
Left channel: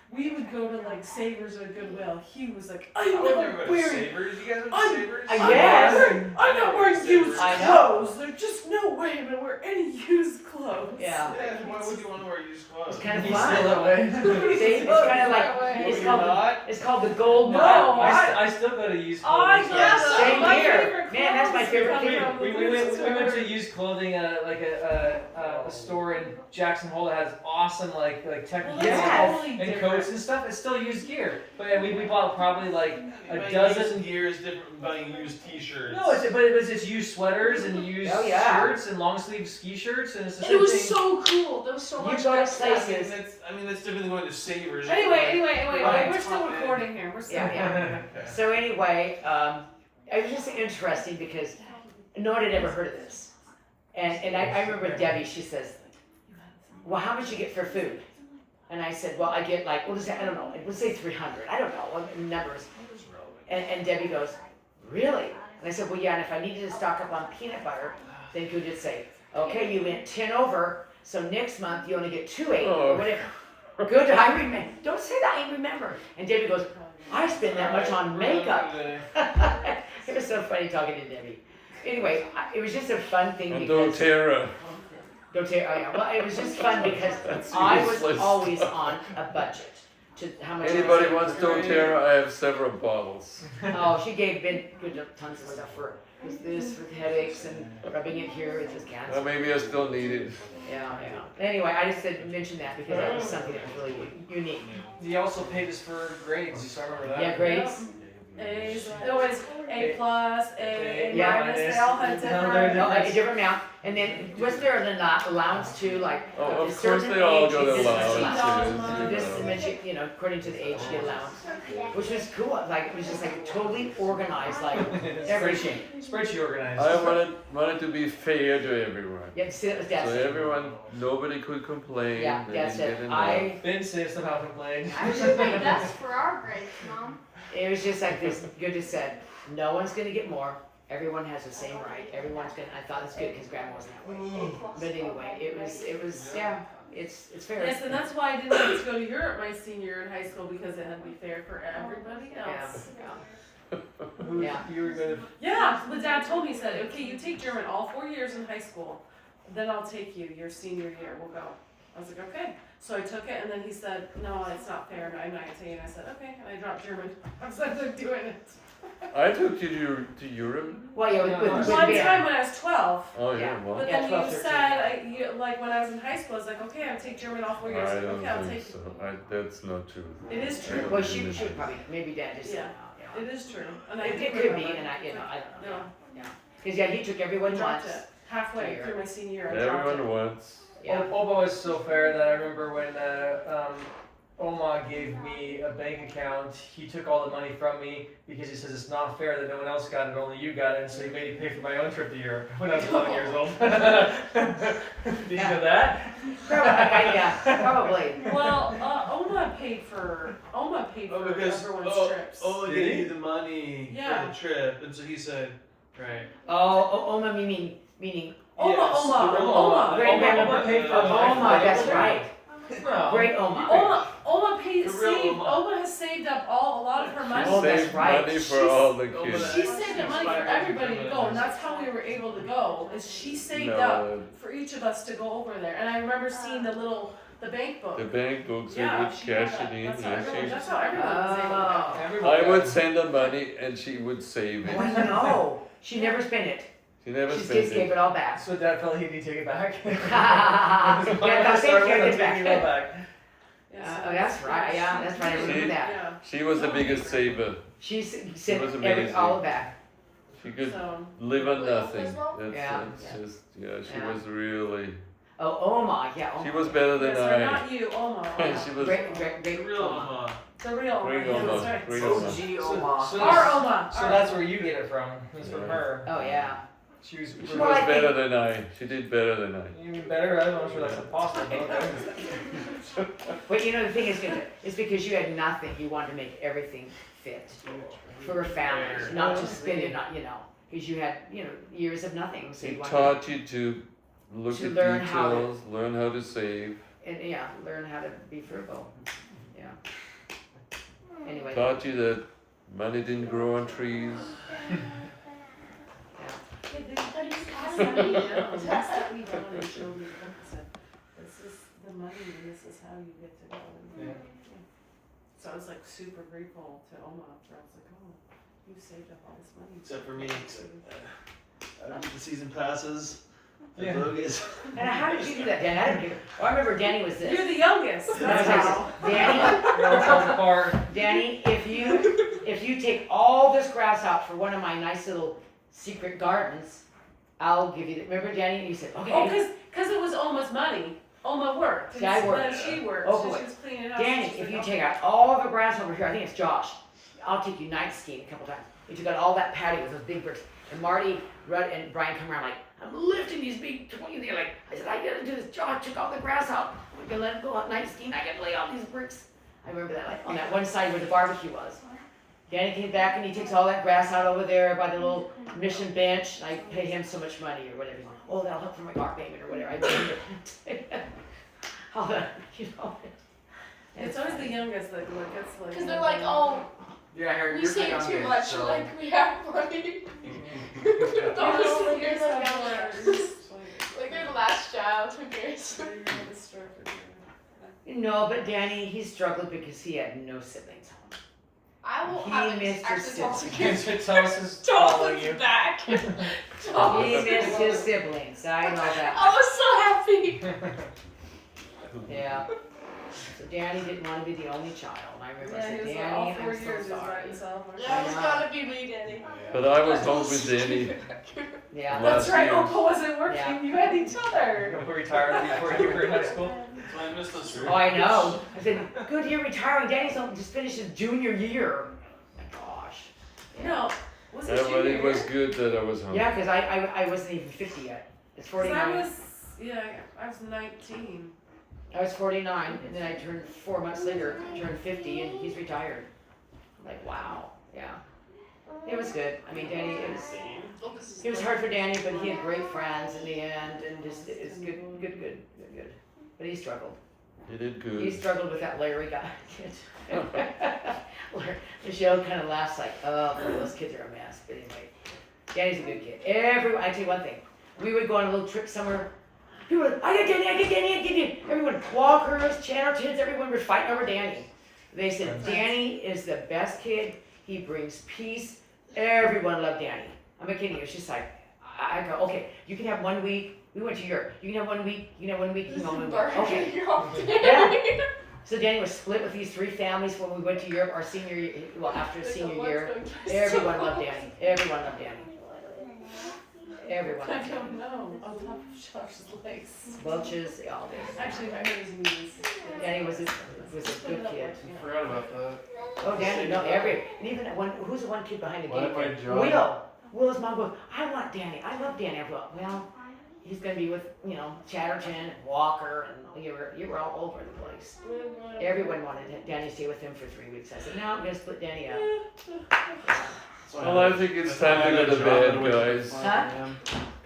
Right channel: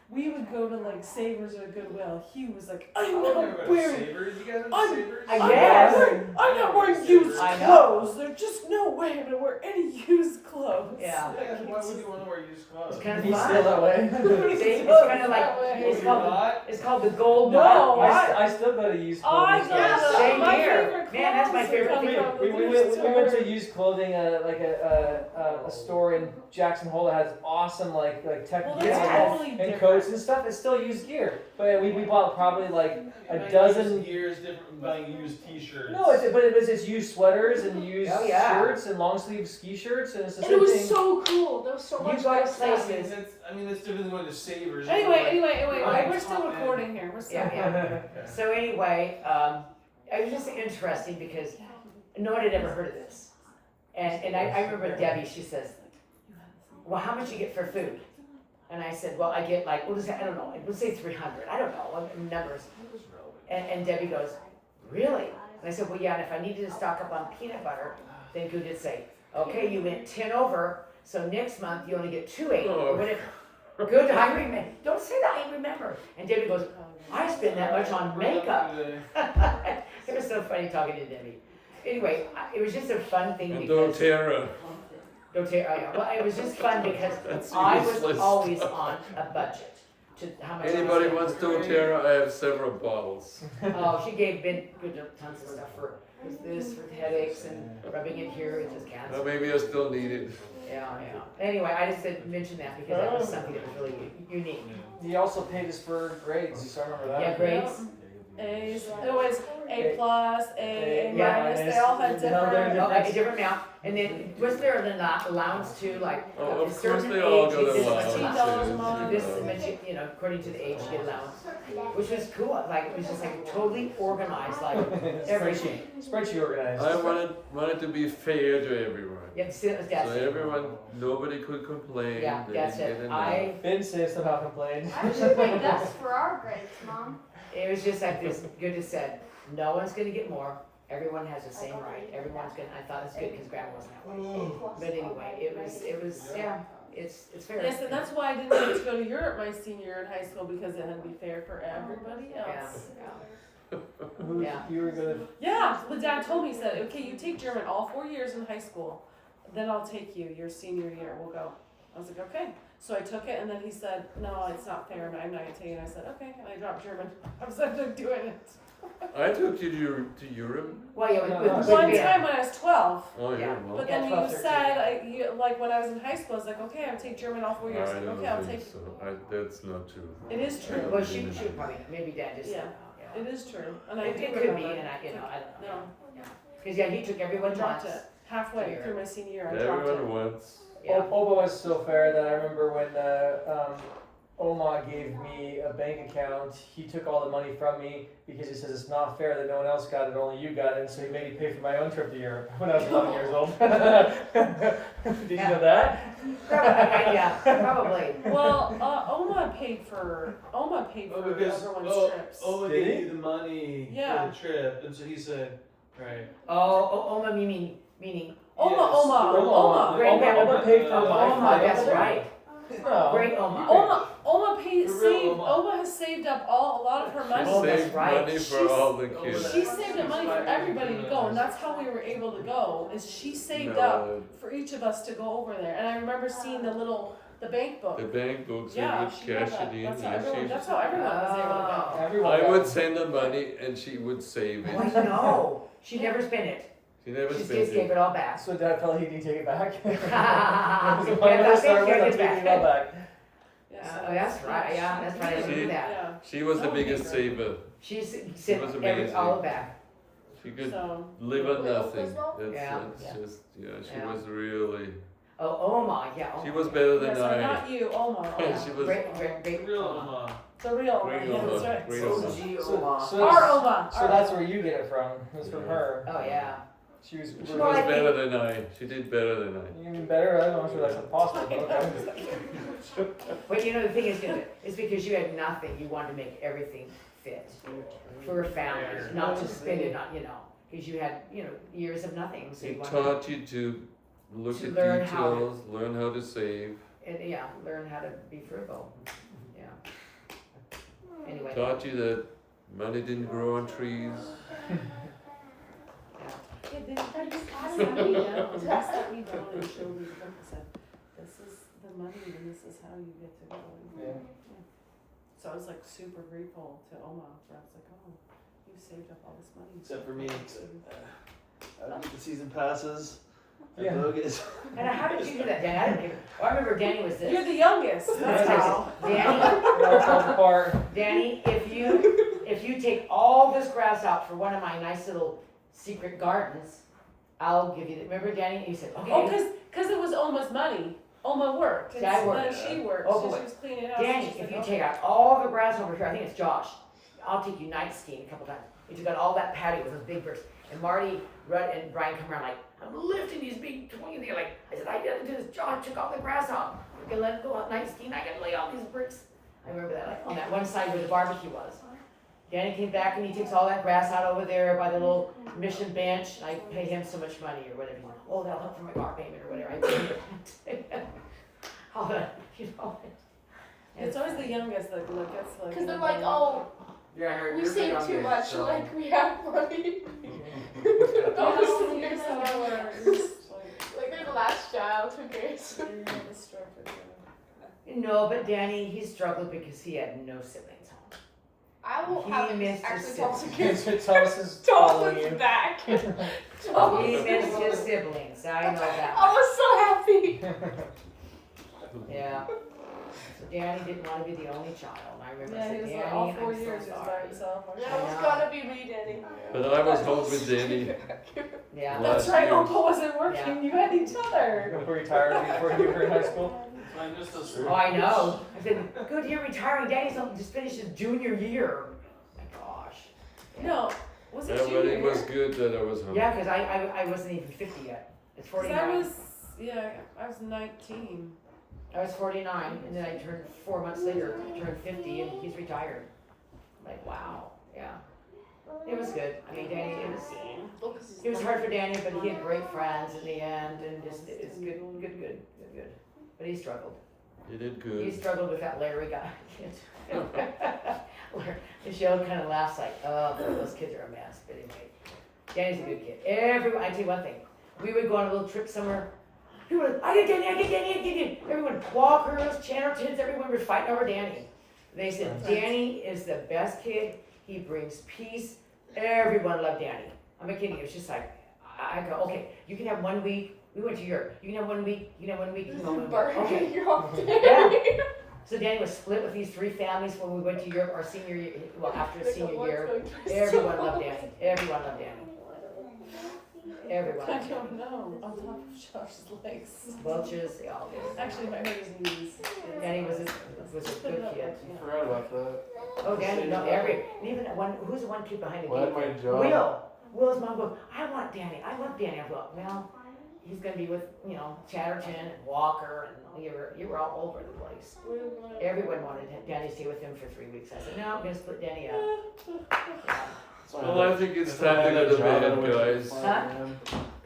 We would go to like Savers or Goodwill. He was like, I'm I would not never go to wearing. Savers. You guys went to I'm- Savers? Yes. I'm not wearing used I know. clothes. There's just no way I'm gonna wear any used clothes. Yeah. Yeah, why would you want to wear used clothes? It's kind of He's fun. still that way. See, it's kind of like No, it's you're called not. it's called the gold No, mile. I still go to used I clothing. got stores. Same my here. favorite Man, that's my clothes favorite are thing. from We the went to store. used clothing, like a store in Jackson Hole that has awesome like tech Well, gear that's Yes. totally and different. coats and stuff. It's still used gear, but we bought probably like a Buying dozen. used gear is different from buying used T-shirts. No, it's used sweaters and used Oh, yeah. shirts and long sleeve ski shirts, and it's the And same it was thing. so cool. There was so You much go to good stuff. places. That's different than going to Savers. Anyway, Right. we're still recording here. We're still Yeah, recording. So anyway, it was just interesting because no one had ever heard of this, and I remember Debbie. She says, "Well, how much you get for food?" And I said, "Well, I get like what is that? I don't know. Let's say 300. I don't know what numbers." And Debbie goes, "Really?" And I said, "Well, yeah. And if I needed to stock up on peanut butter, then you would say, okay, you went 10 over, so next month you only get 280 or whatever." Good, I remember. Don't say that. I remember. And Debbie goes, "I spend that much on makeup." It was so funny talking to Debbie. Anyway, it was just a fun thing And because doTERRA. don't tear. Oh, yeah. Well, it was just fun because That's I was useless always stuff. on a budget. To how much? Anybody wants doTERRA? I have several bottles. Oh, she gave Ben good tons of stuff for this for headaches and rubbing it here with his cancer. Well, maybe I still need it. Yeah, yeah. Anyway, I just said mention that because that was something that was really unique. He also paid us for grades, so I remember that. Yeah, grades. A's. It was A plus, A Yeah. minus. They all had No, different. they're Oh, a different amount. And then was there an allowance too, like Oh, a of course certain they all age, got this is allowances. This You know. meant you, according to the age, you get allowance, which was cool. Like it was just like totally organized, like everything. Spreadsheet organized. I wanted to be fair to everyone. Yeah, see, that's So everyone, nobody could complain. yeah, They that's didn't it. get enough. Ben says somehow complained. I should make us for our grades, Mom. It was just like this. Good just said, no one's gonna get more. Everyone has the same right. Everyone's gonna. I thought it's good because Grandma wasn't that way. But anyway, it was yeah. It's fair. Yes, and that's why I didn't get to go to Europe my senior year in high school because it had to be fair for everybody else. Who Yeah. you were gonna? Yeah, the dad told me, he said, okay, you take German all 4 years in high school, then I'll take you your senior year, we'll go. I was like, okay. So I took it, and then he said, no, it's not fair, I'm not gonna take it. I said, okay, and I dropped German. I was like, I'm doing it. I took you to Europe. Well, yeah, with One Ben. time when I was 12, Oh yeah, Yeah. well, but Yeah, then 12, you 13. said, like when I was in high school, I was like, okay, I'll take German all 4 years. I don't Okay, I'll think take so. That's not true. It is I true. don't Well, she believe should it. probably maybe Dad just said Yeah. no. It is true, and I It do could be, remember. and I don't know. Yeah. Because yeah, he took I everyone dropped once. it halfway Sure. through my senior year. I dropped Everyone it. wants. Yeah. Opa was so fair that I remember when Oma gave me a bank account, he took all the money from me because he says it's not fair that no one else got it, only you got it, so he made me pay for my own trip to Europe when I was 11 years old. Did you know that? Probably, yeah, probably. Well, Oma paid for Oh, because everyone's trips. Oma Did he? gave you the money Yeah. for the trip, and so he said, right. Oma meaning Oma, Yes, Oma, the Oma. Great Oma grandmother paid for Oma, my that's flight. right. No. Great Oma. Oma The real Oma. Oma has saved up a lot of her She money. Oh, that's saved right. money for She's- all the Oma kids. She saved up money for everybody to go, and that's how we were able to go. Is she saved No, up for each of us to go over there? And I remember seeing the bank book. the bank books, we Yeah, would she cash had it that. in. That's how Yeah, everyone, she, that's how everyone was able to go. Oh. Everyone I would got- send her money and she would save Oh, it. no. She never spent it. She never She spent just gave it. it all back. So Dad felt he needed to take it back. Yeah, When that's I started it, with, I'm give it taking it back. Oh, that's right. Yeah, that's right. I remember She- that. Yeah. She was the Oh, biggest yeah. saver. She sent was every amazing. all back. She could So, live on nothing. That's, Yeah. that's just, yeah, she Yeah. was really, Oh, Oma. Yeah. Oma. she was better than yes, or I. not you, Oma. She was Great Real Oma. Oma. The real great Oma. Oma, That's right. great Oh, Oma. gee, So- Oma. so- Our Oma. So our that's Oma. where you get it from. It's from her. Oh, yeah. She was She Well, was I think- better than I. She did better than I. even better. I don't know if that's possible. But But you know, the thing is, it's because you had nothing. You wanted to make everything fit for a family, not to spend it, not, because you had, years of nothing. So you It wanted taught you to look To at learn how to- details, learn how to save, and learn how to be frugal. Yeah. Anyway. taught you that money didn't grow on trees. Hey, did you pass that down? Pass that we brought and showed me the book and said, this is the money and this is how you get to go. Yeah. So I was like super grateful to Oma. I was like, oh, you saved up all this money. Except for me. I get the season passes. Yeah. Bogus. And how did you do that, Danny? I didn't get it. I remember Danny was this. You're the youngest. That's how. Danny, it all falls apart. Danny, if you take all this grass out for one of my nice little secret gardens, I'll give you. Remember, Danny? You said, okay. Oh, cause it was Oma's money. Oma worked. See, I worked. Then she worked. Oh, so boy. she was cleaning it out. Danny, She's if you like, take out all the grass over here, I think it's Josh. I'll take you night skiing a couple times. We took out all that patio with those big bricks. And Marty, Rudd, and Brian come around like, I'm lifting these big 20. They're like, I said, I gotta do this. Josh took all the grass out. We can let it go out night skiing. I can lay all these bricks. I remember that, like on that one side where the barbecue was. Danny came back and he takes all that grass out over there by the little mission bench. And I pay him so much money or whatever. Oh, that'll help for my car payment or whatever. I pay him. All that, It's always the youngest that gets like. Because they're like, oh, Yeah, I heard we you're the save too youngest, much, so. like we have money. Oh, Don't like you're you're the so youngest. Like they're the last child, who cares? No, but Danny, he struggled because he had no siblings home. I will He have missed his accidental siblings. Kids Thomas is following you. back. He missed his siblings. I know that. I was so happy. Yeah. So Danny didn't want to be the only child. I remember I Yeah, said, he was Danny, all 4 I'm years so he was by sorry. himself. Yeah, it's gotta be me, Daddy. But I was home with Danny Yeah. last That's right, year. Uncle wasn't working. Yeah. You had each other. You retired before you were in high school. That's why I missed those Oh, I know. I said, good, you're retiring. Danny's just finished his junior year. My gosh. No, was it Yeah, but junior it was year? good that I was home. Yeah, because I wasn't even 50 yet. It's 'Cause 49. I was 19. I was 49, and then I turned 4 months later, turned 50, and he's retired. I'm like, wow, yeah. It was good. I mean, Danny, it was hard for Danny, but he had great friends in the end, and just, it's good. But he struggled. You did He good. struggled with that Larry guy. Michelle kind of laughs like, oh, those kids are a mess. But anyway, Danny's a good kid. I tell you one thing. We would go on a little trip somewhere. People would, I get Danny. Everyone, walkers, Chattertons, everyone was fighting over Danny. They said, Danny is the best kid. He brings peace. Everyone loved Danny. I'm not kidding you. It's just like, I go, okay, you can have 1 week. We went to Europe. You can have 1 week. You can have 1 week. You can have 1 week. Okay. Yeah. So Danny was split with these 3 families when we went to Europe our senior year, well, after senior year. Everyone loved Danny. Everyone loved Danny. Everyone. I don't know. On top of Josh's legs. Welch's, they all did. Actually, my hurt his knees. Danny was a good kid. I forgot about that. Oh, Danny, no, and even that one, who's the one kid behind the What gate? went John? Will's mom goes, I want Danny. I love Danny. I thought, well, he's gonna be with, you know, Chatterton and Walker, and you were all over the place. Everyone wanted Danny to stay with him for 3 weeks. I said, no, I'm gonna split Danny up. Well, I think it's time to go to bed, guys. Huh?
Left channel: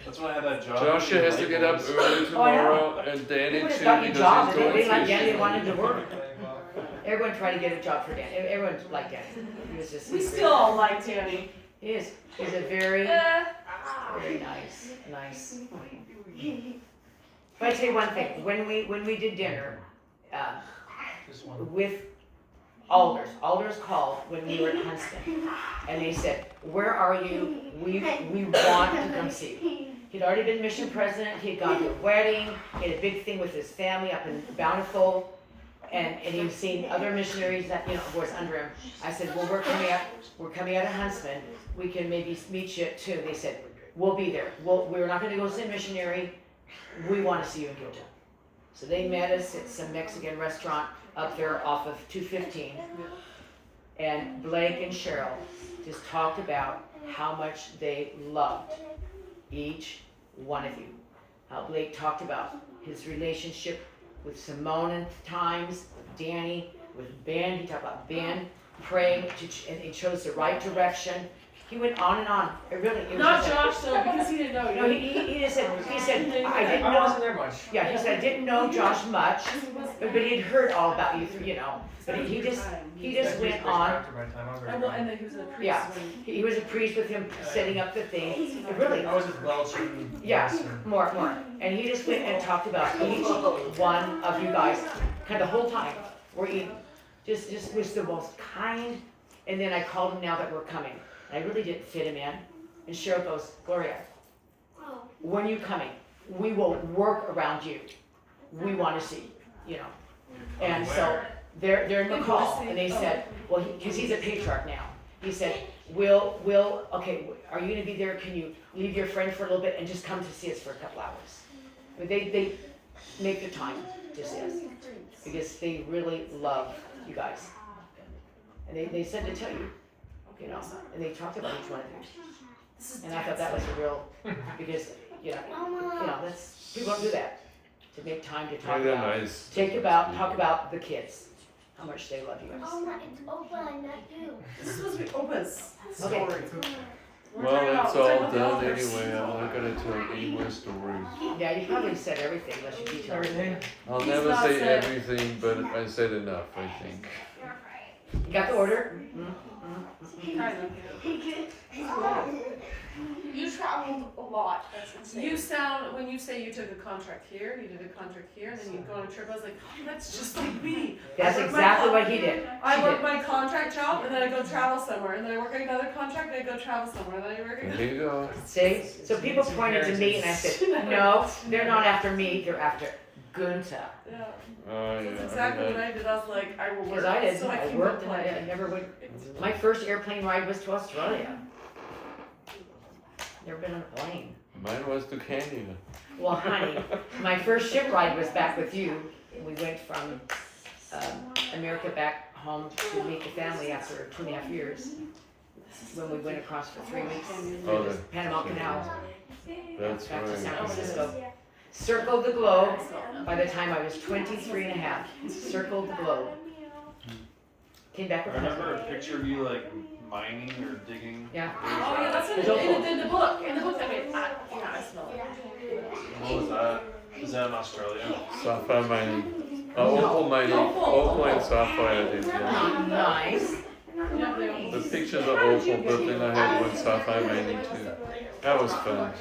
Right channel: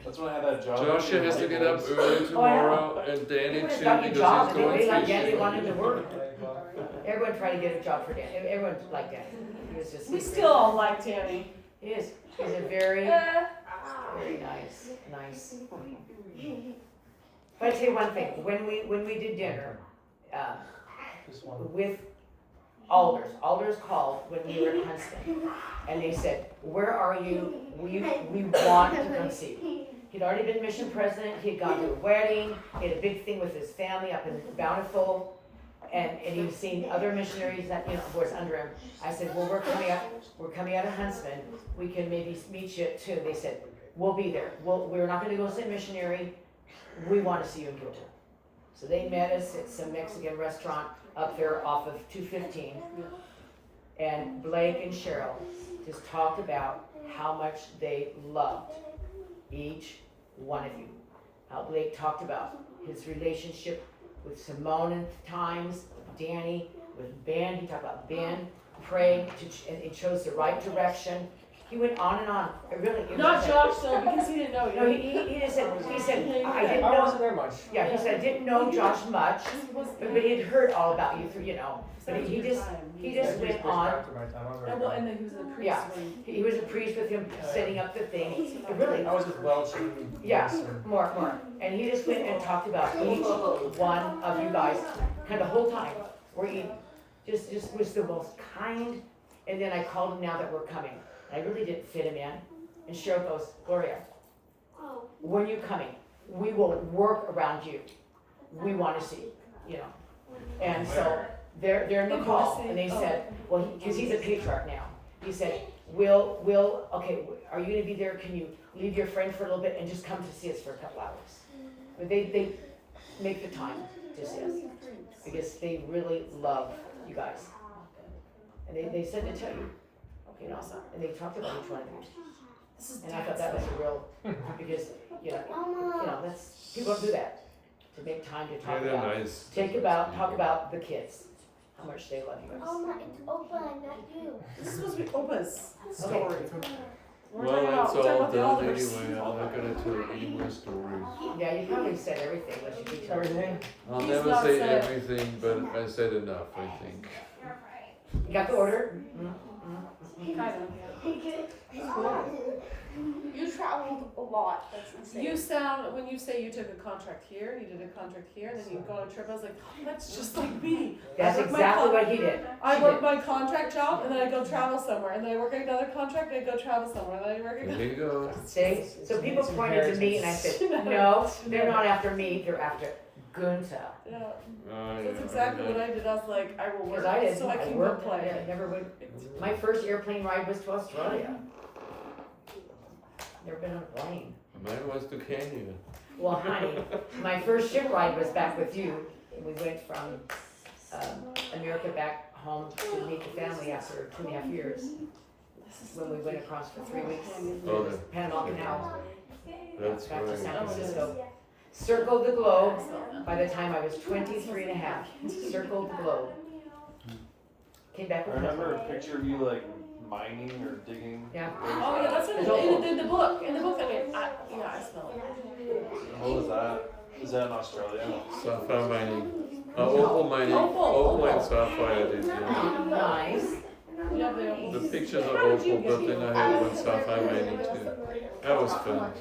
That's when I had that job. Joshua has to get up early tomorrow, and Danny Everyone just too, got a because job, he's and going they like Danny, they fishing. wanted to work. Everyone tried to get a job for Danny. Everyone liked Danny. He was just. We still all like Danny. He is. He's a very nice. But I tell you one thing. When we did dinner, Just one. with Alders called when we were at Huntston, and they said, "Where are you? We want to come see you." He'd already been mission president. He had gone to a wedding. He had a big thing with his family up in Bountiful, and he was seeing other missionaries that, you know, of course, under him. I said, "Well, we're coming out of Huntston. We can maybe meet you too." They said, "We'll be there. We're not going to go see a missionary. We want to see you in Gilda." So they met us at some Mexican restaurant up there off of 215. And Blake and Cheryl just talked about how much they loved each one of you. How Blake talked about his relationship with Simone at times, with Danny, with Ben. He talked about Ben praying and he chose the right direction. He went on and on. It was Not just- Josh though, because he didn't know No, you. he just said, I didn't I know. wasn't there much. Yeah, he said, I didn't know Josh much, but he'd heard all about you through, you know. But he just went on. After my time, I'm very And well, young. and then he was a priest Yeah. when. He was a priest with him setting up the thing. Really, I was with Welch and. Yeah. Wilson. more. And he just went and talked about each one of you guys, kind of the whole time. Where he just was the most kind. And then I called him now that we're coming. And I really didn't fit him in. And Cheryl goes, Gloria, when you coming, we will work around you. We want to see, you know. And so they're in the call, and they said, well, because he's a patriarch now. He said, okay, are you gonna be there? Can you leave your friend for a little bit and just come to see us for a couple hours? But they make the time to see us because they really love you guys. And they said to tell you, you know, and they talked about each one of you. And I thought that was a real, because, you know, that's, people don't do that. To make time to Yeah, talk they're about, nice. talk about the kids, how much they love you guys. It's Opa, not you. This is supposed to be Opa's story. We're Well, talking it's about- we're all talking about done the elders. anyway. I'm not gonna tell any more stories. Yeah, you probably said everything unless you detail Everything. I'll He's never not say said- everything, but I said enough, I think. You got the order? Kind of. You traveled a lot. That's insane. You sound, when you say you took a contract here, you did a contract here, and then you go on a trip, I was like, oh, that's just like me. That's I work my exactly con- what he did. I She work did. my contract job, and then I go travel somewhere, and then I work another contract, and I go travel somewhere, and then I work There again. you go. See, so people pointed to me and I said, no, they're not after me, they're after Gunther. Yeah, Oh, yeah. that's exactly what I did, I was like, I will work, Because I didn't, so I I can worked, go I play. never would, my first airplane ride was to Australia. Never been on a plane. Mine was to Kenya. Well, honey, my first ship ride was back with you. We went from America back home to meet the family after 2.5 years. When we went across for 3 weeks, Oh, the Panama Canal, That's back to San right. Francisco. Circled the globe by the time I was 23 and a half. Circled the globe. Came back I with remember a picture of you like mining or digging. Yeah. Oh, yeah, that's There's in the book that made, yeah, I smell it. What was that? Is that in Australia? Sapphire mining. Opal mining. Opal and sapphire I did, yeah. Nice. Yeah, they- The pictures are opal, but then I had one sapphire mining too. That was fun.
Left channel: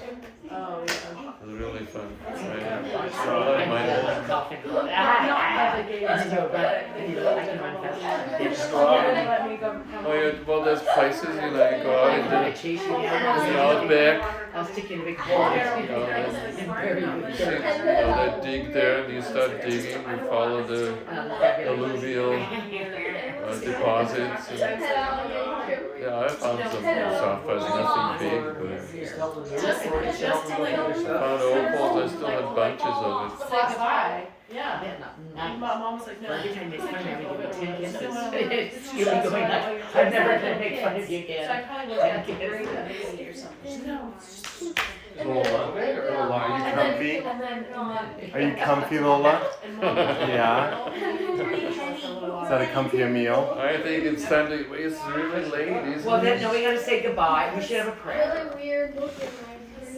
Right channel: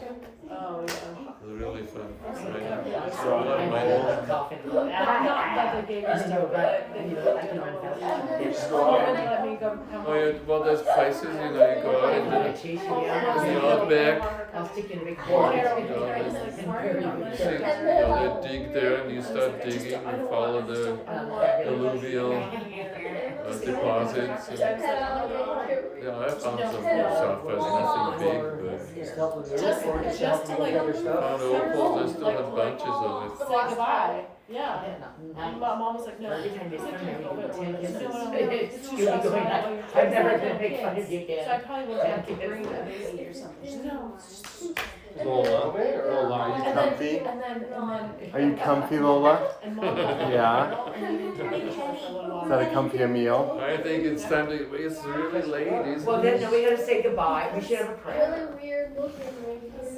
Oh, yeah. It was really fun. Mining. So I love mining. Coughing. Not that they gave us no, but they let me go. Oh yeah, well there's places, you know, you go out in the outback, I'll stick you in a big hole. you know, you see, you know, they dig there and you start digging, you follow the alluvial deposits and Yeah, I found some soft fuzz, nothing big, but Just help with the Just- airport, just help to with like- the other I stuff. found opals, I still had bunches of it. Say goodbye. Yeah. Yeah, And nice. my mom was like, no. Every time it's funny, we do 10 kisses. It's You'll be going like, I'm never gonna make fun of you So I again. probably would have to bring a baby or something. No. Lola, are you comfy? And then. Are you comfy, Lola? And mom- Yeah. Is that a comfier meal? I think it's time to, it's really late, isn't Well, then, it? no, we gotta say goodbye. We should have a prayer. Really weird looking right